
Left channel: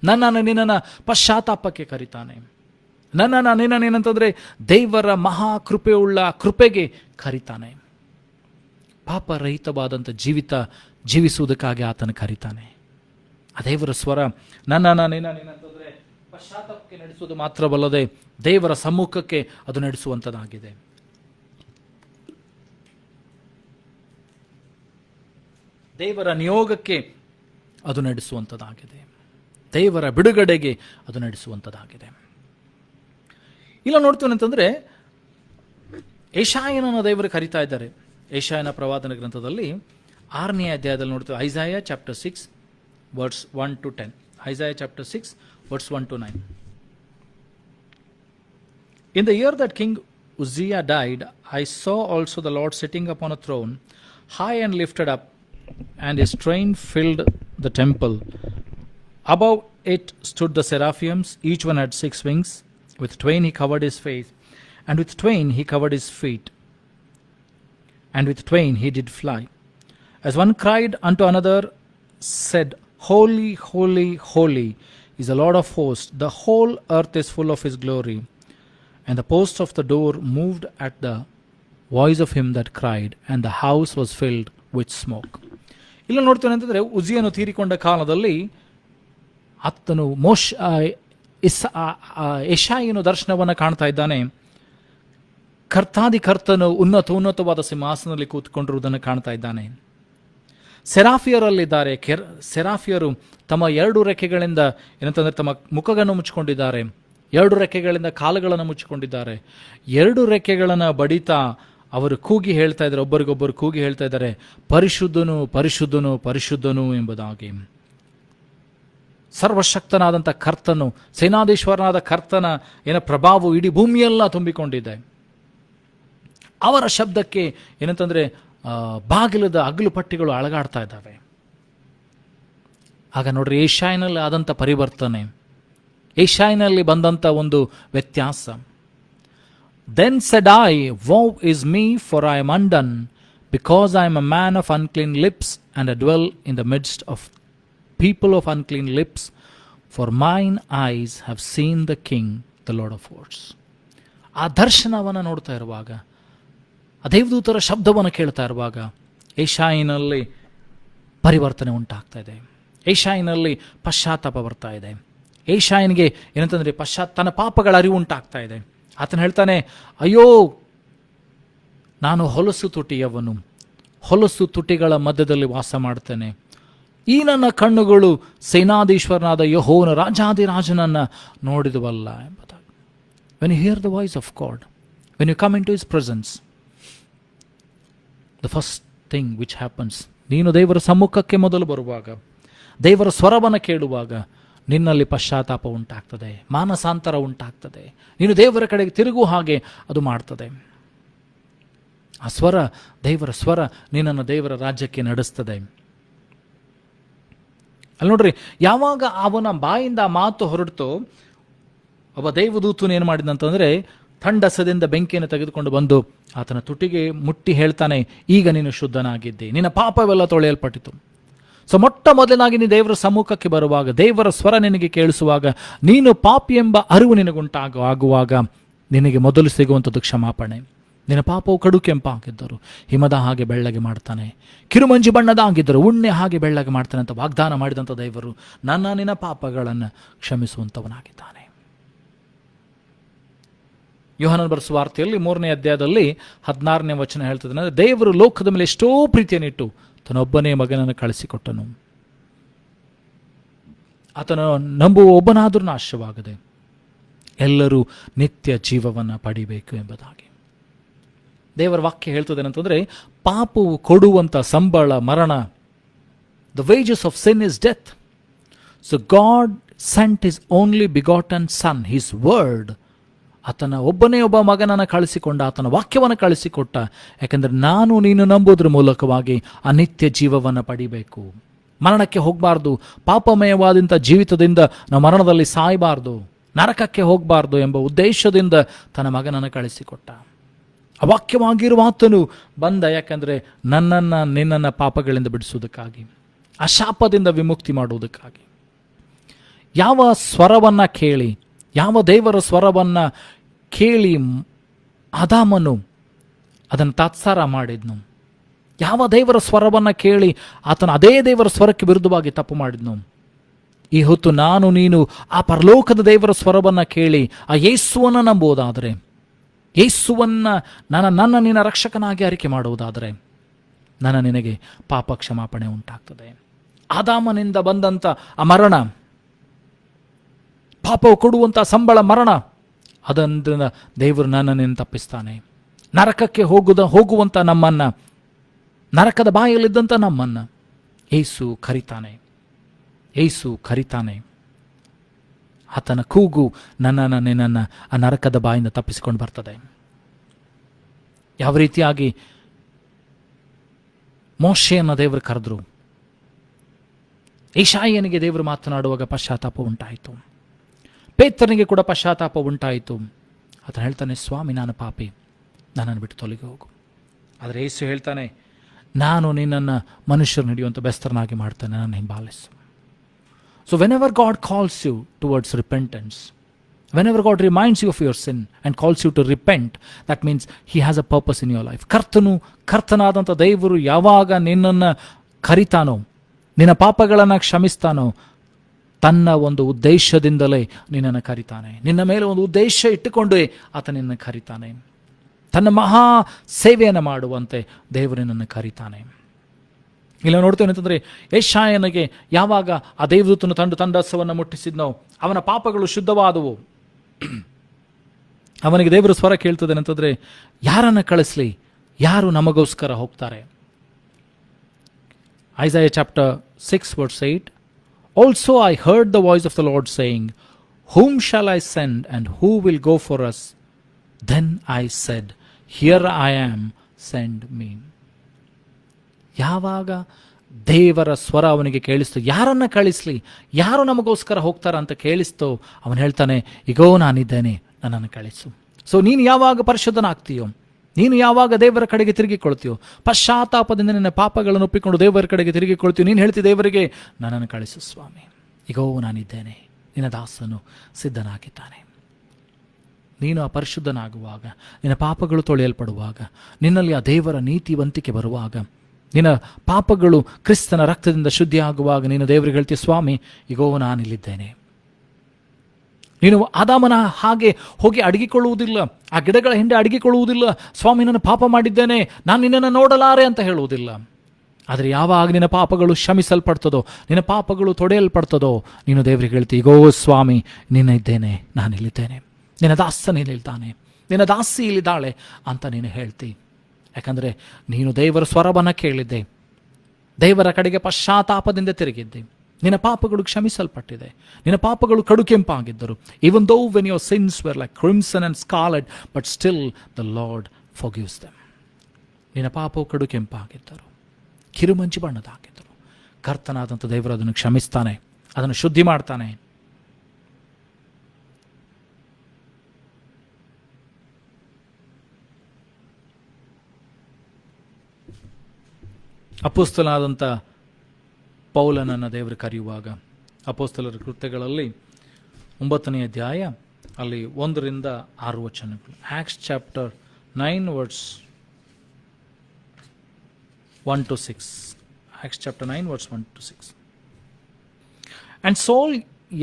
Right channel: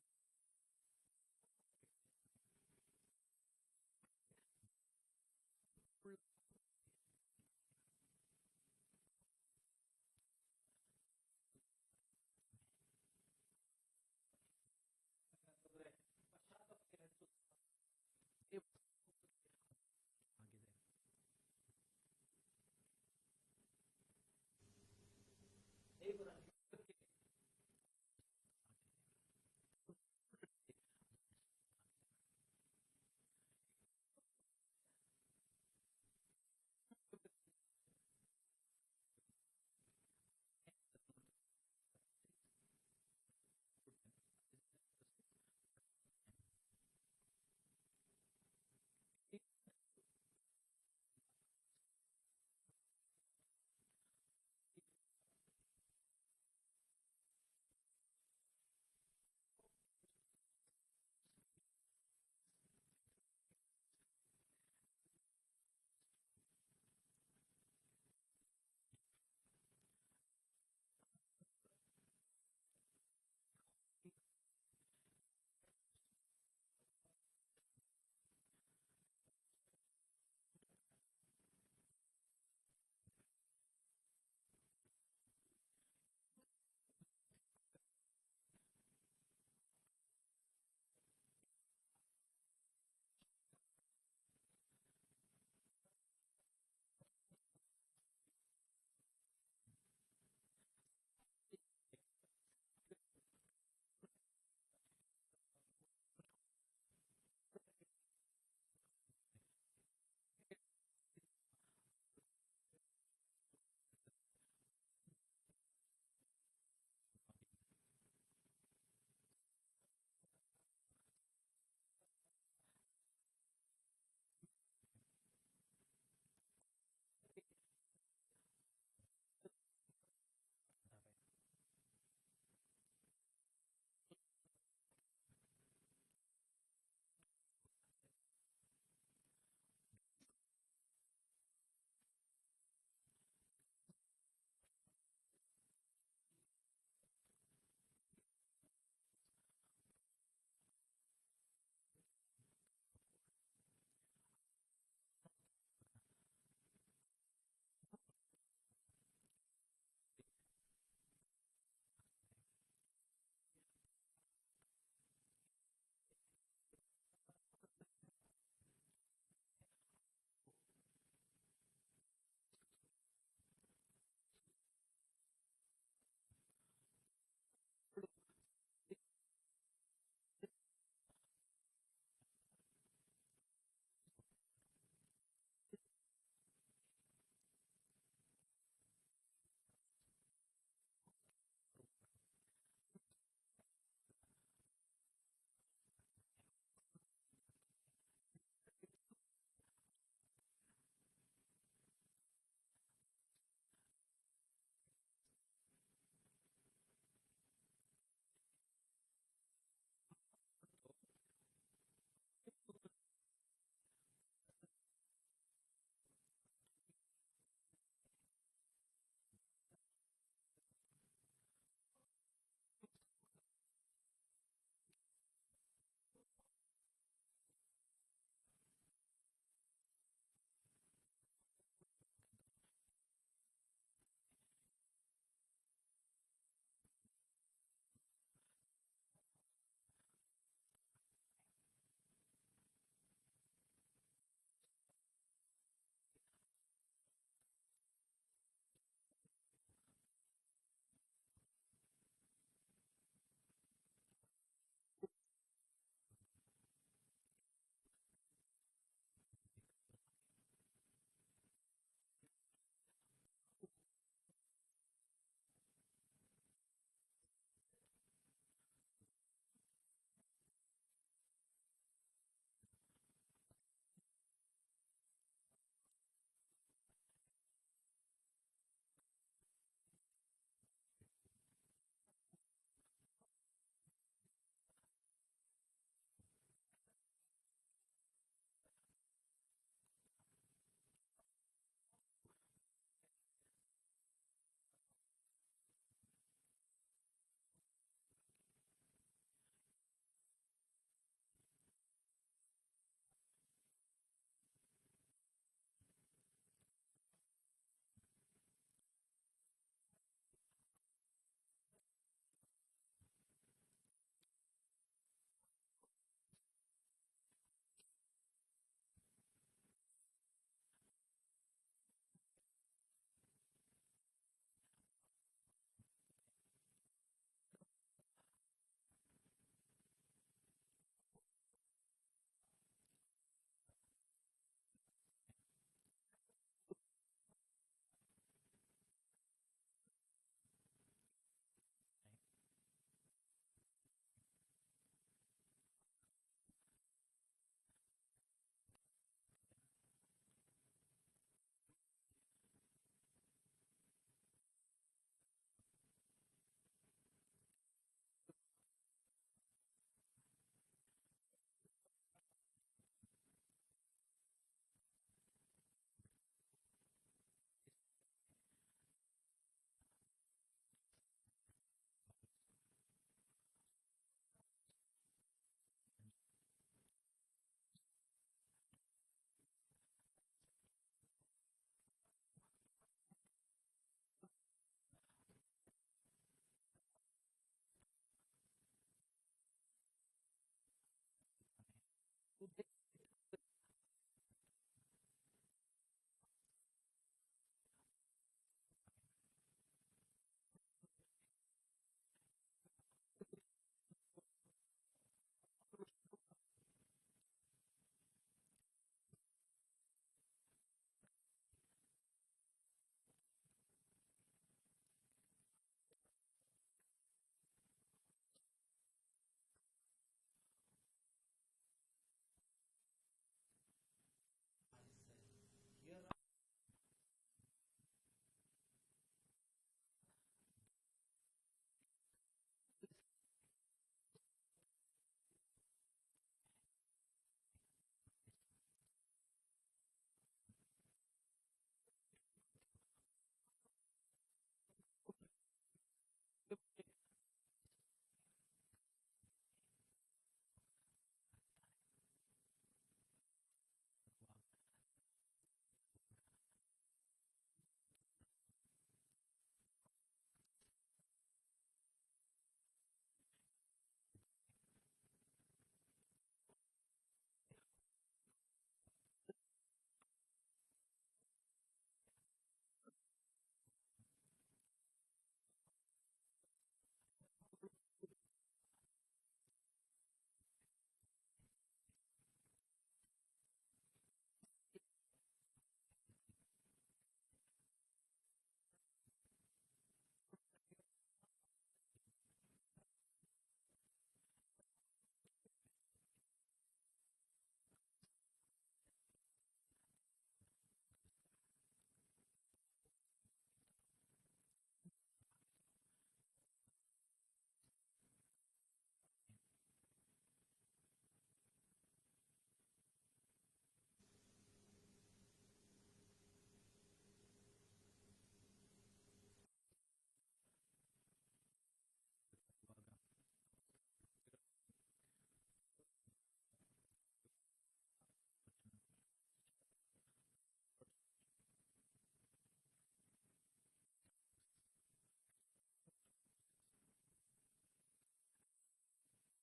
ನಿನ್ನನ್ನು ಪಶ್ಚಾತ್ತಾಪಕ್ಕೆ ಕರೀತಾನೆ. ನಿನ್ನಂತಂದ್ರೆ ದೇವರ ಮಹಾ ಕೃಪೆಯುಳ್ಳ ಕೃಪೆಗೆ ಕರೀತಾನೆ. ಪಾಪರಹಿತವಾದಂಥ ಜೀವಿಸುವುದಕ್ಕಾಗಿ ಆತನ ಕರೀತಾನೆ. ಆ ದೇವರ ಸ್ವರ ನಿನ್ನಂತಂದ್ರೆ ಪಶ್ಚಾತ್ತಾಪಕ್ಕೆ ನಡೆಸುವುದು ಮಾತ್ರವಲ್ಲದೆ ದೇವರ ಸಮ್ಮುಖಕ್ಕೆ ಅದು ನಡೆಸುವಂಥದ್ದಾಗಿದೆ. ದೇವರ ನಿಯೋಗಕ್ಕೆ ಅದು ನಡೆಸುವಂಥದ್ದಾಗಿದೆ. ದೇವರ ಬಿಡುಗಡೆಗೆ ಅದು ನಡೆಸುವಂಥದ್ದಾಗಿದೆ. ಇಲ್ಲ ನೋಡ್ತೀವಿ ಅಂತಂದ್ರೆ ಯೆಶಾಯನನ್ನು ದೇವರು ಕರೀತಾ ಇದ್ದಾರೆ. ಯೆಶಾಯನ ಪ್ರವಾದನ ಗ್ರಂಥದಲ್ಲಿ 6ನೇ ಅಧ್ಯಾಯದಲ್ಲಿ ನೋಡ್ತೀವಿ. Isaiah chapter 6 verse 1 to 10. Isaiah chapter 6 verse 1 to 9. In the year that King Uzziah died, I saw also the Lord sitting upon a throne, high and lifted up, and his train filled the temple. Above it stood the seraphims, each one had 6 wings. With twain he covered his face, and with twain he covered his feet, and with twain he did fly. As one cried unto another, said, Holy, holy, holy is the Lord of hosts. The whole earth is full of his glory. And the posts of the door moved at the voice of him that cried, and the house was filled with smoke. ಇಲ್ಲ ನೋಡ್ತೇನೆ ಅಂತಂದ್ರೆ ಉಜ್ಜಿಯನು ತೀರಿಕೊಂಡ ಕಾಲದಲ್ಲಿ ಆತನು ಯೆಶಾಯನು ದರ್ಶನವನ್ನು ಕಾಣ್ತಾ ಇದ್ದಾನೆ. ಕರ್ತಾದಿ ಕರ್ತನು ಉನ್ನತವಾದ ಸಿಂಹಾಸನದಲ್ಲಿ ಕೂತ್ಕೊಂಡಿರುವುದನ್ನು ಕಾಣ್ತಾ ಇದ್ದಾನೆ. ಸೆರಾಫಿಯರಲ್ಲಿದ್ದಾರೆ. ಸೆರಾಫಿಯರು ತಮ್ಮ 2 ರೆಕ್ಕೆಗಳಿಂದ ಏನಂತಂದ್ರೆ ತಮ್ಮ ಮುಖಗಳನ್ನು ಮುಚ್ಚಿಕೊಂಡಿದ್ದಾರೆ, 2 ರೆಕ್ಕೆಗಳಿಂದ ಕಾಲುಗಳನ್ನು ಮುಚ್ಚಿಕೊಂಡಿದ್ದಾರೆ. 2 ರೆಕ್ಕೆಗಳನ್ನು ಬಡಿತಾ ಅವರು ಕೂಗಿ ಹೇಳ್ತಾ ಇದ್ದಾರೆ, ಒಬ್ಬರಿಗೊಬ್ಬರು ಕೂಗಿ ಹೇಳ್ತಾ ಇದ್ದಾರೆ, ಪರಿಶುದ್ಧನು ಪರಿಶುದ್ಧನು ಪರಿಶುದ್ಧನು ಎಂಬುದಾಗಿ. ಸರ್ವಶಕ್ತನಾದಂಥ ಕರ್ತನು, ಸೇನಾಧೀಶ್ವರನಾದ ಕರ್ತನ ಪ್ರಭಾವವು ಇಡೀ ಭೂಮಿಯೆಲ್ಲ ತುಂಬಿಕೊಂಡಿದೆ. ಅವರ ಶಬ್ದಕ್ಕೆ ಏನಂತಂದ್ರೆ ಬಾಗಿಲದ ಅಗಲು ಪಟ್ಟಿಗಳು ಅಳಗಾಡ್ತಾ ಇದ್ದಾವೆ. ಆಗ ನೋಡ್ರಿ ಯೆಶಾಯನಲ್ಲಿ ಆದಂಥ ಪರಿವರ್ತನೆ, ಯೆಶಾಯನಲ್ಲಿ ಬಂದಂಥ ಒಂದು ವ್ಯತ್ಯಾಸ. Then said I, Woe is me, for I am undone, because I am a man of unclean lips, and I dwell in the midst of people of unclean lips, for mine eyes have seen the King, the Lord of hosts. ಆ ದರ್ಶನವನ್ನು ನೋಡ್ತಾ ಇರುವಾಗ, ಆ ದೇವದೂತರ ಶಬ್ದವನ್ನು ಕೇಳ್ತಾ ಇರುವಾಗ ಯೆಶಾಯನಲ್ಲಿ ಪರಿವರ್ತನೆ ಉಂಟಾಗ್ತಾ ಇದೆ. ಯೆಶಾಯನಲ್ಲಿ ಪಶ್ಚಾತ್ತಾಪ ಬರ್ತಾ ಇದೆ. ಯೆಶಾಯನಿಗೆ ಏನಂತಂದ್ರೆ ತನ್ನ ಪಾಪಗಳ ಅರಿವು ಉಂಟಾಗ್ತಾ ಇದೆ. ಆತನು ಹೇಳ್ತಾನೆ, ಅಯ್ಯೋ, ನಾನು ಹೊಲಸು ತುಟಿಯವನು, ಹೊಲಸು ತುಟಿಗಳ ಮಧ್ಯದಲ್ಲಿ ವಾಸ ಮಾಡ್ತೇನೆ. ಈ ನನ್ನ ಕಣ್ಣುಗಳು ಸೇನಾಧೀಶ್ವರನಾದ ಯೆಹೋವನ ರಾಜಾದಿರಾಜನನ್ನು ನೋಡಿದವಲ್ಲ ಎಂಬುದಾಗಿ. When you hear the voice of God, when you come in to his presence, the first thing which happens, ನೀನು ದೇವರ ಸಮ್ಮುಖಕ್ಕೆ ಮೊದಲು ಬರುವಾಗ, ದೇವರ ಸ್ವರವನ್ನು ಕೇಳುವಾಗ ನಿನ್ನಲ್ಲಿ ಪಶ್ಚಾತ್ತಾಪ ಉಂಟಾಗ್ತದೆ, ಮಾನಸಾಂತರ ಉಂಟಾಗ್ತದೆ. ನೀನು ದೇವರ ಕಡೆಗೆ ತಿರುಗು ಹಾಗೆ ಅದು ಮಾಡ್ತದೆ. ಆ ಸ್ವರ, ದೇವರ ಸ್ವರ ನಿನ್ನನ್ನು ದೇವರ ರಾಜ್ಯಕ್ಕೆ ನಡೆಸ್ತದೆ. ಅಲ್ಲಿ ನೋಡ್ರಿ, ಯಾವಾಗ ಅವನ ಬಾಯಿಂದ ಮಾತು ಹೊರಡ್ತೋ, ಒಬ್ಬ ದೇವದೂತನು ಏನು ಮಾಡಿದಂತಂದ್ರೆ ಥಂಡಸದಿಂದ ಬೆಂಕಿಯನ್ನು ತೆಗೆದುಕೊಂಡು ಬಂದು ಆತನ ತುಟಿಗೆ ಮುಟ್ಟಿ ಹೇಳ್ತಾನೆ, ಈಗ ನೀನು ಶುದ್ಧನಾಗಿದ್ದೆ, ನಿನ್ನ ಪಾಪವೆಲ್ಲ ತೊಳೆಯಲ್ಪಟ್ಟಿತು. ಸೊ ಮೊಟ್ಟ ಮೊದಲನಾಗಿ ನೀನು ದೇವರ ಸಮ್ಮುಖಕ್ಕೆ ಬರುವಾಗ, ದೇವರ ಸ್ವರ ನಿನಗೆ ಕೇಳಿಸುವಾಗ, ನೀನು ಪಾಪಿ ಎಂಬ ಅರಿವು ನಿನಗುಂಟಾಗುವಾಗ ನಿನಗೆ ಮೊದಲು ಸಿಗುವಂಥದ್ದು ಕ್ಷಮಾಪಣೆ. ನಿನ್ನ ಪಾಪವು ಕಡು ಕೆಂಪಾಗಿದ್ದರು ಹಿಮದ ಹಾಗೆ ಬೆಳ್ಳಗೆ ಮಾಡ್ತಾನೆ, ಕಿರುಮಂಜಿ ಬಣ್ಣದ ಆಗಿದ್ದರು ಉಣ್ಣೆ ಹಾಗೆ ಬೆಳ್ಳಗೆ ಮಾಡ್ತಾನೆ ಅಂತ ವಾಗ್ದಾನ ಮಾಡಿದಂಥ ದೇವರು ನಿನ್ನ ಪಾಪಗಳನ್ನು ಕ್ಷಮಿಸುವಂಥವನಾಗಿದ್ದಾನೆ. ಯೋಹಾನನ ಬರೆಸುವ ವಾರ್ತೆಯಲ್ಲಿ 3ನೇ ಅಧ್ಯಾಯದಲ್ಲಿ 16ನೇ ವಚನ ಹೇಳ್ತದೆ, ದೇವರು ಲೋಕದ ಮೇಲೆ ಎಷ್ಟೋ ಪ್ರೀತಿಯನ್ನಿಟ್ಟು ತನ್ನೊಬ್ಬನೇ ಮಗನನ್ನು ಕಳಿಸಿಕೊಟ್ಟನು, ಆತನ ನಂಬುವ ಒಬ್ಬನಾದರೂ ನಾಶವಾಗದೆ ಎಲ್ಲರೂ ನಿತ್ಯ ಜೀವವನ್ನು ಪಡಿಬೇಕು ಎಂಬುದಾಗಿ ದೇವರ ವಾಕ್ಯ ಹೇಳ್ತದೆ. ಏನಂತಂದ್ರೆ ಪಾಪವು ಕೊಡುವಂಥ ಸಂಬಳ ಮರಣ. The wages of sin is death. So God sent his only begotten son, his word, ಆತನ ಒಬ್ಬನೇ ಒಬ್ಬ ಮಗನನ್ನು ಕಳಿಸಿಕೊಂಡ, ಆತನ ವಾಕ್ಯವನ್ನು ಕಳಿಸಿಕೊಟ್ಟ. ಯಾಕೆಂದರೆ ನಾನು ನೀನು ನಂಬೋದ್ರ ಮೂಲಕವಾಗಿ ಆ ನಿತ್ಯ ಜೀವವನ್ನು ಪಡಿಬೇಕು, ಮರಣಕ್ಕೆ ಹೋಗಬಾರ್ದು, ಪಾಪಮಯವಾದಂಥ ಜೀವಿತದಿಂದ ನಾವು ಮರಣದಲ್ಲಿ ಸಾಯಬಾರ್ದು, ನರಕಕ್ಕೆ ಹೋಗಬಾರ್ದು ಎಂಬ ಉದ್ದೇಶದಿಂದ ತನ್ನ ಮಗನನ್ನು ಕಳಿಸಿಕೊಟ್ಟ. ಅವಾಕ್ಯವಾಗಿರುವ ಆತನು ಬಂದ, ಯಾಕಂದರೆ ನನ್ನನ್ನು ನಿನ್ನನ್ನು ಪಾಪಗಳಿಂದ ಬಿಡಿಸುವುದಕ್ಕಾಗಿ, ಆ ಶಾಪದಿಂದ ವಿಮುಕ್ತಿ ಮಾಡುವುದಕ್ಕಾಗಿ. ಯಾವ ಸ್ವರವನ್ನು ಕೇಳಿ, ಯಾವ ದೇವರ ಸ್ವರವನ್ನು ಕೇಳಿ ಆದಾಮನು ಅದನ್ನು ತಾತ್ಸಾರ ಮಾಡಿದ್ನು, ಯಾವ ದೇವರ ಸ್ವರವನ್ನು ಕೇಳಿ ಆತನು ಅದೇ ದೇವರ ಸ್ವರಕ್ಕೆ ವಿರುದ್ಧವಾಗಿ ತಪ್ಪು ಮಾಡಿದ್ನು, ಈ ಹೊತ್ತು ನಾನು ನೀನು ಆ ಪರಲೋಕದ ದೇವರ ಸ್ವರವನ್ನು ಕೇಳಿ ಆ ಯೇಸುವನ್ನು ನಂಬುವುದಾದರೆ, ಯೇಸುವನ್ನ ನನ್ನ ನಿನ್ನ ರಕ್ಷಕನಾಗಿ ಆರಿಕೆ ಮಾಡುವುದಾದರೆ, ನಿನಗೆ ಪಾಪ ಕ್ಷಮಾಪಣೆ ಉಂಟಾಗ್ತದೆ. ಆದಾಮನಿಂದ ಬಂದಂಥ ಆ ಮರಣ, ಪಾಪವು ಕೊಡುವಂಥ ಸಂಬಳ ಮರಣ, ಅದರಿಂದ ದೇವರು ನಿನ್ನ ತಪ್ಪಿಸ್ತಾನೆ. ನರಕಕ್ಕೆ ಹೋಗುವಂಥ ನಮ್ಮನ್ನ, ನರಕದ ಬಾಯಲ್ಲಿದ್ದಂಥ ನಮ್ಮನ್ನ ಯೇಸು ಕರಿತಾನೆ. ಯೇಸು ಕರಿತಾನೆ. ಆತನ ಕೂಗು ನಿನ್ನನ್ನು ಆ ನರಕದ ಬಾಯಿಂದ ತಪ್ಪಿಸಿಕೊಂಡು ಬರ್ತದೆ. ಯಾವ ರೀತಿಯಾಗಿ ಮೋಶೆಯನ್ನು ದೇವರು ಕರೆದ್ರು, ಯೆಶಾಯನಿಗೆ ದೇವರು ಮಾತನಾಡುವಾಗ ಪಶ್ಚಾತ್ತಾಪ ಉಂಟಾಯಿತು, ಪೇತ್ರನಿಗೆ ಕೂಡ ಪಶ್ಚಾತ್ತಾಪ ಉಂಟಾಯಿತು. ಆತನು ಹೇಳ್ತಾನೆ, ಸ್ವಾಮಿ ನಾನು ಪಾಪಿ, ನನ್ನನ್ನು ಬಿಟ್ಟು ತೊಲಗಿ ಹೋಗು. ಆದರೆ ಯೇಸು ಹೇಳ್ತಾನೆ, ನಾನು ನಿನ್ನನ್ನು ಮನುಷ್ಯರನ್ನು ಹಿಡಿಯುವಂಥ ಬೆಸ್ತರನಾಗಿ ಮಾಡ್ತಾನೆ, ನನ್ನ ಹಿಂಬಾಲಿಸು. So whenever God calls you towards repentance, whenever God reminds you of your sin and calls you to repent, that means he has a purpose in your life. ಕರ್ತನಾದಂಥ ದೇವರು ಯಾವಾಗ ನಿನ್ನನ್ನು ಕರಿತಾನೋ, ನಿನ್ನ ಪಾಪಗಳನ್ನು ಕ್ಷಮಿಸ್ತಾನೋ, ತನ್ನ ಒಂದು ಉದ್ದೇಶದಿಂದಲೇ ನಿನ್ನನ್ನು ಕರಿತಾನೆ. ನಿನ್ನ ಮೇಲೆ ಒಂದು ಉದ್ದೇಶ ಇಟ್ಟುಕೊಂಡೇ ಆತ ನಿನ್ನನ್ನು ಕರಿತಾನೆ. ತನ್ನ ಮಹಾ ಸೇವೆಯನ್ನು ಮಾಡುವಂತೆ ದೇವರು ನಿನ್ನನ್ನು ಕರಿತಾನೆ. ಇಲ್ಲ ನೋಡ್ತೇವೆ ಅಂತಂದರೆ, ಯೆಶಾಯನಿಗೆ ಯಾವಾಗ ಆ ದೇವದೂತನು ತಂಡಸವನ್ನು ಮುಟ್ಟಿಸಿದ್ನೋ, ಅವನ ಪಾಪಗಳು ಶುದ್ಧವಾದವು. ಅವನಿಗೆ ದೇವರ ಸ್ವರ ಕೇಳ್ತದೆ ಅಂತಂದರೆ, ಯಾರನ್ನು ಕಳಿಸ್ಲಿ, ಯಾರು ನಮಗೋಸ್ಕರ ಹೋಗ್ತಾರೆ? Isaiah chapter 6 verse 8, also I heard the voice of the Lord saying, whom shall I send and who will go for us? Then I said, here I am, send me. ಯಾವಾಗ ದೇವರ ಸ್ವರ ಅವನಿಗೆ ಕೇಳಿಸ್ತು, ಯಾರನ್ನ ಕಳಿಸ್ಲಿ, ಯಾರು ನಮಗೋಸ್ಕರ ಹೋಗ್ತಾರ ಅಂತ ಕೇಳಿಸ್ತೋ, ಅವನು ಹೇಳ್ತಾನೆ, ಈಗೋ ನಾನಿದ್ದೇನೆ, ನನ್ನನ್ನು ಕಳಿಸು. ಸೊ ನೀನು ಯಾವಾಗ ಪರಿಶುದ್ಧನಾಗ್ತೀಯೋ, ನೀನು ಯಾವಾಗ ದೇವರ ಕಡೆಗೆ ತಿರುಗಿಕೊಳ್ತೀಯೋ, ಪಶ್ಚಾತ್ತಾಪದಿಂದ ನಿನ್ನ ಪಾಪಗಳನ್ನು ಒಪ್ಪಿಕೊಂಡು ದೇವರ ಕಡೆಗೆ ತಿರುಗಿಕೊಳ್ತೀಯೋ, ನೀನು ಹೇಳ್ತಿ ದೇವರಿಗೆ, ನನ್ನನ್ನು ಕಳಿಸು ಸ್ವಾಮಿ, ಈಗೋ ನಾನಿದ್ದೇನೆ, ನಿನ್ನ ದಾಸನು ಸಿದ್ಧನಾಗಿದ್ದಾನೆ. ನೀನು ಆ ಪರಿಶುದ್ಧನಾಗುವಾಗ, ನಿನ್ನ ಪಾಪಗಳು ತೊಳೆಯಲ್ಪಡುವಾಗ, ನಿನ್ನಲ್ಲಿ ಆ ದೇವರ ನೀತಿವಂತಿಕೆ ಬರುವಾಗ, ನಿನ್ನ ಪಾಪಗಳು ಕ್ರಿಸ್ತನ ರಕ್ತದಿಂದ ಶುದ್ಧಿಯಾಗುವಾಗ, ನೀನು ದೇವರಿಗೆ ಹೇಳ್ತೀಯ, ಸ್ವಾಮಿ ಈಗೋ ನಾನಿಲ್ಲಿದ್ದೇನೆ. ನೀನು ಆದಾಮನ ಹಾಗೆ ಹೋಗಿ ಅಡಗಿಕೊಳ್ಳುವುದಿಲ್ಲ, ಆ ಗಿಡಗಳ ಹಿಂದೆ ಅಡಗಿಕೊಳ್ಳುವುದಿಲ್ಲ, ಸ್ವಾಮಿ ನಾನು ಪಾಪ ಮಾಡಿದ್ದೇನೆ, ನಾನು ನಿನ್ನನ್ನು ನೋಡಲಾರೆ ಅಂತ ಹೇಳುವುದಿಲ್ಲ. ಆದರೆ ಯಾವಾಗ ನಿನ್ನ ಪಾಪಗಳು ಕ್ಷಮಿಸಲ್ಪಡ್ತದೋ, ನಿನ್ನ ಪಾಪಗಳು ತೊಡೆಯಲ್ಪಡ್ತದೋ, ನೀನು ದೇವರಿಗೆ ಹೇಳ್ತೀಯ, ಈಗೋ ಸ್ವಾಮಿ ನಿನ್ನ ಇದ್ದೇನೆ, ನಾನಿಲ್ಲಿದ್ದೇನೆ, ನಿನ್ನ ದಾಸನಿಲ್ಲಿದ್ದಾನೆ, ನಿನ್ನ ದಾಸಿ ಇಲ್ಲಿದ್ದಾಳೆ ಅಂತ ನೀನು ಹೇಳ್ತಿ. ಯಾಕಂದರೆ ನೀನು ದೇವರ ಸ್ವರವನ್ನು ಕೇಳಿದ್ದೆ, ದೇವರ ಕಡೆಗೆ ಪಶ್ಚಾತ್ತಾಪದಿಂದ ತಿರುಗಿದ್ದೆ, ನಿನ್ನ ಪಾಪಗಳು ಕ್ಷಮಿಸಲ್ಪಟ್ಟಿದೆ, ನಿನ್ನ ಪಾಪಗಳು ಕಡು ಕೆಂಪಾಗಿದ್ದರು. even though when your sins were like crimson and scarlet, but still the Lord forgives them. ನಿನ್ನ ಪಾಪವು ಕಡು ಕೆಂಪಾಗಿದ್ದರು, ಕಿರುಮಂಚಿ ಬಣ್ಣದಾಗಿದ್ದರು, ಕರ್ತನಾದಂಥ ದೇವರು ಅದನ್ನು ಕ್ಷಮಿಸ್ತಾನೆ, ಅದನ್ನು ಶುದ್ಧಿ ಮಾಡ್ತಾನೆ. ಅಪೊಸ್ತಲನಾದಂಥ ಪೌಲನನ್ನು ದೇವರು ಕರೆಯುವಾಗ, ಅಪೊಸ್ತಲರ ಕೃತ್ಯಗಳಲ್ಲಿ 9ನೇ ಅಧ್ಯಾಯ ಅಲ್ಲಿ 1ರಿಂದ 6 ವಚನಗಳು. Acts chapter 9 verse 1 to 6. Acts chapter 9 verse 1 to 6. And Saul,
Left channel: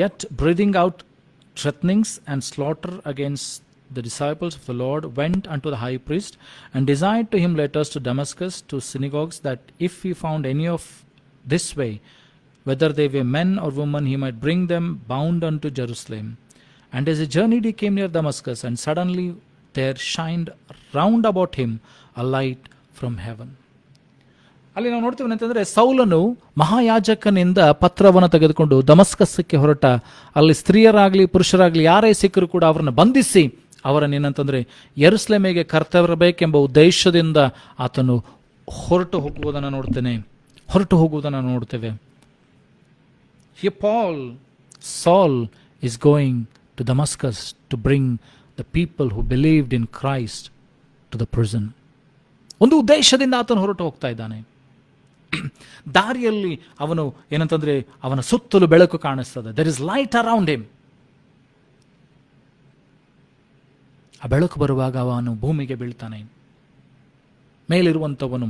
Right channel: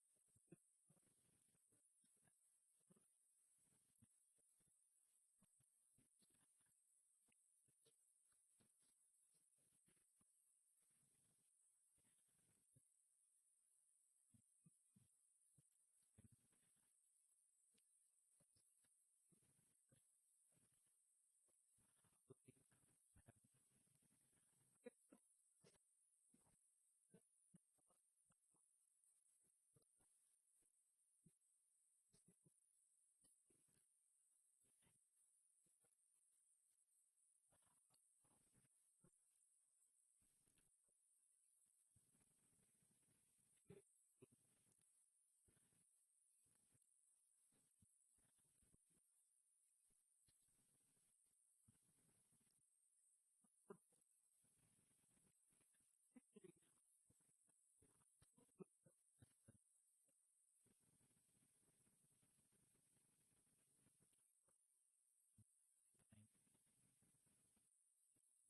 yet breathing out threatenings and slaughter against the disciples of the Lord, went unto the high priest and desired to him letters to Damascus, to synagogues, that if he found any of this way, whether they were men or women, he might bring them bound unto Jerusalem. And as he journeyed, he came near Damascus, and suddenly there shined round about him a light from heaven. ಅಲ್ಲಿ ನಾವು ನೋಡ್ತೀವಿ ಅಂತಂದರೆ, ಸೌಲನು ಮಹಾಯಾಜಕನಿಂದ ಪತ್ರವನ್ನು ತೆಗೆದುಕೊಂಡು ದಮಸ್ಕಸ್ಸಕ್ಕೆ ಹೊರಟ. ಅಲ್ಲಿ ಸ್ತ್ರೀಯರಾಗಲಿ ಪುರುಷರಾಗಲಿ ಯಾರೇ ಸಿಕ್ಕರೂ ಕೂಡ ಅವರನ್ನು ಬಂಧಿಸಿ ಅವರನ್ನೇನಂತಂದರೆ ಯೆರೂಸಲೇಮಿಗೆ ಕರ್ತರಬೇಕೆಂಬ ಉದ್ದೇಶದಿಂದ ಆತನು ಹೊರಟು ಹೋಗುವುದನ್ನು ನೋಡ್ತೇವೆ. Here Saul is going to Damascus to bring the people who believed in Christ to the prison. ಒಂದು ಉದ್ದೇಶದಿಂದ ಆತನು ಹೊರಟು ಹೋಗ್ತಾ ಇದ್ದಾನೆ. ದಾರಿಯಲ್ಲಿ ಅವನು ಏನಂತಂದ್ರೆ, ಅವನ ಸುತ್ತಲೂ ಬೆಳಕು ಕಾಣಿಸ್ತದೆ. there is light around him. ಆ ಬೆಳಕು ಬರುವಾಗ ಅವನು ಭೂಮಿಗೆ ಬೀಳ್ತಾನೆ. ಮೇಲಿರುವಂಥವನು,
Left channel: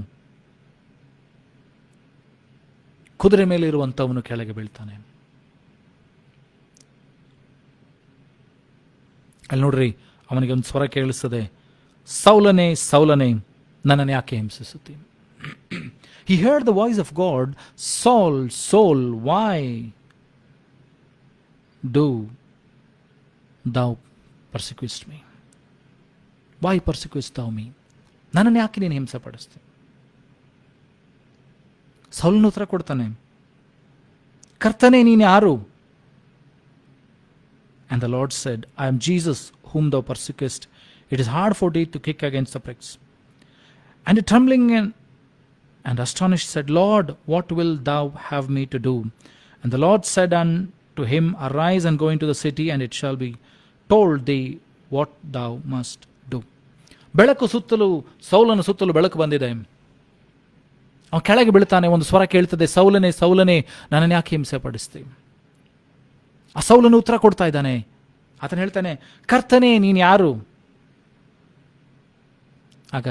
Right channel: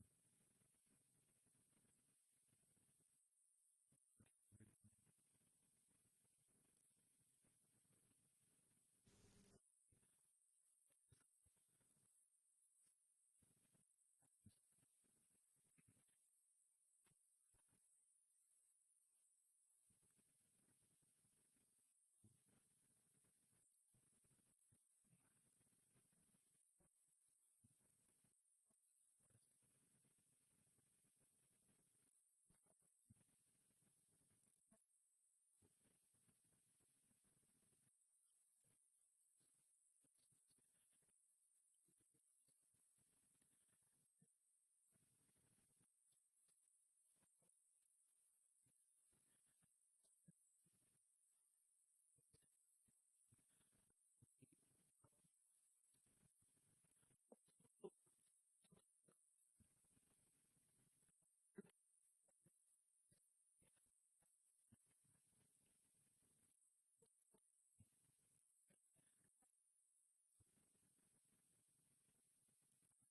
ಕುದುರೆ ಮೇಲೆ ಇರುವಂಥವನು ಕೆಳಗೆ ಬೀಳ್ತಾನೆ. ಅಲ್ಲಿ ನೋಡ್ರಿ, ಅವನಿಗೆ ಒಂದು ಸ್ವರ ಕೇಳಿಸ್ತದೆ, ಸೌಲನೇ ಸೌಲನೇ, ನನ್ನನ್ನು ಯಾಕೆ ಹಿಂಸಿಸುತ್ತೀನಿ? He heard the voice of God, Saul, Saul, why do thou persecutest me? Why persecutest thou me? ನನ್ನನ್ನು ಯಾಕೆ ನೀನು ಹಿಂಸೆ ಪಡಿಸ್ತೀನಿ? ಸೌಲನ ಉತ್ತರ ಕೊಡ್ತಾನೆ, ಕರ್ತನೇ ನೀನು ಯಾರು? And the Lord said, I am Jesus whom thou persecutest. It is hard for thee to kick against the pricks. And trembling and astonished said, Lord, what wilt thou have me to do? And the Lord said unto him, Arise and go into the city, and it shall be told thee what thou must do. ಬೆಳಕು ಸುತ್ತಲೂ, ಸೌಲನ ಸುತ್ತಲೂ ಬೆಳಕು ಬಂದಿದೆ. ಅವನು ಕೆಳಗೆ ಬೀಳ್ತಾನೆ, ಒಂದು ಸ್ವರ ಕೇಳ್ತದೆ, ಸೌಲನೇ ಸೌಲನೇ, ನನ್ನನ್ನು ಯಾಕೆ ಹಿಂಸೆ ಪಡಿಸ್ತೀವಿ? ಆ ಸೌಲನು ಉತ್ತರ ಕೊಡ್ತಾ ಇದ್ದಾನೆ. ಆತನು ಹೇಳ್ತಾನೆ, ಕರ್ತನೇ ನೀನು ಯಾರು? ಆಗ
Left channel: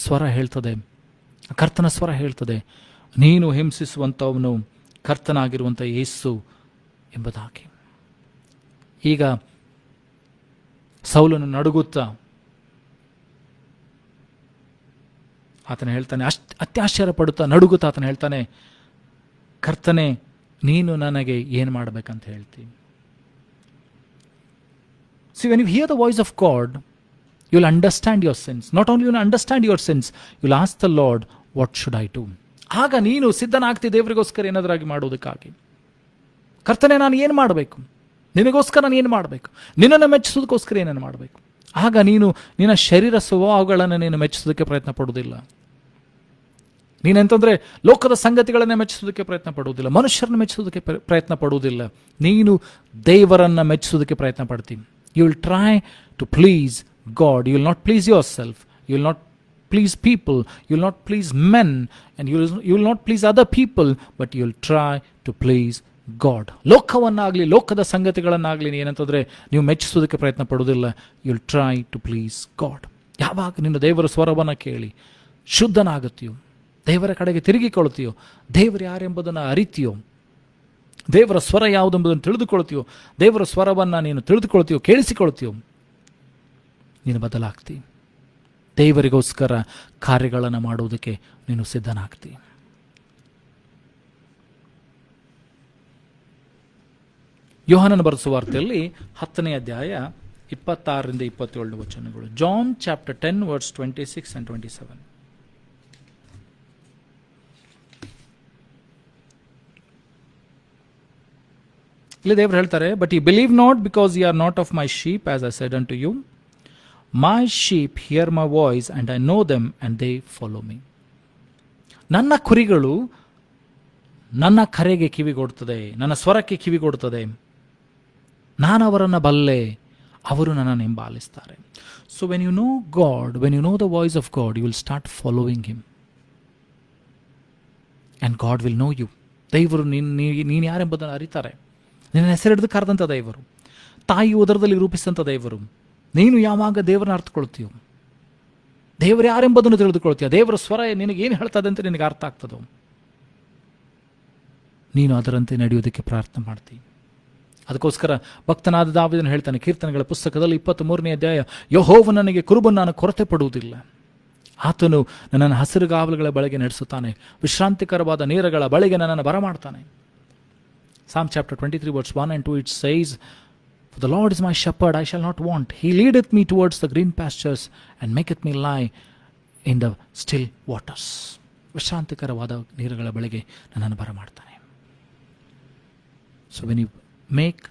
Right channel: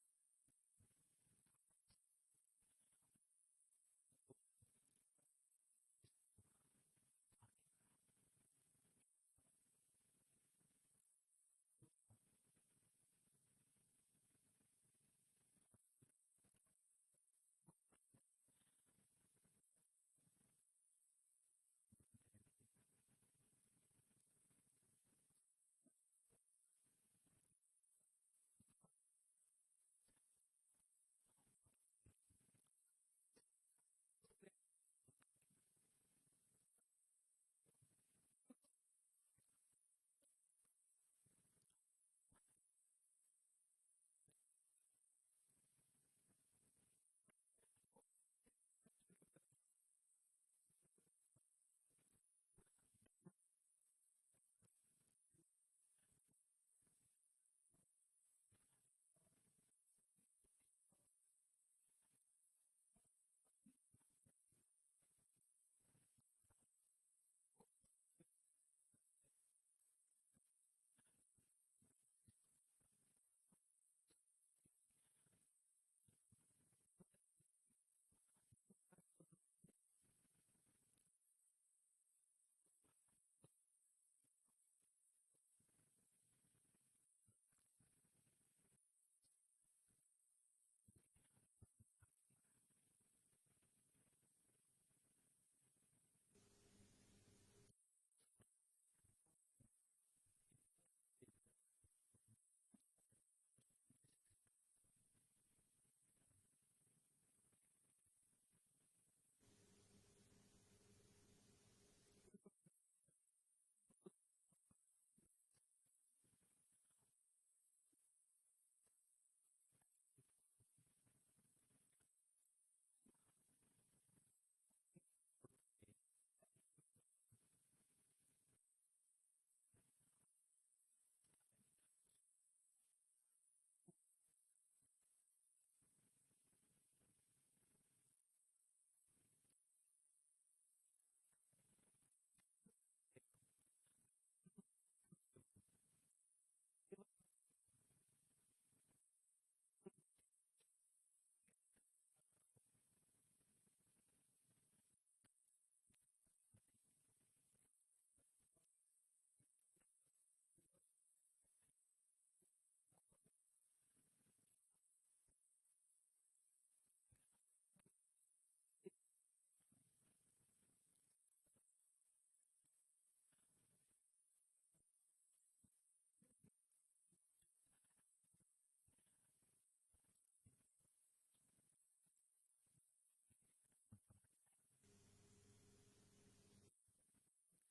ಸ್ವರ ಹೇಳ್ತದೆ, ಕರ್ತನ ಸ್ವರ ಹೇಳ್ತದೆ, ನೀನು ಹಿಂಸಿಸುವಂಥವನು ಕರ್ತನಾಗಿರುವಂಥ ಯೇಸು ಎಂಬುದಾಗಿ. ಈಗ ಸೌಲನು ನಡುಗುತ್ತಾ ಆತನ ಹೇಳ್ತಾನೆ, ಅತ್ಯಾಶ್ಚರ್ಯ ಪಡುತ್ತಾ ನಡುಗುತ್ತಾ ಆತನ ಹೇಳ್ತಾನೆ, ಕರ್ತನೆ ನೀನು ನನಗೆ ಏನು ಮಾಡಬೇಕಂತ ಹೇಳ್ತೀನಿ? See, when you hear the voice of God, you'll understand your sins. Not only you'll understand your sins, you'll ask the Lord, what should I do? ಆಗ ನೀನು ಸಿದ್ಧನಾಗ್ತಿ ದೇವರಿಗೋಸ್ಕರ ಏನಾದ್ರಾಗಿ ಮಾಡೋದಕ್ಕಾಗಿ. ಕರ್ತನೆ ನಾನು ಏನು ಮಾಡಬೇಕು? ನಿನಗೋಸ್ಕರ ನಾನು ಏನು ಮಾಡಬೇಕು? ನಿನ್ನನ್ನು ಮೆಚ್ಚಿಸೋದಕ್ಕೋಸ್ಕರ ಏನನ್ನು ಮಾಡಬೇಕು? ಆಗ ನೀನು ನಿನ್ನ ಶರೀರ ಸ್ವಭಾವಗಳನ್ನು ನೀನು ಮೆಚ್ಚಿಸೋದಕ್ಕೆ ಪ್ರಯತ್ನ ಪಡುವುದಿಲ್ಲ. ನೀನೆಂತಂದ್ರೆ ಲೋಕದ ಸಂಗತಿಗಳನ್ನೇ ಮೆಚ್ಚಿಸೋದಕ್ಕೆ ಪ್ರಯತ್ನ ಪಡುವುದಿಲ್ಲ, ಮನುಷ್ಯರನ್ನು ಮೆಚ್ಚಿಸೋದಕ್ಕೆ ಪ್ರಯತ್ನ ಪಡುವುದಿಲ್ಲ. ನೀನು ದೇವರನ್ನು ಮೆಚ್ಚಿಸೋದಕ್ಕೆ ಪ್ರಯತ್ನ ಪಡ್ತೀನಿ. You will try to please God. You will not please yourself. You will not please people. You will not please men. And you will not please other people. But you will try to please God. ಲೋಕವನ್ನಾಗಲಿ ಲೋಕದ ಸಂಗತಿಗಳನ್ನಾಗಲಿ ಏನಂತಂದರೆ ನೀವು ಮೆಚ್ಚಿಸೋದಕ್ಕೆ ಪ್ರಯತ್ನ ಪಡೋದಿಲ್ಲ. You will try to please God. ಯಾವಾಗ ನಿನ್ನ ದೇವರ ಸ್ವರವನ್ನು ಕೇಳಿ ಶುದ್ಧನಾಗುತ್ತೀಯೋ, ದೇವರ ಕಡೆಗೆ ತಿರುಗಿಕೊಳ್ತೀಯೋ, ದೇವರು ಯಾರೆಂಬುದನ್ನು ಅರಿತೀಯೋ, ದೇವರ ಸ್ವರ ಯಾವುದೆಂಬುದನ್ನು ತಿಳಿದುಕೊಳ್ತೀಯೋ, ದೇವರ ಸ್ವರವನ್ನು ನೀನು ತಿಳಿದುಕೊಳ್ತೀಯೋ, ಕೇಳಿಸಿಕೊಳ್ತೀಯೋ, ನೀನು ಬದಲಾಗ್ತಿ. ದೇವರಿಗೋಸ್ಕರ ಕಾರ್ಯಗಳನ್ನು ಮಾಡುವುದಕ್ಕೆ ನೀನು ಸಿದ್ಧನಾಗ್ತಿ. ಯೋಹಾನನ ಬರೆದ ಸುವಾರ್ತೆಯಲ್ಲಿ 10ನೇ ಅಧ್ಯಾಯ 26ರಿಂದ 27 ವಚನಗಳು. John chapter 10 verse 26 and 27. ಇಲ್ಲಿ ದೇವರು ಹೇಳ್ತಾರೆ, but you believe not because you are not of my sheep, as I said unto you. My sheep hear my voice and I know them and they follow me. ನನ್ನ ಕುರಿಗಳು ನನ್ನ ಕರೆಗೆ ಕಿವಿಗೊಡ್ತದೆ, ನನ್ನ ಸ್ವರಕ್ಕೆ ಕಿವಿಗೊಡ್ತದೆ, ನಾನು ಅವರನ್ನು ಬಲ್ಲೆ, ಅವರು ನನ್ನನ್ನು ಹಿಂಬಾಲಿಸ್ತಾರೆ. So when you know God, when you know the voice of God, you will start following him and God will know you. ದೇವರು ನೀನು ಯಾರೆಂಬುದನ್ನು ಅರಿತಾರೆ. ನಿನ್ನ ಹೆಸರಿಡಿದು ಕರೆದಂಥ ದೇವರು, ತಾಯಿ ಉದರದಲ್ಲಿ ರೂಪಿಸಿದಂಥ ದೇವರು. ನೀನು ಯಾವಾಗ ದೇವರನ್ನ ಅರ್ಥಕೊಳ್ತೀಯೋ, ದೇವರು ಯಾರೆಂಬುದನ್ನು ತಿಳಿದುಕೊಳ್ತೀಯ, ದೇವರ ಸ್ವರ ನಿನಗೇನು ಹೇಳ್ತದೆ ಅಂತ ನಿನಗೆ ಅರ್ಥ ಆಗ್ತದೋ, ನೀನು ಅದರಂತೆ ನಡೆಯೋದಕ್ಕೆ ಪ್ರಾರ್ಥನೆ ಮಾಡ್ತೀನಿ. ಅದಕ್ಕೋಸ್ಕರ ಭಕ್ತನಾದ ದಾವೀದನು ಹೇಳ್ತಾನೆ ಕೀರ್ತನೆಗಳ ಪುಸ್ತಕದಲ್ಲಿ 23ನೇ ಅಧ್ಯಾಯ, ಯೆಹೋವನು ನನಗೆ ಕುರುಬನ್ನು ನಾನು ಕೊರತೆ ಪಡುವುದಿಲ್ಲ. ಆತನು ನನ್ನನ್ನು ಹಸಿರುಗಾವಲುಗಳ ಬಳಿಗೆ ನಡೆಸುತ್ತಾನೆ, ವಿಶ್ರಾಂತಿಕರವಾದ ನೀರುಗಳ ಬಳಿಗೆ ನನ್ನನ್ನು ಬರಮಾಡ್ತಾನೆ. Psalm chapter 23 verse 1 and 2 it says, For the Lord is my shepherd, I shall not want. He leadeth me towards the green pastures and maketh me lie in the still waters. ವಿಶ್ರಾಂತಿಕರವಾದ ನೀರುಗಳ ಬಳಿಗೆ ನನ್ನನ್ನು ಬರಮಾಡ್ತಾನೆ. So when you make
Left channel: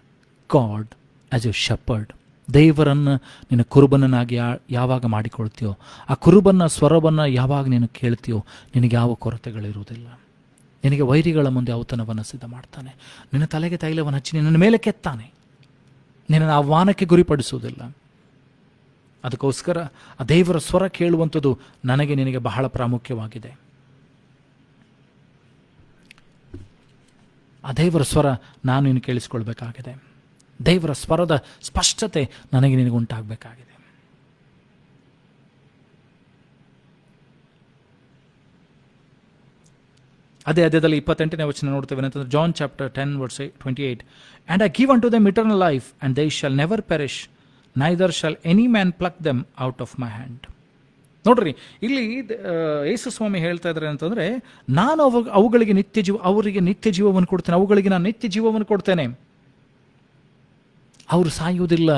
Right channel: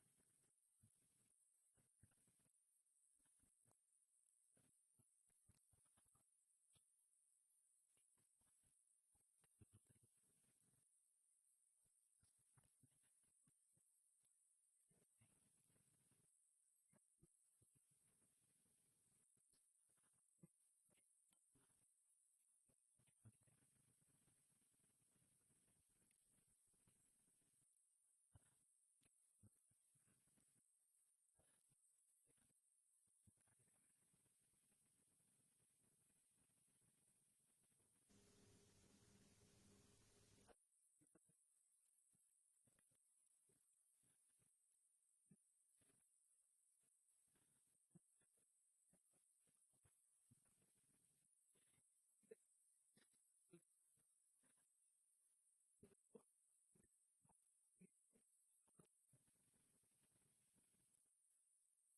God as your shepherd, ದೇವರನ್ನು ನಿನ್ನ ಕುರುಬನನ್ನಾಗಿ ಯಾವಾಗ ಮಾಡಿಕೊಳ್ತೀಯೋ, ಆ ಕುರುಬನ ಸ್ವರವನ್ನು ಯಾವಾಗ ನೀನು ಕೇಳ್ತೀಯೋ, ನಿನಗೆ ಯಾವ ಕೊರತೆಗಳಿರುವುದಿಲ್ಲ. ನಿನಗೆ ವೈರಿಗಳ ಮುಂದೆ ಔತಣವನ್ನು ಸಿದ್ಧ ಮಾಡ್ತಾನೆ. ನಿನ್ನ ತಲೆಗೆ ತೈಲವನ್ನು ಹಚ್ಚಿ ನಿನ್ನ ಮೇಲೆ ಕೆತ್ತಾನೆ. ನಿನ್ನನ್ನು ಆಹ್ವಾನಕ್ಕೆ ಗುರಿಪಡಿಸುವುದಿಲ್ಲ. ಅದಕ್ಕೋಸ್ಕರ ಆ ದೇವರ ಸ್ವರ ಕೇಳುವಂಥದ್ದು ನನಗೆ ನಿನಗೆ ಬಹಳ ಪ್ರಾಮುಖ್ಯವಾಗಿದೆ. ಆ ದೇವರ ಸ್ವರ ನಾನು ನೀನು ಕೇಳಿಸ್ಕೊಳ್ಬೇಕಾಗಿದೆ. ದೇವರ ಸ್ವರದ ಸ್ಪಷ್ಟತೆ ನನಗೆ ನಿನಗೆ ಉಂಟಾಗಬೇಕಾಗಿದೆ. ಅದೇ ಅಧ್ಯಾಯದಲ್ಲಿ 28ನೇ ವಚನ ನೋಡ್ತೇವೆ ಅಂತಂದ್ರೆ, John chapter 10 verse 28, And I give unto them eternal life, and they shall never perish, neither shall any man pluck them out of my hand. ನೋಡ್ರಿ, ಇಲ್ಲಿ ಯೇಸು ಸ್ವಾಮಿ ಹೇಳ್ತಾ ಇದ್ದಾರೆ ಅಂತಂದ್ರೆ, ನಾನು ಅವುಗಳಿಗೆ ನಿತ್ಯ ಜೀವ, ಅವರಿಗೆ ನಿತ್ಯ ಜೀವವನ್ನು ಕೊಡ್ತೇನೆ, ಅವುಗಳಿಗೆ ನಾನು ನಿತ್ಯ ಜೀವವನ್ನು ಕೊಡ್ತೇನೆ. ಅವರು ಸಾಯುವುದಿಲ್ಲ,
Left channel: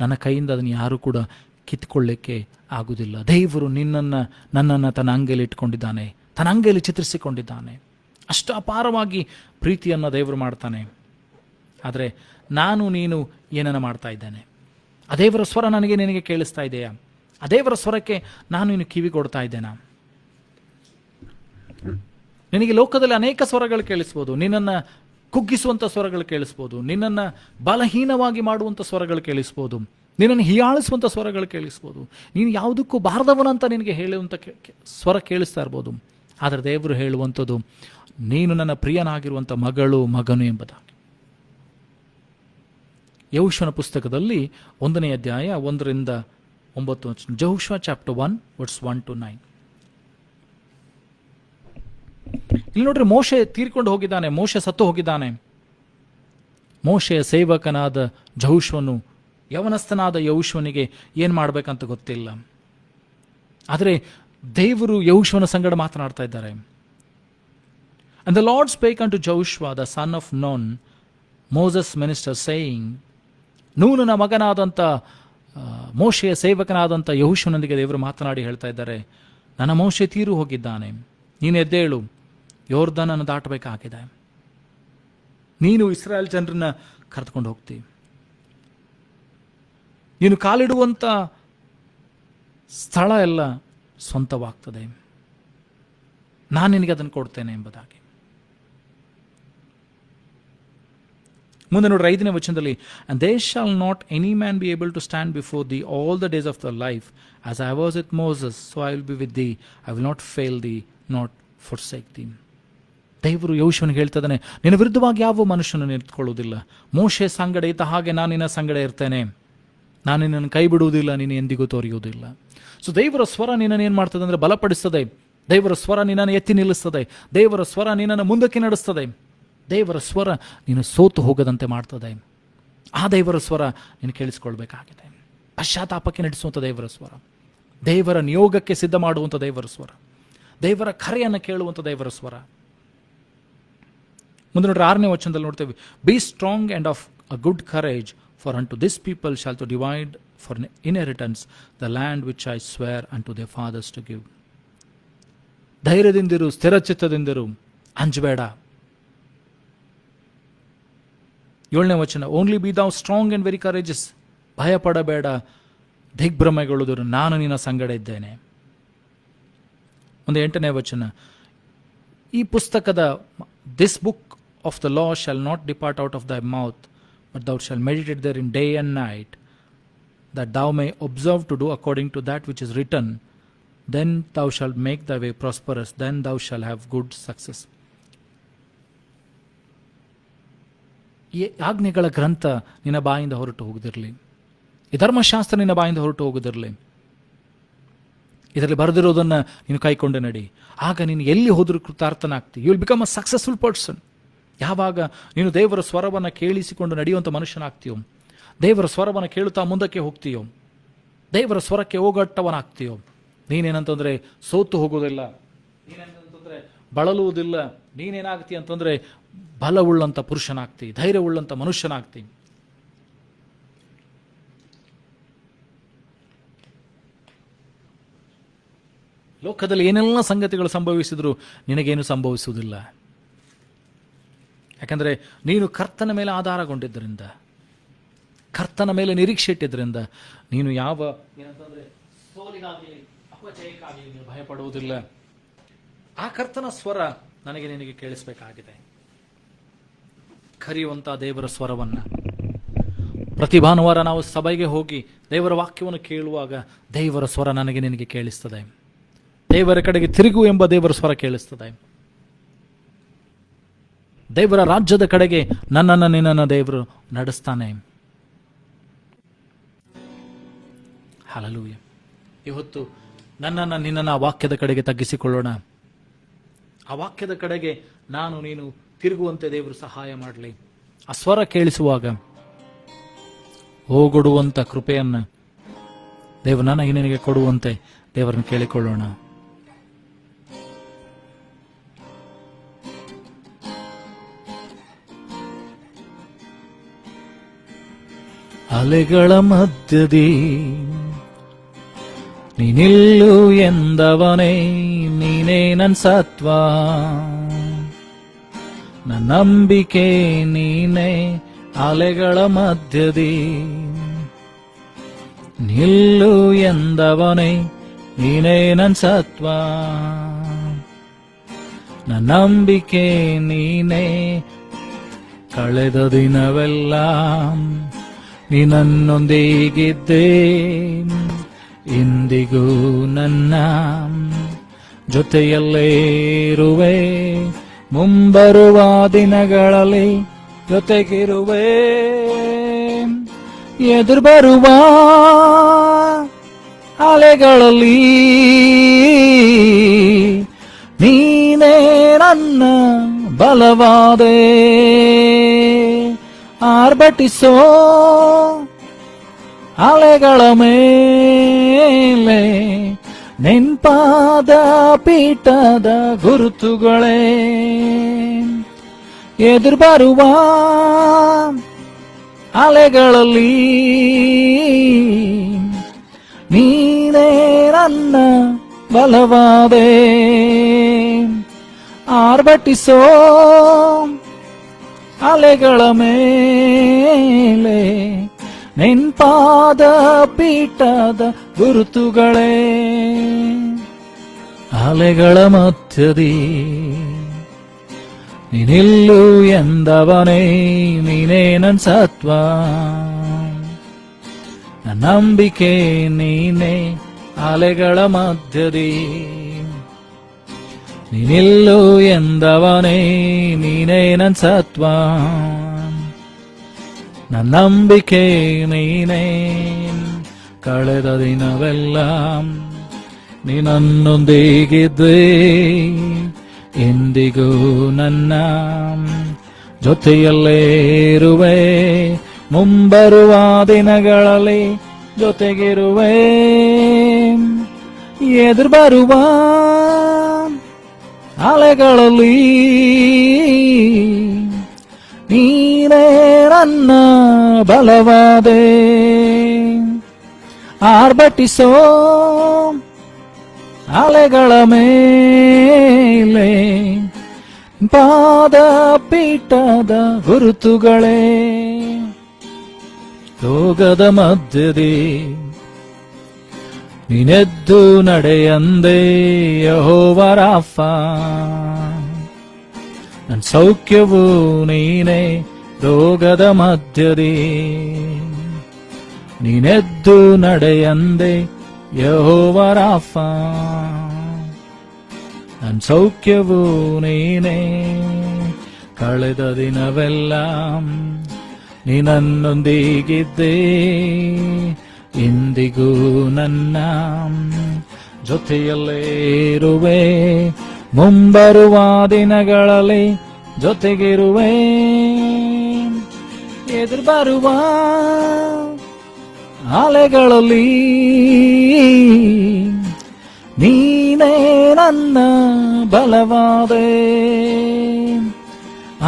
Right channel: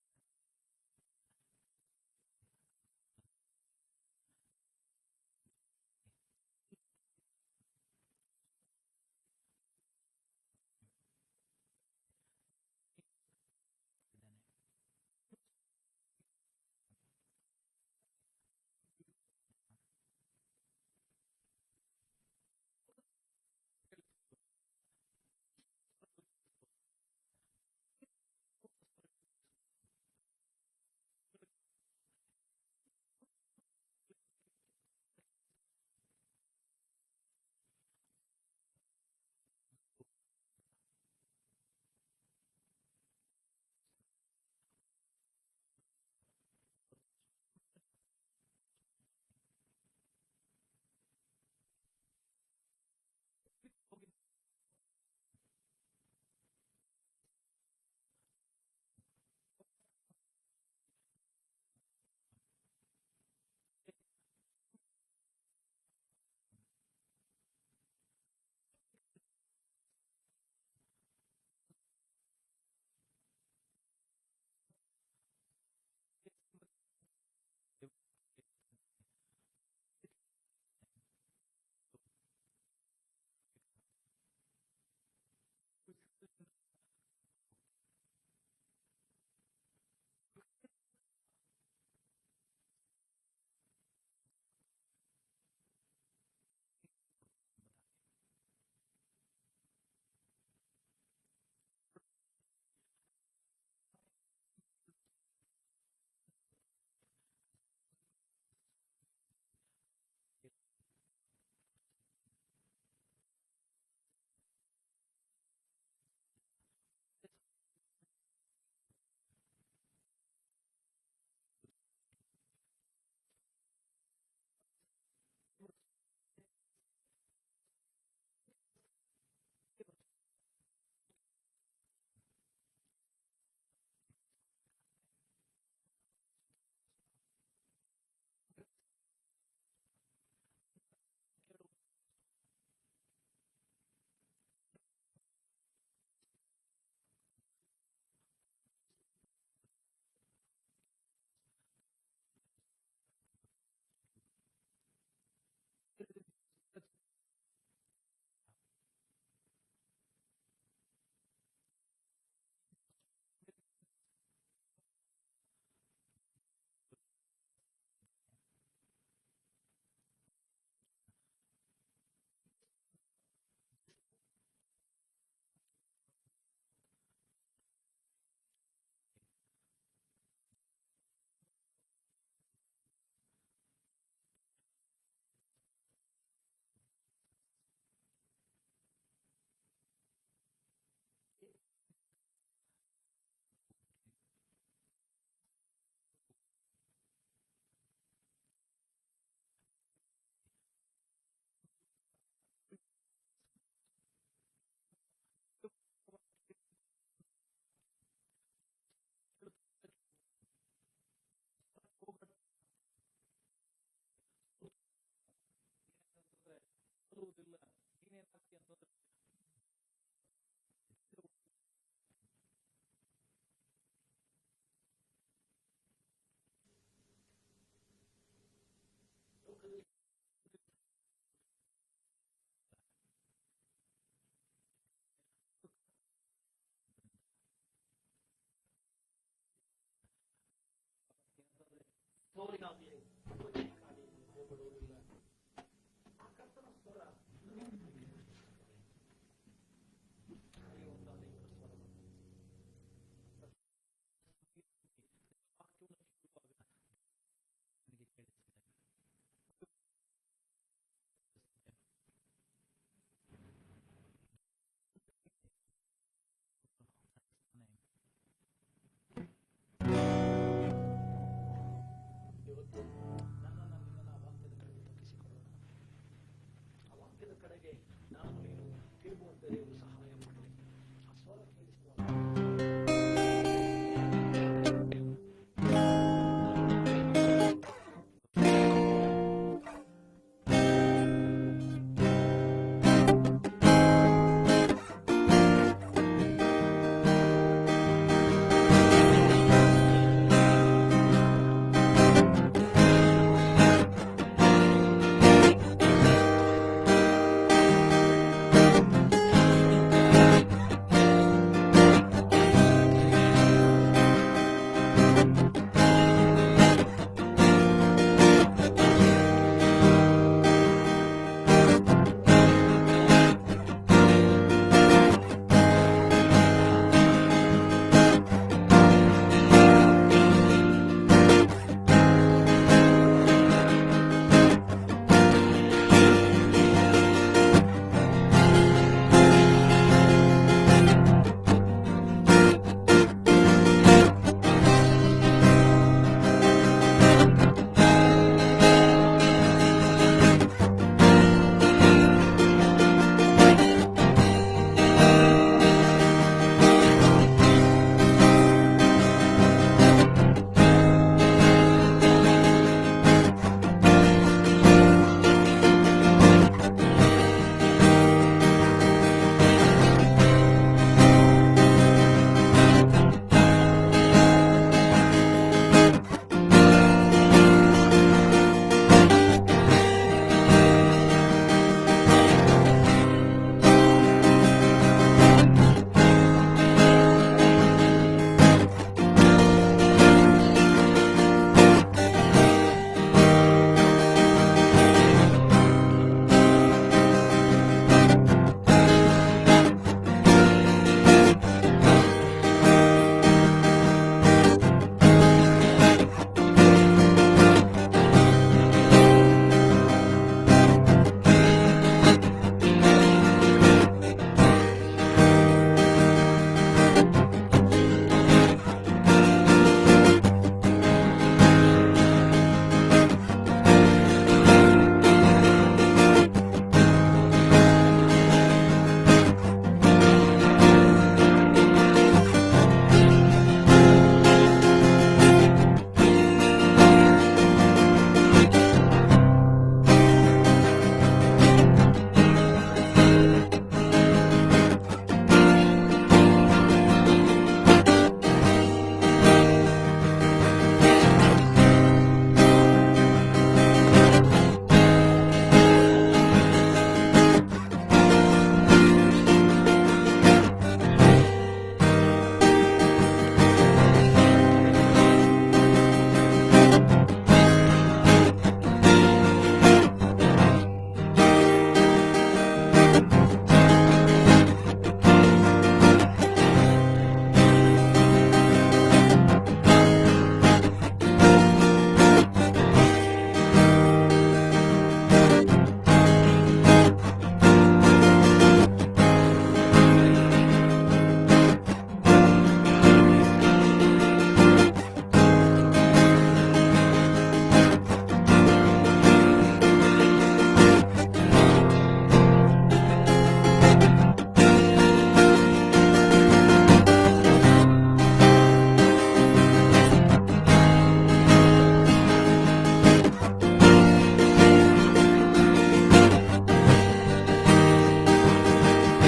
ನನ್ನ ಕೈಯಿಂದ ಅದನ್ನು ಯಾರು ಕೂಡ ಕಿತ್ಕೊಳ್ಳಿಕ್ಕೆ ಆಗುವುದಿಲ್ಲ. ದೇವರು ನನ್ನನ್ನು ತನ್ನ ಅಂಗೈಲಿ ಇಟ್ಕೊಂಡಿದ್ದಾನೆ, ತನ್ನ ಅಂಗೈಲಿ ಚಿತ್ರಿಸಿಕೊಂಡಿದ್ದಾನೆ. ಅಷ್ಟು ಅಪಾರವಾಗಿ ಪ್ರೀತಿಯನ್ನು ದೇವರು ಮಾಡ್ತಾನೆ. ಆದರೆ ನಾನು ನೀನು ಏನನ್ನ ಮಾಡ್ತಾ ಇದ್ದೇನೆ? ಆ ದೇವರ ಸ್ವರ ನಿನಗೆ ಕೇಳಿಸ್ತಾ ಇದೆಯಾ? ಆ ದೇವರ ಸ್ವರಕ್ಕೆ ನಾನು ಇನ್ನು ಕಿವಿ ಕೊಡ್ತಾ ಇದ್ದೇನಾ? ನಿನಗೆ ಲೋಕದಲ್ಲಿ ಅನೇಕ ಸ್ವರಗಳು ಕೇಳಿಸ್ಬೋದು. ನಿನ್ನನ್ನು ಕುಗ್ಗಿಸುವಂಥ ಸ್ವರಗಳು ಕೇಳಿಸ್ಬೋದು, ನಿನ್ನನ್ನು ಬಲಹೀನವಾಗಿ ಮಾಡುವಂಥ ಸ್ವರಗಳು ಕೇಳಿಸ್ಬೋದು, ನಿನ್ನನ್ನು ಹೀಯಾಳಿಸುವಂಥ ಸ್ವರಗಳು ಕೇಳಿಸ್ಬೋದು, ನೀನು ಯಾವುದಕ್ಕೂ ಬಾರದವನಂತ ನಿನಗೆ ಹೇಳುವಂಥ ಸ್ವರ ಕೇಳಿಸ್ತಾ ಇರ್ಬೋದು. ಆದರೆ ದೇವರು ಹೇಳುವಂಥದ್ದು, ನೀನು ನನ್ನ ಪ್ರಿಯನಾಗಿರುವಂಥ ಮಗಳು, ಮಗನು ಎಂಬುದಾಗಿ. ಯೆಹೋಶುವನ ಪುಸ್ತಕದಲ್ಲಿ 1ನೇ ಅಧ್ಯಾಯ 1ರಿಂದ 9. ಯೆಹೋಶುವ ಚಾಪ್ಟರ್ 1 ವರ್ಸ್ 1 to 9. ಇಲ್ಲಿ ನೋಡ್ರಿ, ಮೋಶೆ ತೀರ್ಕೊಂಡು ಹೋಗಿದ್ದಾನೆ, ಮೋಶೆ ಸತ್ತು ಹೋಗಿದ್ದಾನೆ. ಮೋಶೆಯ ಸೇವಕನಾದ ಯೆಹೋಶುವನು, ಯವನಸ್ಥನಾದ ಯೆಹೋಶುವನಿಗೆ ಏನು ಮಾಡಬೇಕಂತ ಗೊತ್ತಿಲ್ಲ. ಆದರೆ ದೇವರು ಯೆಹೋಶುವನ ಸಂಗಡ ಮಾತನಾಡ್ತಾ ಇದ್ದಾರೆ. And the Lord spake unto Joshua the son of Nun, Moses' minister, saying, ನೂನನ ಮಗನಾದಂಥ ಮೋಶೆಯ ಸೇವಕನಾದಂಥ ಯೆಹೋಶುವನೊಂದಿಗೆ ದೇವರು ಮಾತನಾಡಿ ಹೇಳ್ತಾ ಇದ್ದಾರೆ, ನನ್ನ ಮೋಶೆ ತೀರು ಹೋಗಿದ್ದಾನೆ, ನೀನು ಎದ್ದೇಳು, ಯೋರ್ದನನ್ನು ದಾಟಬೇಕಾಗಿದೆ, ನೀನು ಇಸ್ರಾಯೇಲ್ ಜನರನ್ನ ಕರೆದುಕೊಂಡು ಹೋಗ್ತೀವಿ, ನೀನು ಕಾಲಿಡುವಂಥ ಸ್ಥಳ ಎಲ್ಲ ಸ್ವಂತವಾಗ್ತದೆ, ನಾನು ನಿನಗೆ ಅದನ್ನು ಕೊಡ್ತೇನೆ ಎಂಬುದಾಗಿ. ಮುಂದೆ ನೋಡ್ರಿ 5ನೇ ವಚನದಲ್ಲಿ, and they shall not any man be able to stand before thee all the days of thy life, as I was with Moses, so I will be with thee, I will not fail thee, not forsake thee. ದೇವರು ಯೆಹೋಶುವನಿಗೆ ಹೇಳ್ತದಾನೆ, ನಿನ್ನ ವಿರುದ್ಧವಾಗಿ ಯಾವ ಮನುಷ್ಯನನ್ನು ನಿಂತ್ಕೊಳ್ಳುವುದಿಲ್ಲ, ಮೋಶೆ ಸಂಗಡ ಇದ್ದ ಹಾಗೆ ನಾನು ನಿನ್ನ ಸಂಗಡ ಇರ್ತೇನೆ, ನಾನು ನಿನ್ನನ್ನು ಕೈ ಬಿಡುವುದಿಲ್ಲ, ನೀನು ಎಂದಿಗೂ ತೋರಿಯುವುದಿಲ್ಲ. ಸೊ ದೇವರ ಸ್ವರ ನಿನ್ನನ್ನು ಏನು ಮಾಡ್ತದೆ ಅಂದರೆ ಬಲಪಡಿಸ್ತದೆ, ದೇವರ ಸ್ವರ ನಿನ್ನನ್ನು ಎತ್ತಿ ನಿಲ್ಲಿಸ್ತದೆ, ದೇವರ ಸ್ವರ ನಿನ್ನನ್ನು ಮುಂದಕ್ಕೆ ನಡೆಸ್ತದೆ, ದೇವರ ಸ್ವರ ನೀನು ಸೋತು ಹೋಗದಂತೆ ಮಾಡ್ತದೆ. ಆ ದೇವರ ಸ್ವರ ನೀನು ಕೇಳಿಸ್ಕೊಳ್ಬೇಕಾಗಿದೆ. ಪಶ್ಚಾತ್ತಾಪಕ್ಕೆ ನಡೆಸುವಂಥ ದೇವರ ಸ್ವರ, ದೇವರ ನಿಯೋಗಕ್ಕೆ ಸಿದ್ಧ ಮಾಡುವಂಥ ದೇವರ ಸ್ವರ, ದೇವರ ಕರೆಯನ್ನು ಕೇಳುವಂಥ ದೇವರ ಸ್ವರ. ಮುಂದೆ ನೋಡ್ರಿ 6ನೇ ವಚನದಲ್ಲಿ ನೋಡ್ತೇವೆ, be strong and of a good courage, for unto this people shall to divide for inheritance the land which I swear unto their fathers to give. ಧೈರ್ಯದಿಂದಿರು, ಸ್ಥಿರಚಿತ್ತದಿಂದಿರು, ಅಂಜಬೇಡ. 7ನೇ ವಚನ, only be thou strong and very courageous, ಭಯಪಡಬೇಡ, ದಿಗ್ಭ್ರಮೆಗೊಳ್ಳುವುದು, ನಾನು ನಿನ್ನ ಸಂಗಡ ಇದ್ದೇನೆ. ಒಂದು 8ನೇ ವಚನ, ಈ ಪುಸ್ತಕದ this book of the law shall not depart out of thy mouth, but thou shall meditate therein day and night, that thou may observe to do according to that which is written, then thou shalt make thy way prosperous, then thou shalt have good success. ಈ ಆಜ್ಞೆಗಳ ಗ್ರಂಥ ನಿನ್ನ ಬಾಯಿಂದ ಹೊರಟು ಹೋಗದಿರಲಿ, ಈ ಧರ್ಮಶಾಸ್ತ್ರ ನಿನ್ನ ಬಾಯಿಂದ ಹೊರಟು ಹೋಗದಿರಲಿ, ಇದರಲ್ಲಿ ಬರೆದಿರೋದನ್ನು ನೀನು ಕೈಕೊಂಡು ನಡಿ, ಆಗ ನೀನು ಎಲ್ಲಿ ಹೋದರೂ ಕೃತಾರ್ಥನಾಗ್ತಿ. You will become a successful person. ಯಾವಾಗ ನೀನು ದೇವರ ಸ್ವರವನ್ನು ಕೇಳಿಸಿಕೊಂಡು ನಡೆಯುವಂಥ ಮನುಷ್ಯನಾಗ್ತೀಯೋ, ದೇವರ ಸ್ವರವನ್ನು ಕೇಳುತ್ತಾ ಮುಂದಕ್ಕೆ ಹೋಗ್ತೀಯೋ, ದೇವರ ಸ್ವರಕ್ಕೆ ಹೋಗಟ್ಟವನಾಗ್ತೀಯೋ, ನೀನೇನಂತಂದರೆ ಸೋತು ಹೋಗೋದಿಲ್ಲ, ನೀನೇನಂತಂದರೆ ಬಳಲುವುದಿಲ್ಲ, ನೀನೇನಾಗ್ತಿ ಅಂತಂದರೆ ಬಲವುಳ್ಳಂಥ ಪುರುಷನಾಗ್ತಿ, ಧೈರ್ಯವುಳ್ಳಂಥ ಮನುಷ್ಯನಾಗ್ತಿ. ಲೋಕದಲ್ಲಿ ಏನೆಲ್ಲ ಸಂಗತಿಗಳು ಸಂಭವಿಸಿದ್ರು ನಿನಗೇನು ಸಂಭವಿಸುವುದಿಲ್ಲ. ಯಾಕಂದರೆ ನೀನು ಕರ್ತನ ಮೇಲೆ ಆಧಾರಗೊಂಡಿದ್ದರಿಂದ, ಕರ್ತನ ಮೇಲೆ ನಿರೀಕ್ಷೆ ಇಟ್ಟಿದ್ದರಿಂದ ನೀನು ಯಾವ ಏನಂತಂದರೆ ಸೋಲಿಗಾಗಲಿ ಅಪಜಯಕ್ಕಾಗಲಿ ನೀನು ಭಯಪಡುವುದಿಲ್ಲ. ಆ ಕರ್ತನ ಸ್ವರ ನನಗೆ ನಿನಗೆ ಕೇಳಿಸಬೇಕಾಗಿದೆ. ಕರೆಯುವಂಥ ದೇವರ ಸ್ವರವನ್ನು ಪ್ರತಿ ಭಾನುವಾರ ನಾವು ಸಭೆಗೆ ಹೋಗಿ ದೇವರ ವಾಕ್ಯವನ್ನು ಕೇಳುವಾಗ ದೇವರ ಸ್ವರ ನನಗೆ ನಿನಗೆ ಕೇಳಿಸ್ತದೆ. ದೇವರ ಕಡೆಗೆ ತಿರುಗು ಎಂಬ ದೇವರ ಸ್ವರ ಕೇಳಿಸ್ತದೆ. ದೇವರ ರಾಜ್ಯದ ಕಡೆಗೆ ನನ್ನನ್ನು ನಿನ್ನನ್ನು ದೇವರು ನಡೆಸ್ತಾನೆ. ಹಲ್ಲೆಲೂಯಾ. ಇವತ್ತು ನನ್ನನ್ನು ನಿನ್ನನ್ನು ಆ ವಾಕ್ಯದ ಕಡೆಗೆ ತಗ್ಗಿಸಿಕೊಳ್ಳೋಣ. ಆ ವಾಕ್ಯದ ಕಡೆಗೆ ನಾನು ನೀನು ತಿರುಗುವಂತೆ ದೇವರು ಸಹಾಯ ಮಾಡಲಿ. ಆ ಸ್ವರ ಕೇಳಿಸುವಾಗ ಓಗೊಡುವಂತ ಕೃಪೆಯನ್ನ ದೇವರು ನನಗೆ ನಿನಗೆ ಕೊಡುವಂತೆ ದೇವರನ್ನು ಕೇಳಿಕೊಳ್ಳೋಣ. ಅಲೆಗಳ ಮಧ್ಯದಿ ನೀನಿಲ್ಲು ಎಂದವನೇ, ನೀನೇ ನನ್ ಸತ್ವ, ನನ್ನ ನಂಬಿಕೆ ನೀನೇ. ಅಲೆಗಳ ಮಧ್ಯದಿ ನಿಲ್ಲು ಎಂದವನೇ, ನೀನೇ ನನ್ ಸತ್ವ, ನನ್ನ ನಂಬಿಕೆ ನೀನೇ. ಕಳೆದ ದಿನವೆಲ್ಲ ನಿನ್ನೊಂದಿಗಿದ್ದೆ, ಇಂದಿಗೂ ನನ್ನ ಜೊತೆಯಲ್ಲೇ ಇರುವೆ. ಮುಂಬರುವ ದಿನಗಳಲ್ಲಿ ಜೊತೆಗಿರುವೆ. ಎದುರು ಬರುವ ಅಲೆಗಳಲ್ಲಿ ನೀನೇ ನನ್ನ ಬಲವಾದೆ. ಆರ್ಭಟಿಸೋ ಅಲೆಗಳ ಮೇಲೆ ನೆನ್ಪಾದ ಪೀಠದ ಗುರುತುಗಳೇ. ಎದುರು ಬರುವ ಅಲೆಗಳಲ್ಲಿ ನೀನೇ ನನ್ನ ಬಲವಾದೆ. ಆರ್ಭಟಿಸೋ ಅಲೆಗಳ ಮೇಲೆ ನೆನ್ಪಾದ ಪೀಠದ ಗುರುತುಗಳೇ. ಅಲೆಗಳ ಮಧ್ಯದಿ ನೀನಿಲ್ಲು ಎಂದವನೇ, ನೀನೇ ನನ್ ಸತ್ವ, ನನ್ನ ನಂಬಿಕೆ ನೀನೇ. ಅಲೆಗಳ ಮಧ್ಯದಿ ನೀನಿಲ್ಲು ಎಂದವನೇ, ನೀನೇ ನನ್ ಸತ್ವ, ನನ್ನ ನಂಬಿಕೆ ನೀನೇ. ಕಳೆದ ದಿನವೆಲ್ಲ ನೀನನ್ನೊಂದಿಗಿದ್ದೆ, ಇಂದಿಗೂ ನನ್ನ ಜೊತೆಯಲ್ಲೇ ಇರುವೆ. ಮುಂಬರುವ ದಿನಗಳಲ್ಲಿ ಜೊತೆಗಿರುವೆ. ಎದುರು ಬರುವ ಅಲೆಗಳಲ್ಲಿ ನೀನೇ ನನ್ನ ಬಲವಾದೆ. ಆರ್ಭಟಿಸೋ ಅಲೆಗಳ ಮೇಲೆ ಪಾದ ಪೀಠದ ಗುರುತುಗಳೇ. ರೋಗದ ಮಧ್ಯದಿ ನೀನೆದ್ದು ನಡೆಯಂದೆ, ಯೆಹೋವ ರಾಫ, ನನ್ನ ಸೌಖ್ಯವು ನೀನೇ. ರೋಗದ ಮಧ್ಯದಿ ನೀನೆದ್ದು ನಡೆಯಂದೆ, ಯೆಹೋವ ರಾಫ, ನನ್ನ ಸೌಖ್ಯವು ನೀನೇ. ಕಳೆದ ದಿನವೆಲ್ಲ ನೀನನ್ನೊಂದಿಗಿದ್ದೆ, ಇಂದಿಗೂ ನನ್ನ ಜೊತೆಯಲ್ಲೇ ಇರುವೆ. ಮುಂಬರುವ ದಿನಗಳಲ್ಲಿ ಜೊತೆಗಿರುವೆ. ಎದುರು ಬರುವ ಅಲೆಗಳಲ್ಲಿ ನೀನೇ ನನ್ನ ಬಲವಾದೆ.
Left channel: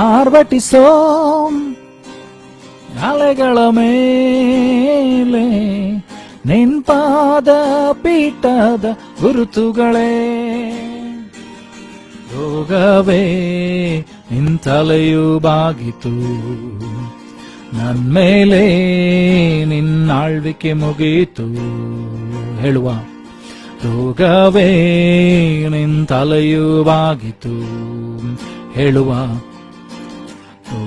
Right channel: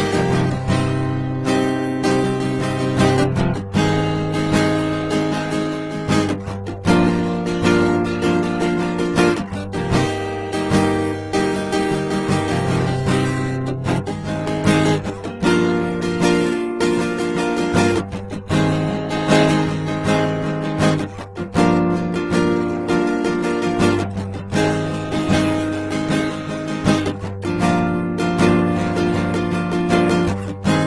ಆರ್ಭಟಿಸೋ ಅಲೆಗಳ ಮೇಲೆ ನೆನ್ಪಾದ ಪೀಠದ ಗುರುತುಗಳೇ. ರೋಗವೇ ನಿಂತಲೆಯೂ ಬಾಗಿತು, ನನ್ಮೇಲೆ ನಿನ್ನಾಳ್ವಿಕೆ ಮುಗೀತು. ಹೇಳುವ ರೋಗವೇ ನಿಂತಲೆಯೂ ಬಾಗಿತು. ಹೇಳುವ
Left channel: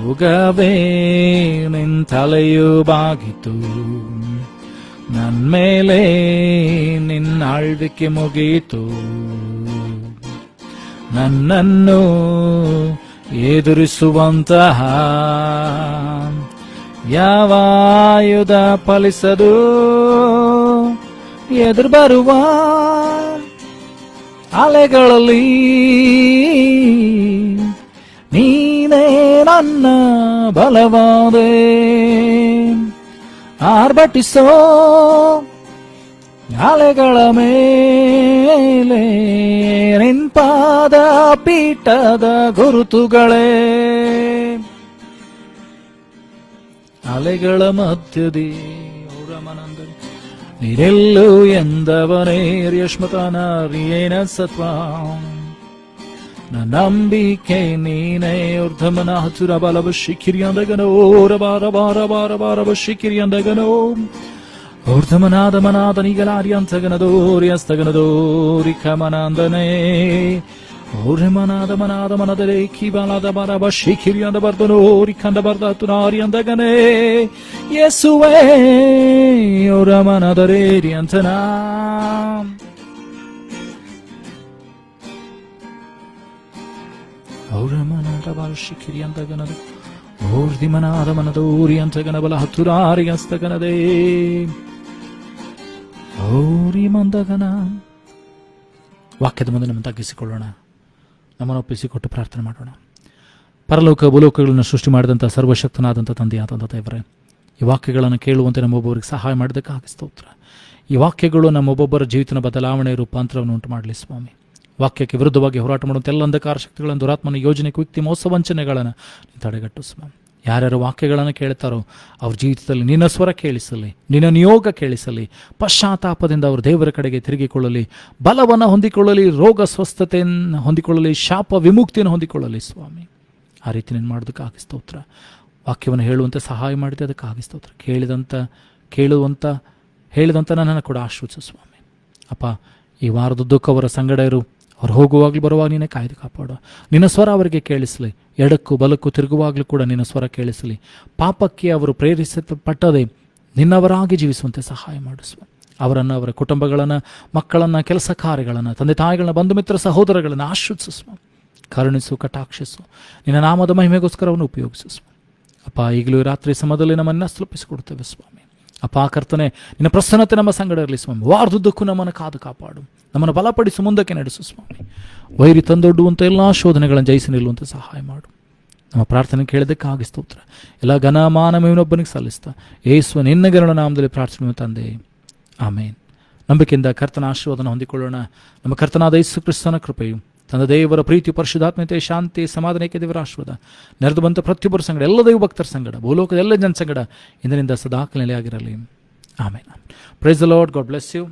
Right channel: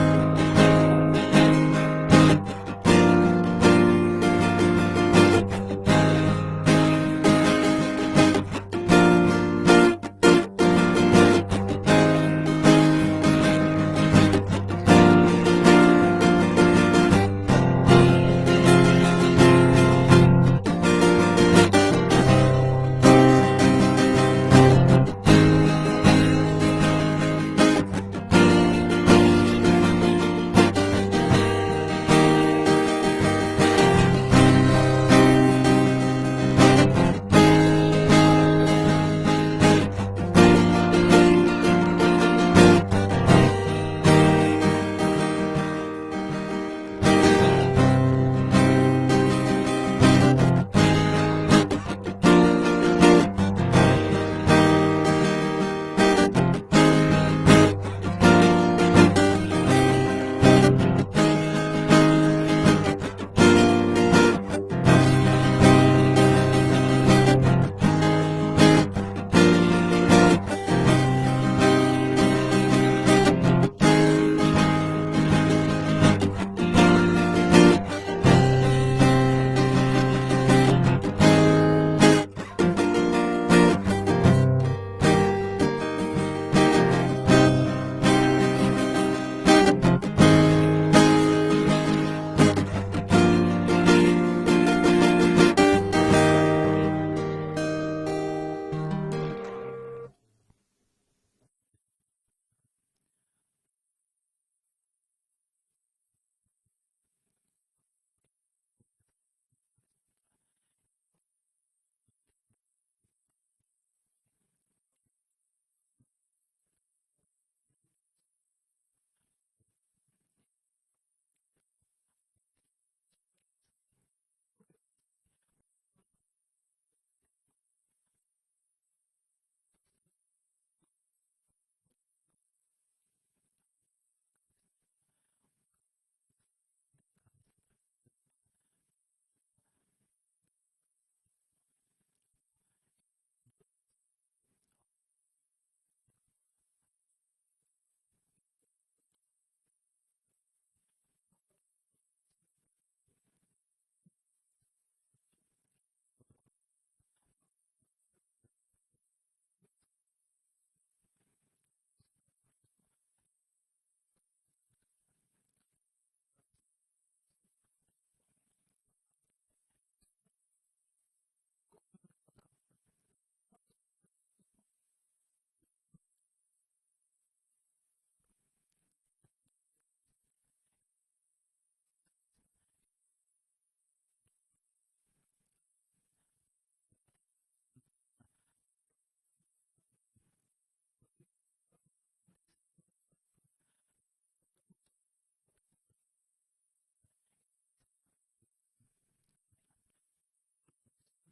ರೋಗವೇ ನಿಂತಲೆಯೂ ಬಾಗಿತು. ನನ್ಮೇಲೆ ನಿನ್ನಾಳ್ವಿಕೆ ಮುಗೀತು. ನನ್ನನ್ನು ಎದುರಿಸುವಂತಹ ಯಾವ ಆಯುಧ ಫಲಿಸದು. ಎದುರು ಬರುವ ಅಲೆಗಳಲ್ಲಿ ನೀನೇ ನನ್ನ ಬಲವಾದೆ. ಆರ್ಭಟಿಸೋ ಅಲೆಗಳ ಮೇಲೆ ನಿಂಪಾದ ಪೀಠದ ಗುರುತುಗಳೇ. ಅಲೆಗಳ ಮಧ್ಯದಿ ನೀರೆಲ್ಲೂ ಎಂದವನೇರ್ಯಶ್ಮತನ ವಿಲೇನಸತ ನಂಬಿಕೆ ನೀನೇ ಉದ್ಧಮನ ಹಸುರ ಬಲವಶಿ ಕಿರಿಯಂದಗನೋ ಬಾರ ಬಾರ ಬಾರ ಬಾರವಶಿ ಕಿರಿಯಂದಗನೋ ಊರ್ಧಮನಾದ ಮನಾದನಿಗನಾರ್ಯಂತಗನದೋರ್ಯಸ್ತಗನದೋರಿ ಕಮನಾಂದನೇ ಊರ್ಧಮನಾದ ಮನಾದ ಮನದರೆ ಕಿರಿಬಾಲದ ಬರವಶಿ ಕಿರಿಯಂದ ಬರ್ತನೋರಿ ಕಂದ ಬರ್ತುನಾರ್ಯಂದಗನೇ ಯೇಸುವೇ ಅವರ ಮನದರೇರಿ ಅಂತನ ಬಲ ಹತ್ತುರಾರಿ ಹಸ್ತಗನದೇ ಮಂದಗನ. ವಾಕ್ಯದ ಮುಂದೆ ನಮ್ಮ ತಗ್ಗಿಸಿಕೊಳ್ಳೋಣ, ನಮ್ಮನ್ನು ಒಪ್ಪಿಸಿಕೊಟ್ಟು ಪ್ರಾರ್ಥನೆ ಮಾಡೋಣ. ಪರಲೋಕ ಭೂಲೋಕಗಳನ್ನು ಸೃಷ್ಟಿ ಮಾಡಿದಂಥ ಸರ್ವಶಕ್ತನಾದಂಥ ತಂದೆಯಾದಂಥ ದೇವರೇ, ಈ ವಾಕ್ಯಗಳನ್ನು ಕೇಳುವಂತೆ ನಮ್ಮೊಬ್ಬೊಬ್ಬರಿಗೆ ಸಹಾಯ ಮಾಡೋದಕ್ಕಾಗಿ ಸ್ತೋತ್ರ. ಈ ವಾಕ್ಯಗಳು ನಮ್ಮೊಬ್ಬೊಬ್ಬರ ಜೀವಿತನ ಬದಲಾವಣೆ ರೂಪಾಂತರವನ್ನು ಉಂಟು ಮಾಡಲಿ ಸ್ವಾಮಿ. ವಾಕ್ಯಕ್ಕೆ ವಿರುದ್ಧವಾಗಿ ಹೋರಾಟ ಮಾಡುವಂಥ ಎಲ್ಲ ಅಂಧಕಾರ ಶಕ್ತಿಗಳನ್ನು, ದುರಾತ್ಮನ ಯೋಜನೆ, ಕುಯುಕ್ತಿ, ಮೋಸ ವಂಚನೆಗಳನ್ನು ತಡೆಗಟ್ಟು ಸ್ವಾಮಿ. ಯಾರ್ಯಾರು ವಾಕ್ಯಗಳನ್ನು ಕೇಳ್ತಾರೋ ಅವ್ರ ಜೀವಿತದಲ್ಲಿ ನಿನ್ನ ಸ್ವರ ಕೇಳಿಸಲಿ, ನಿನ್ನ ನಿಯೋಗ ಕೇಳಿಸಲಿ, ಪಶ್ಚಾತ್ತಾಪದಿಂದ ಅವರು ದೇವರ ಕಡೆಗೆ ತಿರುಗಿಕೊಳ್ಳಲಿ, ಬಲವನ್ನು ಹೊಂದಿಕೊಳ್ಳಲಿ, ರೋಗ ಸ್ವಸ್ಥತೆಯನ್ನು ಹೊಂದಿಕೊಳ್ಳಲಿ, ಶಾಪ ವಿಮುಕ್ತಿಯನ್ನು ಹೊಂದಿಕೊಳ್ಳಲಿ ಸ್ವಾಮಿ. ಆ ರೀತಿ ನೀನು ಮಾಡೋದಕ್ಕಾಗಿ ಸ್ತೋತ್ರ. ವಾಕ್ಯವನ್ನು ಹೇಳುವಂತೆ ಸಹಾಯ ಮಾಡಿದೆ, ಅದಕ್ಕಾಗಿ ಸ್ತೋತ್ರ. ಹೇಳಿದಂಥ ನನ್ನನ್ನು ಕೂಡ ಆಶ್ರಯಿಸು ಸ್ವಾಮಿ. ಅಪ್ಪ, ಈ ವಾರದುದ್ದಕ್ಕೂ ಅವರ ಸಂಗಡ ಇರು. ಅವ್ರು ಹೋಗುವಾಗಲೂ ಬರುವಾಗ ನೀನೇ ಕಾಯ್ದು ಕಾಪಾಡು. ನಿನ್ನ ಸ್ವರ ಅವರಿಗೆ ಕೇಳಿಸಲಿ. ಎಡಕ್ಕೂ ಬಲಕ್ಕೂ ತಿರುಗುವಾಗಲೂ ಕೂಡ ನಿನ್ನ ಸ್ವರ ಕೇಳಿಸಲಿ. ಪಾಪಕ್ಕೆ ಅವರು ಪ್ರೇರಿಸಲ್ಪಟ್ಟದೆ ನಿನ್ನವರಾಗಿ ಜೀವಿಸುವಂತೆ ಸಹಾಯ ಮಾಡಿಸುವ. ಅವರನ್ನು, ಅವರ ಕುಟುಂಬಗಳನ್ನು, ಮಕ್ಕಳನ್ನು, ಕೆಲಸ ಕಾರ್ಯಗಳನ್ನು, ತಂದೆ ತಾಯಿಗಳನ್ನ, ಬಂಧು ಮಿತ್ರ ಸಹೋದರಗಳನ್ನು ಆಶ್ರಯಿಸುವ. ಕರುಣಿಸು, ಕಟಾಕ್ಷಿಸು. ನಿನ್ನ ನಾಮದ ಮಹಿಮೆಗೋಸ್ಕರ ಅವನು ಉಪಯೋಗಿಸು. ಅಪ್ಪ, ಈಗಲೂ ರಾತ್ರಿ ಸಮಯದಲ್ಲಿ ನಮ್ಮನ್ನು ತಲುಪಿಸಿಕೊಡ್ತೇವೆ ಸ್ವಾಮಿ. ಅಪ್ಪ ಕರ್ತನೆ, ನಿನ್ನ ಪ್ರಸನ್ನತೆ ನಮ್ಮ ಸಂಗಡ ಇರಲಿ ಸ್ವಾಮಿ. ವಾರದುದ್ದಕ್ಕೂ ನಮ್ಮನ್ನು ಕಾದು ಕಾಪಾಡು, ನಮ್ಮನ್ನು ಬಲಪಡಿಸು, ಮುಂದಕ್ಕೆ ನಡೆಸು ಸ್ವಾಮಿ. ವೈರಿ ತಂದೊಡ್ಡುವಂಥ ಎಲ್ಲ ಶೋಧನೆಗಳನ್ನು ಜಯಿಸಿ ನಿಲ್ಲುವಂತೆ ಸಹಾಯ ಮಾಡು. ನಮ್ಮ ಪ್ರಾರ್ಥನೆ ಕೇಳಿದ್ದಕ್ಕಾಗಿ ಸ್ತೋತ್ರ. ಎಲ್ಲ ಘನ ಮಾನ ಮಹಿಮೆಯೊಬ್ಬನಿಗೆ ಸಲ್ಲಿಸ್ತಾ ಯೇಸುವ ನಿನ್ನ ಗರುಡ ನಾಮದಲ್ಲಿ ಪ್ರಾರ್ಥನೆ ತಂದೆ, ಆಮೇನ್. ನಂಬಿಕೆಯಿಂದ ಕರ್ತನ ಆಶೀರ್ವಾದನ ಹೊಂದಿಕೊಳ್ಳೋಣ. ನಮ್ಮ ಕರ್ತನಾದ ಯೇಸು ಕ್ರಿಸ್ತನ ಕೃಪೆಯು, ತಂದೆ ದೇವರ ಪ್ರೀತಿ, ಪರಿಶುದ್ಧಾತ್ಮತೆ, ಶಾಂತಿ, ಸಮಾಧಾನಕ್ಕೆ ದೇವರ ಆಶೀರ್ವಾದ ನೆರೆದು ಬಂತ ಪ್ರತಿಯೊಬ್ಬರ ಸಂಗಡ, ಎಲ್ಲ ದೈವ ಭಕ್ತರ ಸಂಗಡ, ಭೂಲೋಕದ ಎಲ್ಲ ಜನ ಸಂಗಡ ಇಂದಿನಿಂದ ಸದಾಕಾಲ ನೆಲೆಯಾಗಿರಲಿ. Amen. Praise the Lord. God bless you.